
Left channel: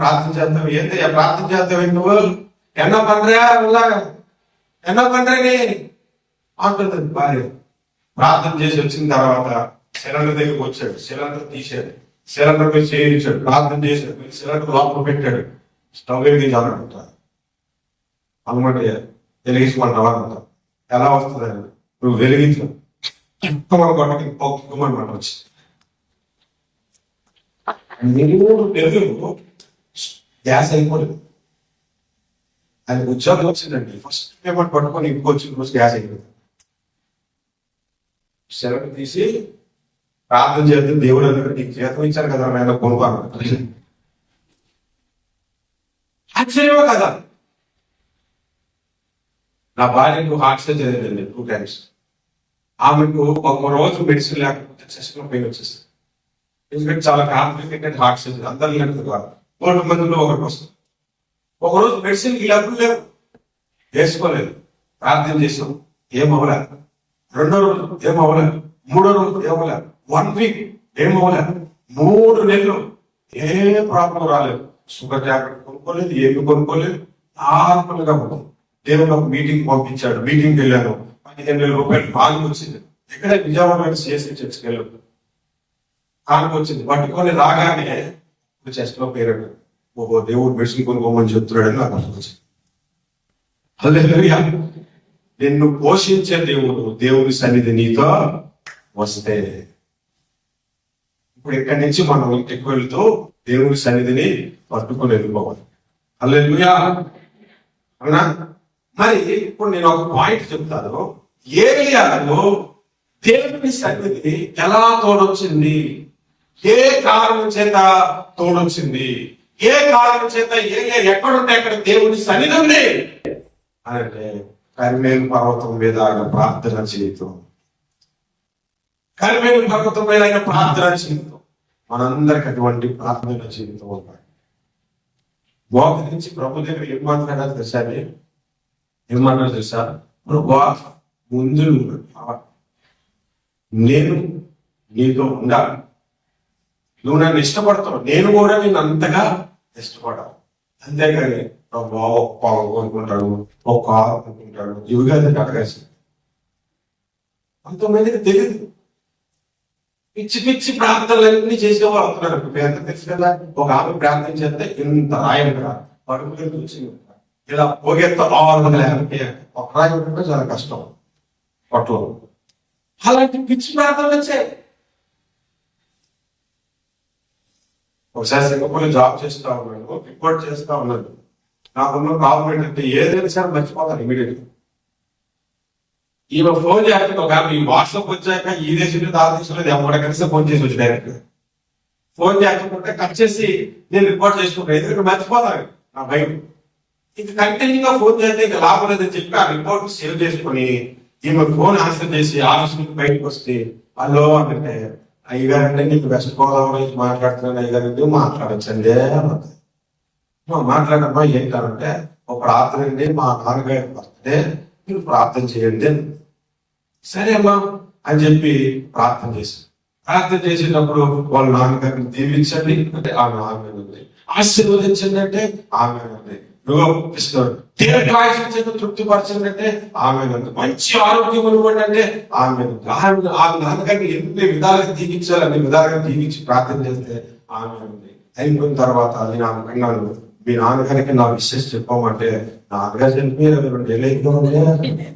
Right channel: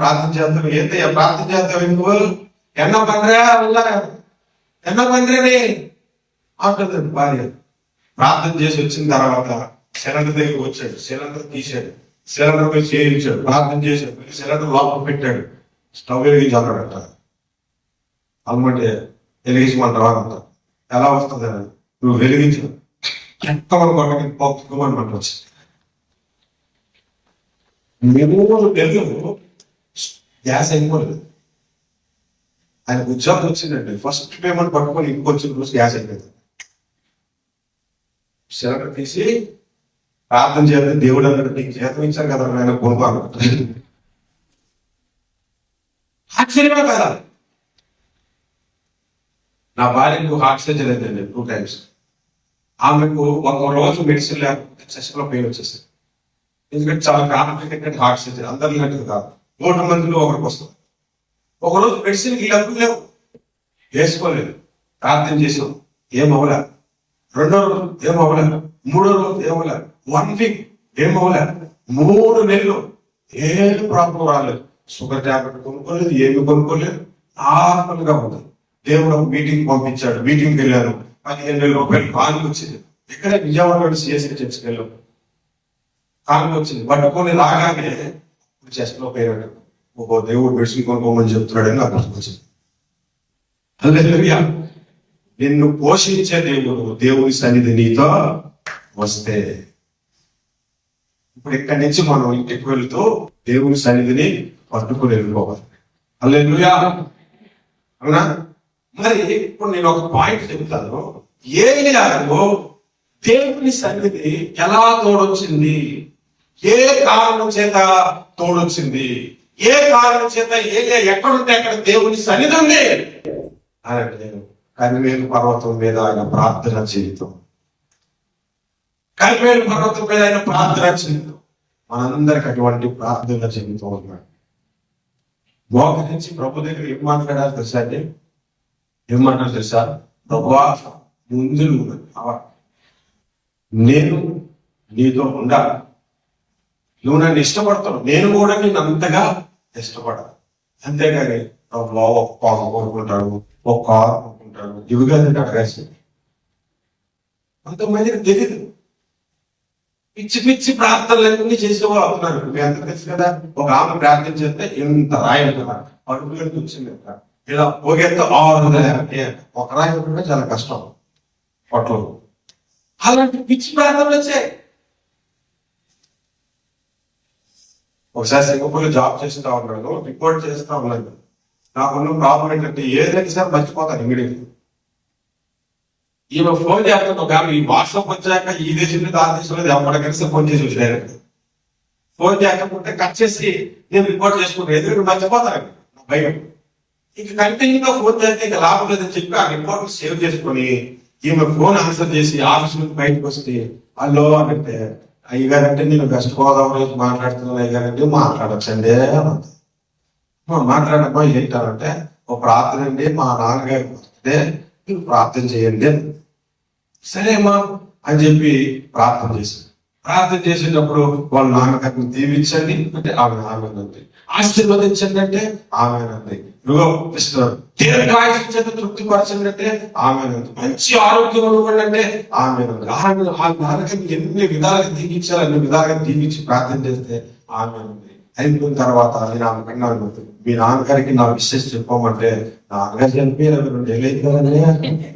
ప్రార్థన చేద్దాం. ఏంటయ్యా ప్రార్థన చేద్దాం, నువ్వు ఎన్నో పండ్రని అంటుంది భార్య. ప్రార్థన చేసి వచ్చిన తర్వాత సిలిండర్ దగ్గరికి వచ్చాడు, సిలిండర్ తీశాడు, సిలిండర్ పై చేయించాడు, ప్రార్థన చేశాడు, సిలిండర్ లోపల పెట్టాడు. స్టవ్ వెలిగించాలంట. అన్నమాట వెలిగించమంటావా అంట. ఎలా వస్తుంది నువ్వు వెలిగించు, ఎంతవరకు పొక్కుమని వచ్చింది. 3 నెలలు గ్యాస్ అయిపోలేదు. ఆయన ఉద్యోగం వచ్చిందండి. ఫస్ట్ పేమెంట్ పట్టుకొని ఇంకొచ్చిన రోజు గ్యాస్ అయిపోయింది. సిలిండర్ తీసి ప్రార్థన చేద్దాం, దేవుడు అన్నట్టు నీకు జీతం ఇచ్చారు కదా ఆయన కొనుక్కోను. ఆశ్చర్యమో కదా. నా భార్యకు హార్ట్ సర్జరీ అయిందండి 2 times. ఆమెకు ఒక రోజు మెడిసిన్ లేకపోతే చెస్ట్ లో పెయిన్ వచ్చేస్తుంది. ఎందుకంటే చాలా కాంప్లికేటెడ్ హార్ట్ సర్జరీ, అందరి లాంటిది కాదు. 100 మందిలో ఒకరికి వస్తుంది. ఒకరోజు మెడిసిన్కి డబ్బులు లేవు, వేసుకోలేదు. ప్రార్థన చేసాం, ఏమవలే. 2వ రోజు ఏమవలే, 3వ రోజు ఏమవలే, 1 week ఏమవలే, 3 నెలలు ఏ ప్రాబ్లం రాలేదు. షుగర్ టాబ్లెట్ కొనుక్కోలేదు, ఏమి కొనుక్కోలేదు, నార్మల్ గా ఉంది. దేవుడు ఒక మీటింగ్ పంపించాడు. మీటింగ్కి వెళ్ళాను. 15,000 రూపాయలు కానుక వచ్చింది. ఇక్కడ విజయవాడ సిఎస్ఐ చర్చికి వెళ్ళాను. కానుక వచ్చింది. పట్టుకొని రాగానే చెస్ట్ లో పేరు, ఓ దేవుడు మెడిసిన్ కొనుక్కోమని చెప్తున్నాడని నాకు అర్థం వచ్చింది. హల్లెలూయా. నిన్ను పోషించే దేవుడు, దేవుని సన్నిధి నీతో వస్తే, ఇప్పుడు ఇక్కడి నుంచి మనం ఇంటికి వెళ్తూ దేవుని సన్నిధిని పట్టుకుని వెళ్ళిపోవాలి. హల్లెలూయా. అవునా? మరి ఇప్పుడు నేను ఒక పాయింట్ చెప్తాను. ఏలియాలో దేవుని సన్నిధి ఎలా తోడొచ్చింది? ఏ కారణం చేత తోడొచ్చింది? ఏ కారణం చేత ఏలియా ఎక్కడుంటే అక్కడ దేవుని సన్నిధి ఉంది అని అంటే, కర్మేలు పర్వతం మీద ఆయన ప్రార్థన జీవితం. కర్మేలు పర్వతం మీద ఆయన ప్రార్థన జీవితం. మనందరికి అటువంటి ప్రార్థన జీవితం ఉన్నాడు. మోకరించి ప్రభు దగ్గర ఏం మాట్లాడాలి తెలుసా? ఏం మాట్లాడాలి తెలుసా? ప్రభువా, ముందు నేను నీతో ఉండాలి. నువ్వు నన్ను ఇష్టపడతావు, నేను కూడా నేను అంతగా ఇష్టపడాలి. అంతేగాని ఒక పొగ కొనుక్కుంటాడు, ఒక కారు కొనుక్కుంటాడు, ఇవిగా అడగాల్సి. అంతమందికి తెలియదు. పిచ్చి పిచ్చి ప్రార్థనలన్నీ చేసేవాళ్ళు అవుతున్నారు. మీ అందరూ తెలుసు కదా, ఒక ఆమె ప్రార్థన చేస్తే ఇంత రాయంగా పడుకులకి వచ్చింది. ఇలా పొగెత్త ఒక రాయి ఉంటుంటే చాలా కష్టం పొట్టలో. అలాంటి పిచ్చి ప్రార్థనలు వచ్చాయి. ఒకసారి సింగపూర్ జాబ్ చేస్తా ఉన్నాను, రిపోర్ట్ చేస్తా ఉన్నాను. నాకున్న ప్రాబ్లం ఏంటంటే ఏదైనా సరే మర్చిపోతాను ఇమీడియట్గా. ఈమె ఫోన్ చేస్తాను. ఒక ఈ వాట్సాప్ వచ్చాక ఈ దేశంలో ఆ దేశంలో ఎవరికైనా ఫోన్ చేసి వచ్చి డైరెక్ట్ ఫోన్ చేయకపోతే కట్ చేసి నేను రిపోర్ట్ చేసుకుంటాను. ఎందుకంటే మర్చిపోతాను, నా భయం. ఇంక కంటిన్యూగా ఫోన్ చేస్తే ఇంకా లాభం లేదని చెప్పి ఆ రిపోర్ట్ సేవ్ చేసుకుని ఈమె ఫోన్ ఆన్సర్ చేసి ఆఫీస్ నుంచి బయటకు వస్తే, హలో అంటే, అయ్యగారంటే నేను వెస్ట్ గోదావరి నుంచి మాట్లాడుతున్నాను అయ్యగారంటే, మాట్లాడచ్చండి అంతే. మాట్లాడమ్మా ఏంటారంటే, ఒక ప్రార్థన అండి, మా నాన్నగారి బర్త్డే, మీరు ప్రార్థన చేయండి. సరే అమ్మా అని చెప్పి ప్రార్థన చేశాను. ప్రార్థన చేసేటప్పుడు వాళ్ళ నాన్నగారిని దీవించండి అంటే ఆమె ఆమెనండి, ఆశీర్వదించండి అంటే ఆమెనండి, దీర్ఘాయుష చేత తృప్తిపరచండి అంటే ఆమెనండి, మంచి ఆరోగ్యం ఇవ్వండి అంటే ఆమెనండి. ఆ నాన్నగారిని ఎన్ని విధాలుగా దీవించాలి అన్ని విధాలుగా దీవించి ప్రార్థన చేస్తే ఆమెనండి. అయిపోయిన తర్వాత నేను ఆమె అన్నాను, మీ నాన్నగారికి నా విషయం చెప్పమంటే నాన్నగారు చనిపోయారు 2 ఏళ్ళు అయిపోయిందండి.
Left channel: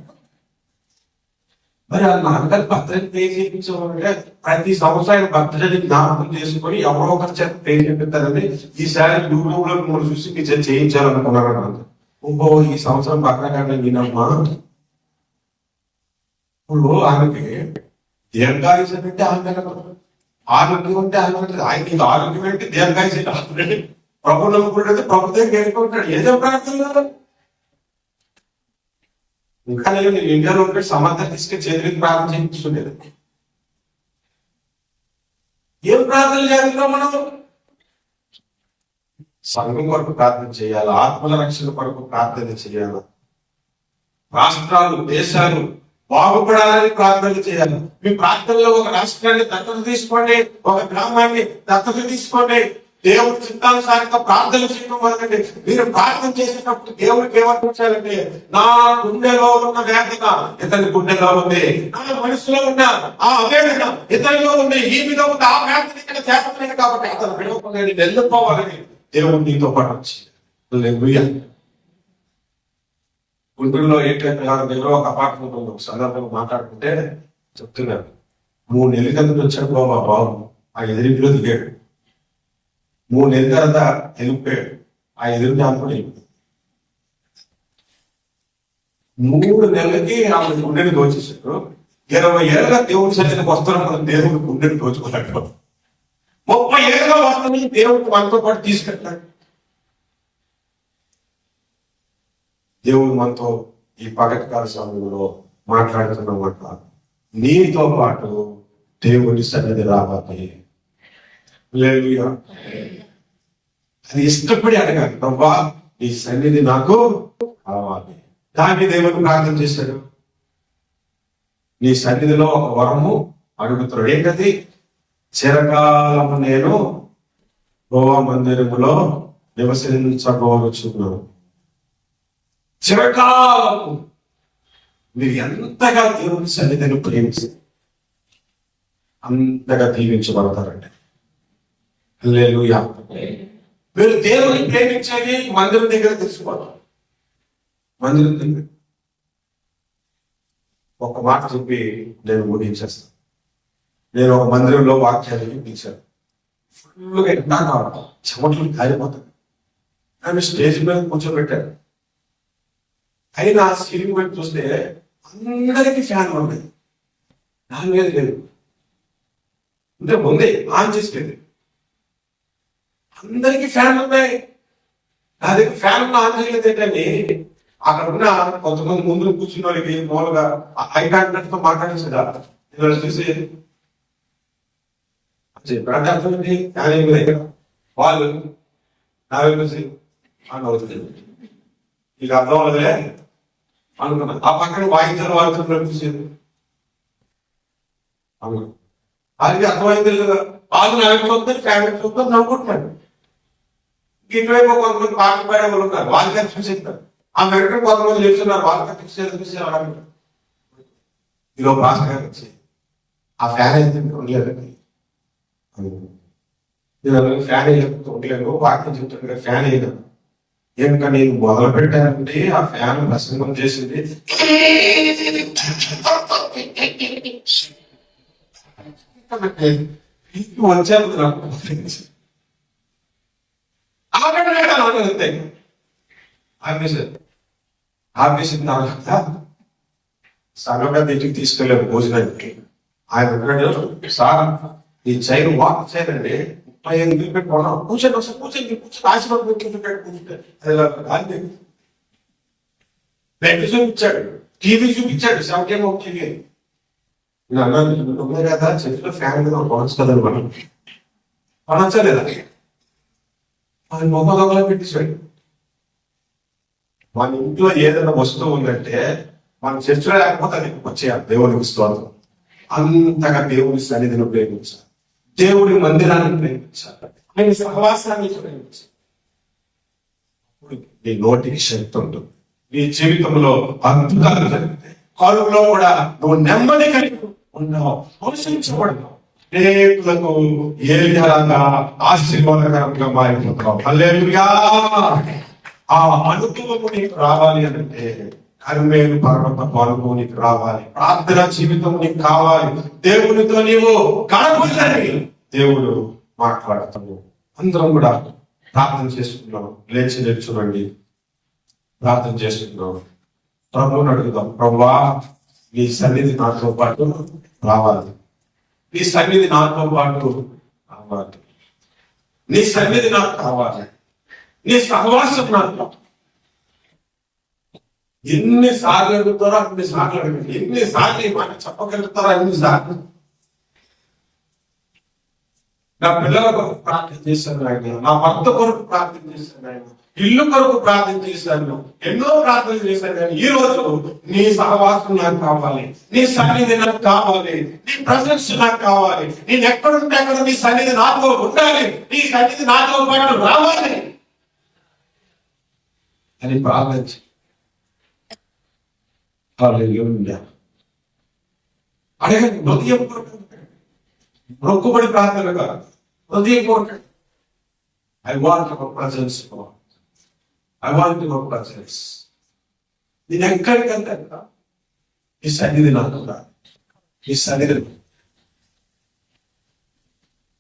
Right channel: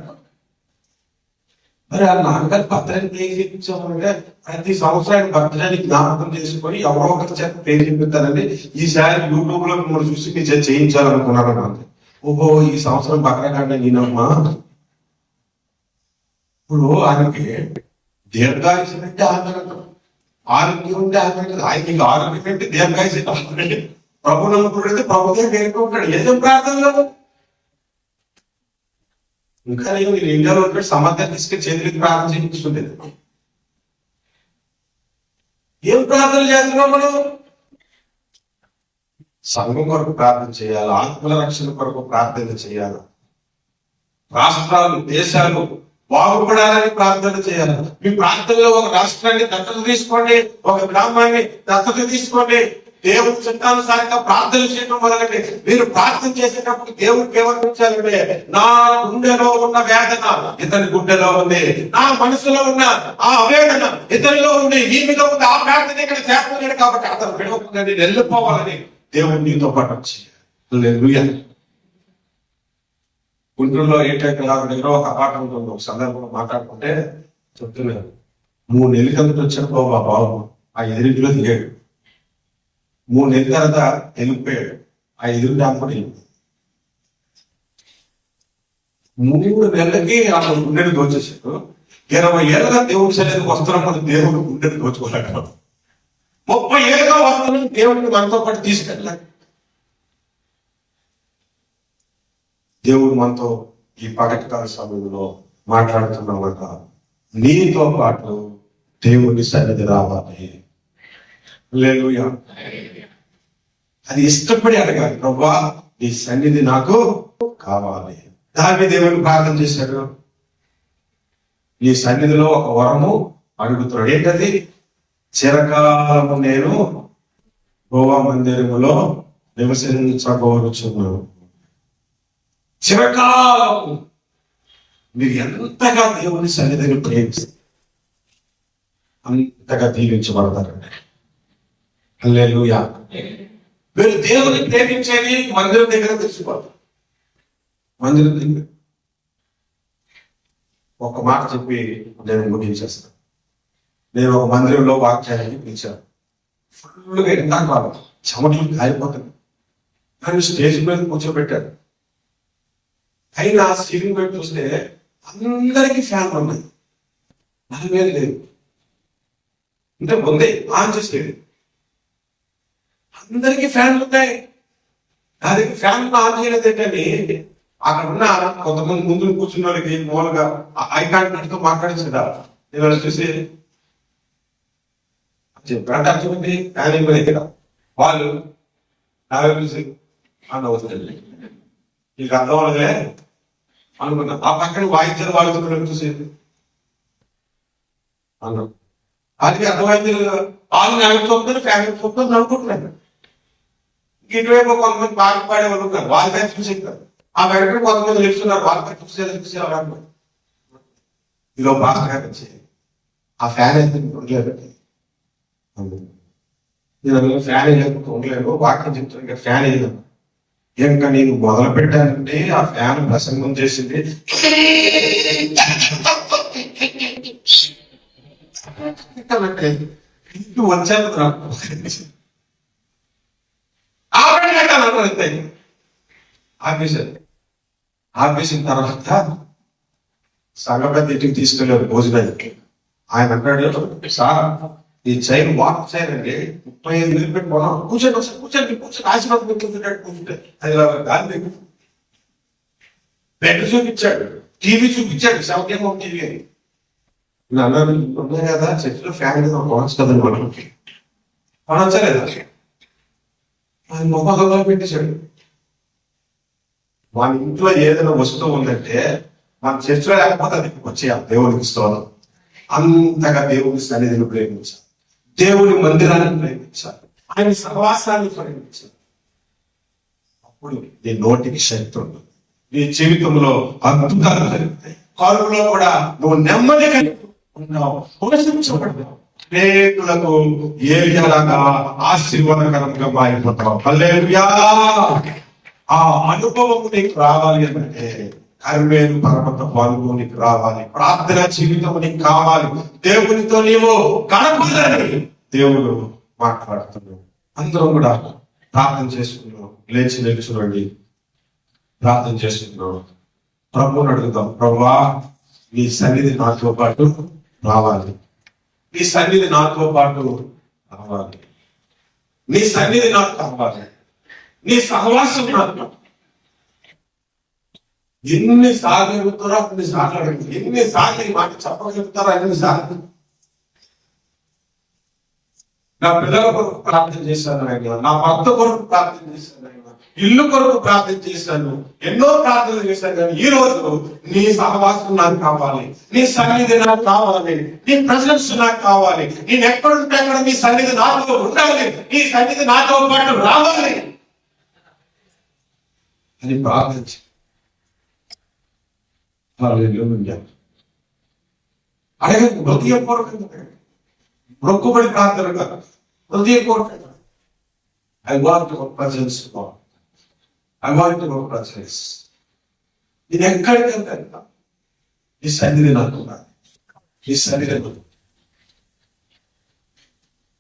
మరి ఆ నాన్నగారు బర్త్డే పే చేయించామంటే ప్రతి సంవత్సరం ఆయన బర్త్డే జ్ఞాపకం చేసుకుని ఎవరో ఒకరి చేత పే చేపిస్తారండి. ఈసారి యూట్యూబ్ లో మీరు చూసి మీ చేత చేయించాలనుకున్నారు అన్నమాట. ఓహో ఈ సంవత్సరం బక్రకాండ నేనమ్మా. ఇప్పుడు ఆమెకి దీర్ఘాయుషం అంటే ఆరోగ్యం ఉంటే ఆమె ఆయన ఇంకా ఆరోగ్యం అంటే దీర్ఘాయుషం అంటే ప్రభు నమ్ముకుంటే ప్రభుత్వం పేర్కొంటాడు. ఏదో ప్రార్థనలో ఇంకా నేను ఇండియాలో ఉంటే సమర్థ తీసుకెళ్ళి చేతులకి ప్రార్థన చేయించుకుంటుంది. ఏం ప్రార్థన చేస్తున్నాం మనం? సంఘం కొరకు ప్రార్థన చేయాలి, ఆత్మల రక్షణ కొరకు ప్రార్థన చేయాలి, రాష్ట్రాలు దేశాలు బాగుపడాలని ప్రార్థన చేయాలి. మీ ప్రార్థనలో ఒక రాష్ట్రాన్ని దత్తత తీసుకోండి, ఒక గ్రామాన్ని దత్తత తీసుకోండి, దేవుడి చిత్తానుసారంగా ప్రార్థన చేయడం మొదలండి. మీరు ప్రార్థన చేసేటప్పుడు దేవుడికి ఏమనిపించాలంటే నా గుండెలో ఉన్న వేదన ఇతని గుండెలో ఉంది, నా మనసులో ఉన్న ఆ ఆవేదన ఇతనిలో ఉంది, ఈ మీద ఉంది, ఆ ప్రార్థన ఇక్కడ చేస్తున్నాడు కాబట్టి అతను విడవకుండా నేను వెళ్ళిపోవాలని దేవుడు నీతో పాటు చేయాలి. గుంటూరులో ఏంటంటే దగ్గర ఒక అపార్ట్మెంట్ ఉంది. ఒక సందర్భంగా మాట్లాడుకుంటే చెప్తున్నారు, 3 నెలల కిందట వచ్చాడు బాబు, ఆ ఎదురింటిలో దిగాడు. 3 నెలల తర్వాత వెళ్ళిపోయాడు, ఆ ఎదురు దాంట్లో వెళ్ళిపోయాడు. 3 నెలలకి ఆ గుండెని దోచేసాడు. 20 ఏళ్ళగా దేవుడి సన్నిధికి వస్తున్నాం, దేవుడు గుండెని దోచుకోలేక 30 ఏళ్ళగా వస్తున్నాం, దేవుడిని మనతో పాటు తీసుకెళ్ళాక. దేవుడు మనతో ఈ పగటికాల సమయంలో మాట్లాడుతున్నామట, నీతో పాటు దేవుడి సన్నిధి రావాలి. హల్లెలూయా. అది ఇష్టపడి అడగాలి, ప్రభా నీ సన్నిధి నాకు కావాలి. దాన్ని దేవుని ప్రార్థన చేశాడు, నీ సన్నిధిలో ఒక వరము అడుగుతున్నాడు. ఏంటది? చిరకాలము నేను యెహోవా మందిరములో నివసించబోచున్నాను. చిరకాలము మీరు ఎంతగా దేవుని సన్నిధిని ప్రేమిస్తారు అంతగా దీవించబడతారండి. హల్లెలూయా. మీరు దేవుని ప్రేమించేది మందిరం దగ్గర తెలుసుకోవాలి. మందిరం దగ్గర ఒక మాట చెప్పి నేను ముగించేస్తాను. నేను ఒక మందిరంలో వాక్యాన్ని పిలిచాను. ఫుల్గా ఎండాక చెమటలు కాలిపోతాను. ఆయన స్టేజ్ మీద కూర్చోబెట్టారు. అయినా సీలింగ్ పెట్టి చూస్తే అందరికీ ఫ్యాన్లు ఉన్నాయి, నా మీద లేదు. అంటే ముందే ఆన్ చేసేది, అందరికీ ఫ్యాన్లు ఉన్నాయి, నా దగ్గర ఫ్యాన్ ఆన్ చేయలేదు ఏంటండి. అక్కడ ఉన్న కొంతమంది ముందు కూర్చున్న వాళ్ళకి మూలగా ఐకాంట్తో మాట్లాడించదా నేను చూసి చెప్పాడు అర్థమండి. కానీ వాళ్ళు నాకు చూసి అని అవుతుంది, నీకు అర్థం అవ్వదులే అనుకున్నా. ఆ పక్కన వాయిద్యాలు వాడుతున్నాడు చూసేది అన్నాం. వాళ్ళకి అర్థమైంది, వాళ్ళు నాకు చూపుతారు, ఫ్యామిలీ చూపుతారు, నవ్వుకుంటున్నాడు. ఇటువైపు కొంతమంది పాటలు పాడే వాళ్ళు ఉన్నారు, వాళ్ళకి చూసేస్తారు. ఆ వెంటనే కొంతమంది నిలుస్తున్నారు, వాళ్ళకి చూసి అన్నారు. ఈలో పాస్టర్ గారు వచ్చి ఆ ఫ్యాన్ అయితే ఉండలేదండి, నేను ఫ్యాన్ వేయలేకపోతే ఉండలేదు, వాక్యం చెప్తున్నాను ఫ్యాన్ వేయలేదు. ఇంకా నేను మొదలు పెట్టానంటే ఆ ఫ్యాన్ ప్రసంగం చేసింది. వచ్చాను ఆపేశారు. ఆపేసిన తర్వాత సంగతి ఇంటికి తీసుకెళ్ళారు భోజనానికి. ఆయన అంటాడు, సార్ ఈ చైన్ వాక్ చైన్ అండి 35 వేలు పెట్టి పోదాం, కూర్చొని కూర్చొని కూర్చొని ఆశీర్వాదం కూర్చుంటే అది గాలి బెడ్ చూపించాడు, టీవీ చూపించాడు, 71 టీవీ అని. ఉన్నాయి కదా చెట్లు ఫ్యాన్ కావచ్చు కదా మనం అనొచ్చలేదా. అది మొహం పెట్టేశాడు. మన ఇంట్లో ఏదైనా వస్తువు ఉందంటే మన చర్చలో లేకపోతే అది వచ్చేయాలి. దేవుడికి స్తోత్రం. అంతగా దేవుని సన్నిధిని ప్రేమించాలి, దేవుని మందిరాన్ని ప్రేమించాలి, ఆయన సహవాసాన్ని ప్రేమించాలి. అప్పుడు నీ నోటికి శక్తి ఉంటుంది, నీ జీవితంలో అద్భుతాలు జరుగుతాయి. కరువులో కూడా నువ్వు నెమ్మది కలిగి ఉన్నావు, పోషించబడ్డావు, అనేకులకు ఏలియాగా ఆశీర్వాదకరంగా మారిపోతావు. హల్లెలూయా. ఆ అనుభవం నీకు రావాలి అంటే కర్మేలు పర్వత అనుభవం నీకు రావాలి, ప్రార్థన జీవితం నీకు కావాలి, దేవునితో నీవు గడపాలని దేవుడు మాట్లాడుతున్నాడు. అందరం కూడా ప్రార్థన చేసుకున్నాం, లేచి నిల్చునండి, ప్రార్థన చేసుకున్నాం. ప్రభువుని అడుగుదాం, ప్రభువా నీ సన్నిధి నాతో పాటు రావాలి, నీ సన్నిధి నాతో పాటు రావాలి, నీ సన్నిధి నాకు కావాలి, నీ సహవాసం నాకు. ఎన్నిసార్లు అడుగుతారో అన్నిసార్లు అడుగుతారు, ఎన్నిసార్లు ఈ మాట చెప్పగలుగుతారో అన్నిసార్లు. నా పిల్లల కొరకు ప్రార్థన చేశాను ఆయన, నా భర్త కొరకు ప్రార్థన చేశాను ఆయన, ఇల్లు కొరకు ప్రార్థన చేశాను, ఎన్నో ప్రార్థనలు చేశాను. కానీ ఈ రోజు నీ సహవాసం నాకు కావాలి, నీ సన్నిధి నాకు కావాలి, నీ ప్రశంస నాకు కావాలి, నేను ఎక్కడుంటే అక్కడ నీ సన్నిధి నాతో ఉండాలి, నీ సన్నిధి నాతో పాటు రావాలి అని ప్రార్థించి అడగండి. హృదయపూర్వకంగా మొక్కుబడి ప్రార్థనగా హృదయపూర్వకంగా I want your presence God, I want your presence. నేను ఎక్కడికంటే ఈ సన్నిధి నాకు, ఈ సన్నిధి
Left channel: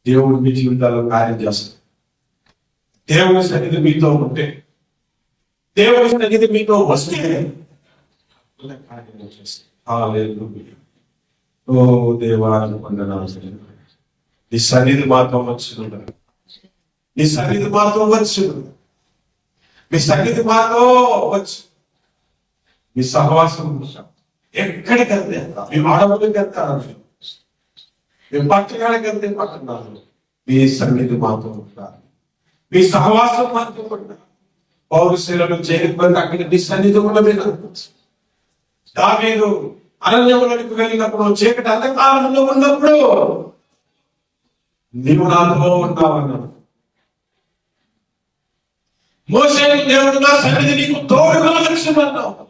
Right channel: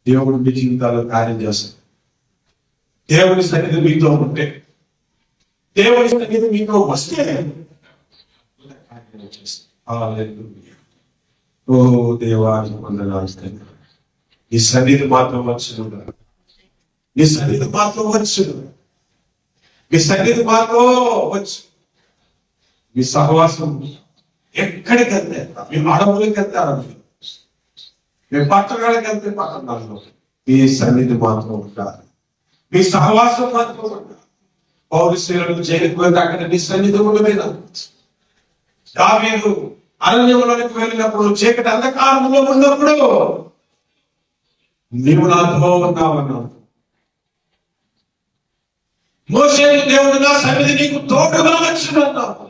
దేవుడు మీ జీవితాల్లో కార్యం చేస్తాడు. దేవుని సన్నిధి మీతో ఉంటే, దేవుని సన్నిధి మీతో వస్తే ఓ దేవా వందనాలు. నీ సన్నిధి మాతో వచ్చు, నీ సన్నిధి మాతో వచ్చు, మీ సన్నిధి మాతో వచ్చు, మీ సహవాసం ఎక్కడికంటే మేము అడవులకంటే మేము పట్టణాలకంటే పట్టణాల్లో మీ సన్నిధి మాతో ఉండాలి, మీ సహవాసం మాతో ఉండాలి. పౌరుషులను చేరుకుంటే అక్కడ నీ సన్నిధి ఉన్నది. దావీదు అరణ్యంలోనికి వెళ్ళినప్పుడు, చీకటి అంధకారంలో ఉన్నప్పుడు నీవు నాతో ఉన్నావన్నావు. మోషే దేవుడు నా సన్నిధి నీకు తోడుగా వచ్చిందన్నావు.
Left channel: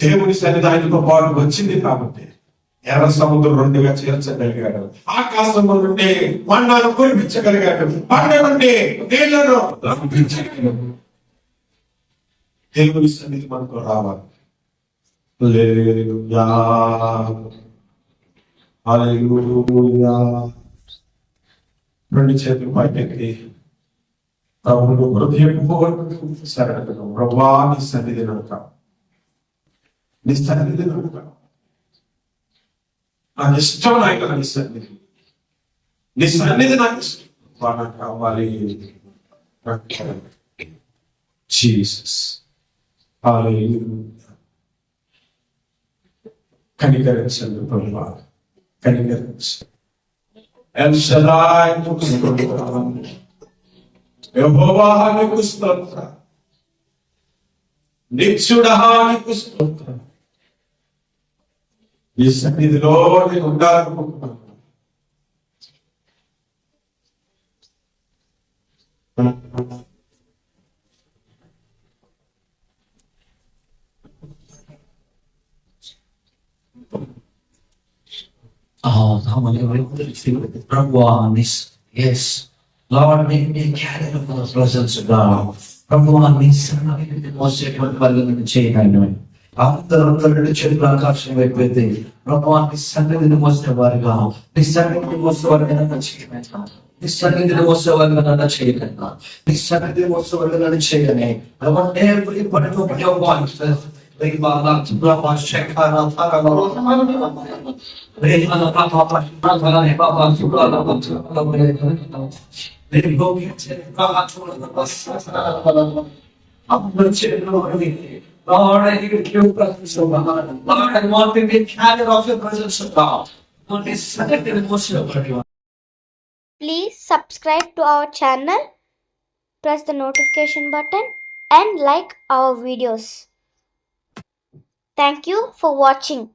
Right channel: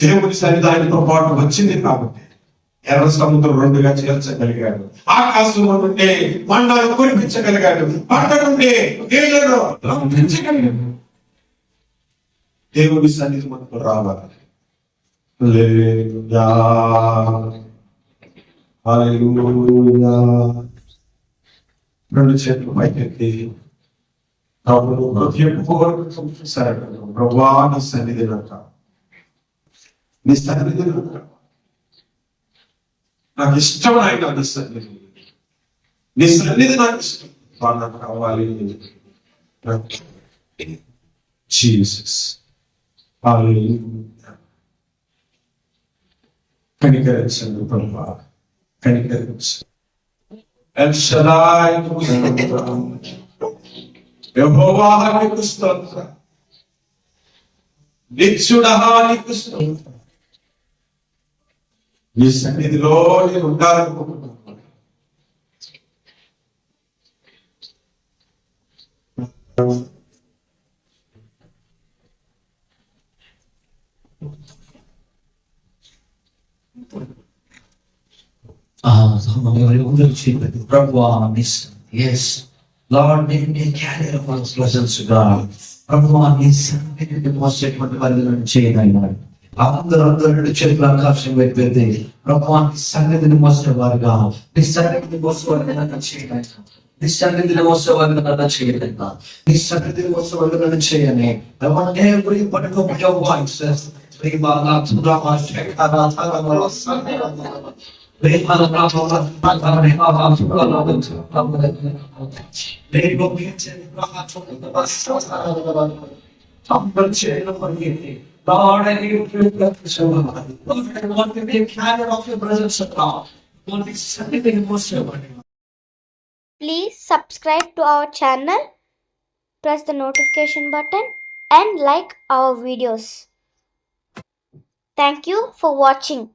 దేవుని సన్నిధి ఆయనతో పాటు వచ్చింది కాబట్టి ఎర్ర సముద్రం రెండుగా చేర్చగలిగాడు, ఆకాశంలో నుండి మండాలు కురిపించగలిగాడు, పంట నుండి నీళ్లను రంపించగలిగాడు. దేవుని సన్నిధి మనకు రావాలి. హల్లెలూయా, హల్లెలూయా. రెండు చేతులు పైకెత్తి ప్రభువు హృదయపూర్వకంగా సరళంగా, ప్రభువా నీ సన్నిధి నాకు, నీ సన్నిధి నాకు ఇష్టం, ఆయన నీ సన్నిధి, నీ సన్నిధి నాకు ఇష్టం, నాకు కావాలి. జీసస్ కనికరించండి ప్రభువా, కనికరించండి. ఎల్ షదాయ్ నీకు స్తోత్రం, యెహోవా నీకు స్తోత్రం, నిత్యుడా నీకు స్తోత్రం. నీ సన్నిధిలో నేను ఉండాలనుకుంటున్నాను. Yes, Lord, make me a carrier of our presence, God. ప్రభువా నీ సన్నిధిని మోసేటువంటి వాళ్ళని చేయనన్నాడు. అందరూ చేతులు ఆకాశం వైపెత్తి ప్రభువా నీ సన్నిధిని మోసేవారుగా, నీ సన్నిధిని మోసేవారుగా నన్ను చేయనన్నా, నీ సన్నిధిని మోసేవారుగా నన్ను చేయనన్నా, నీ సన్నిధిని మోసేవారుగా నన్ను చేయని. I want everybody to open your voices. Lord, I give you praise, O God. Lord, I want to be a carrier of your presence, O God. Lord, this is the most important. Please subscribe to our channel, press the notification button and like our videos. Thank you for watching.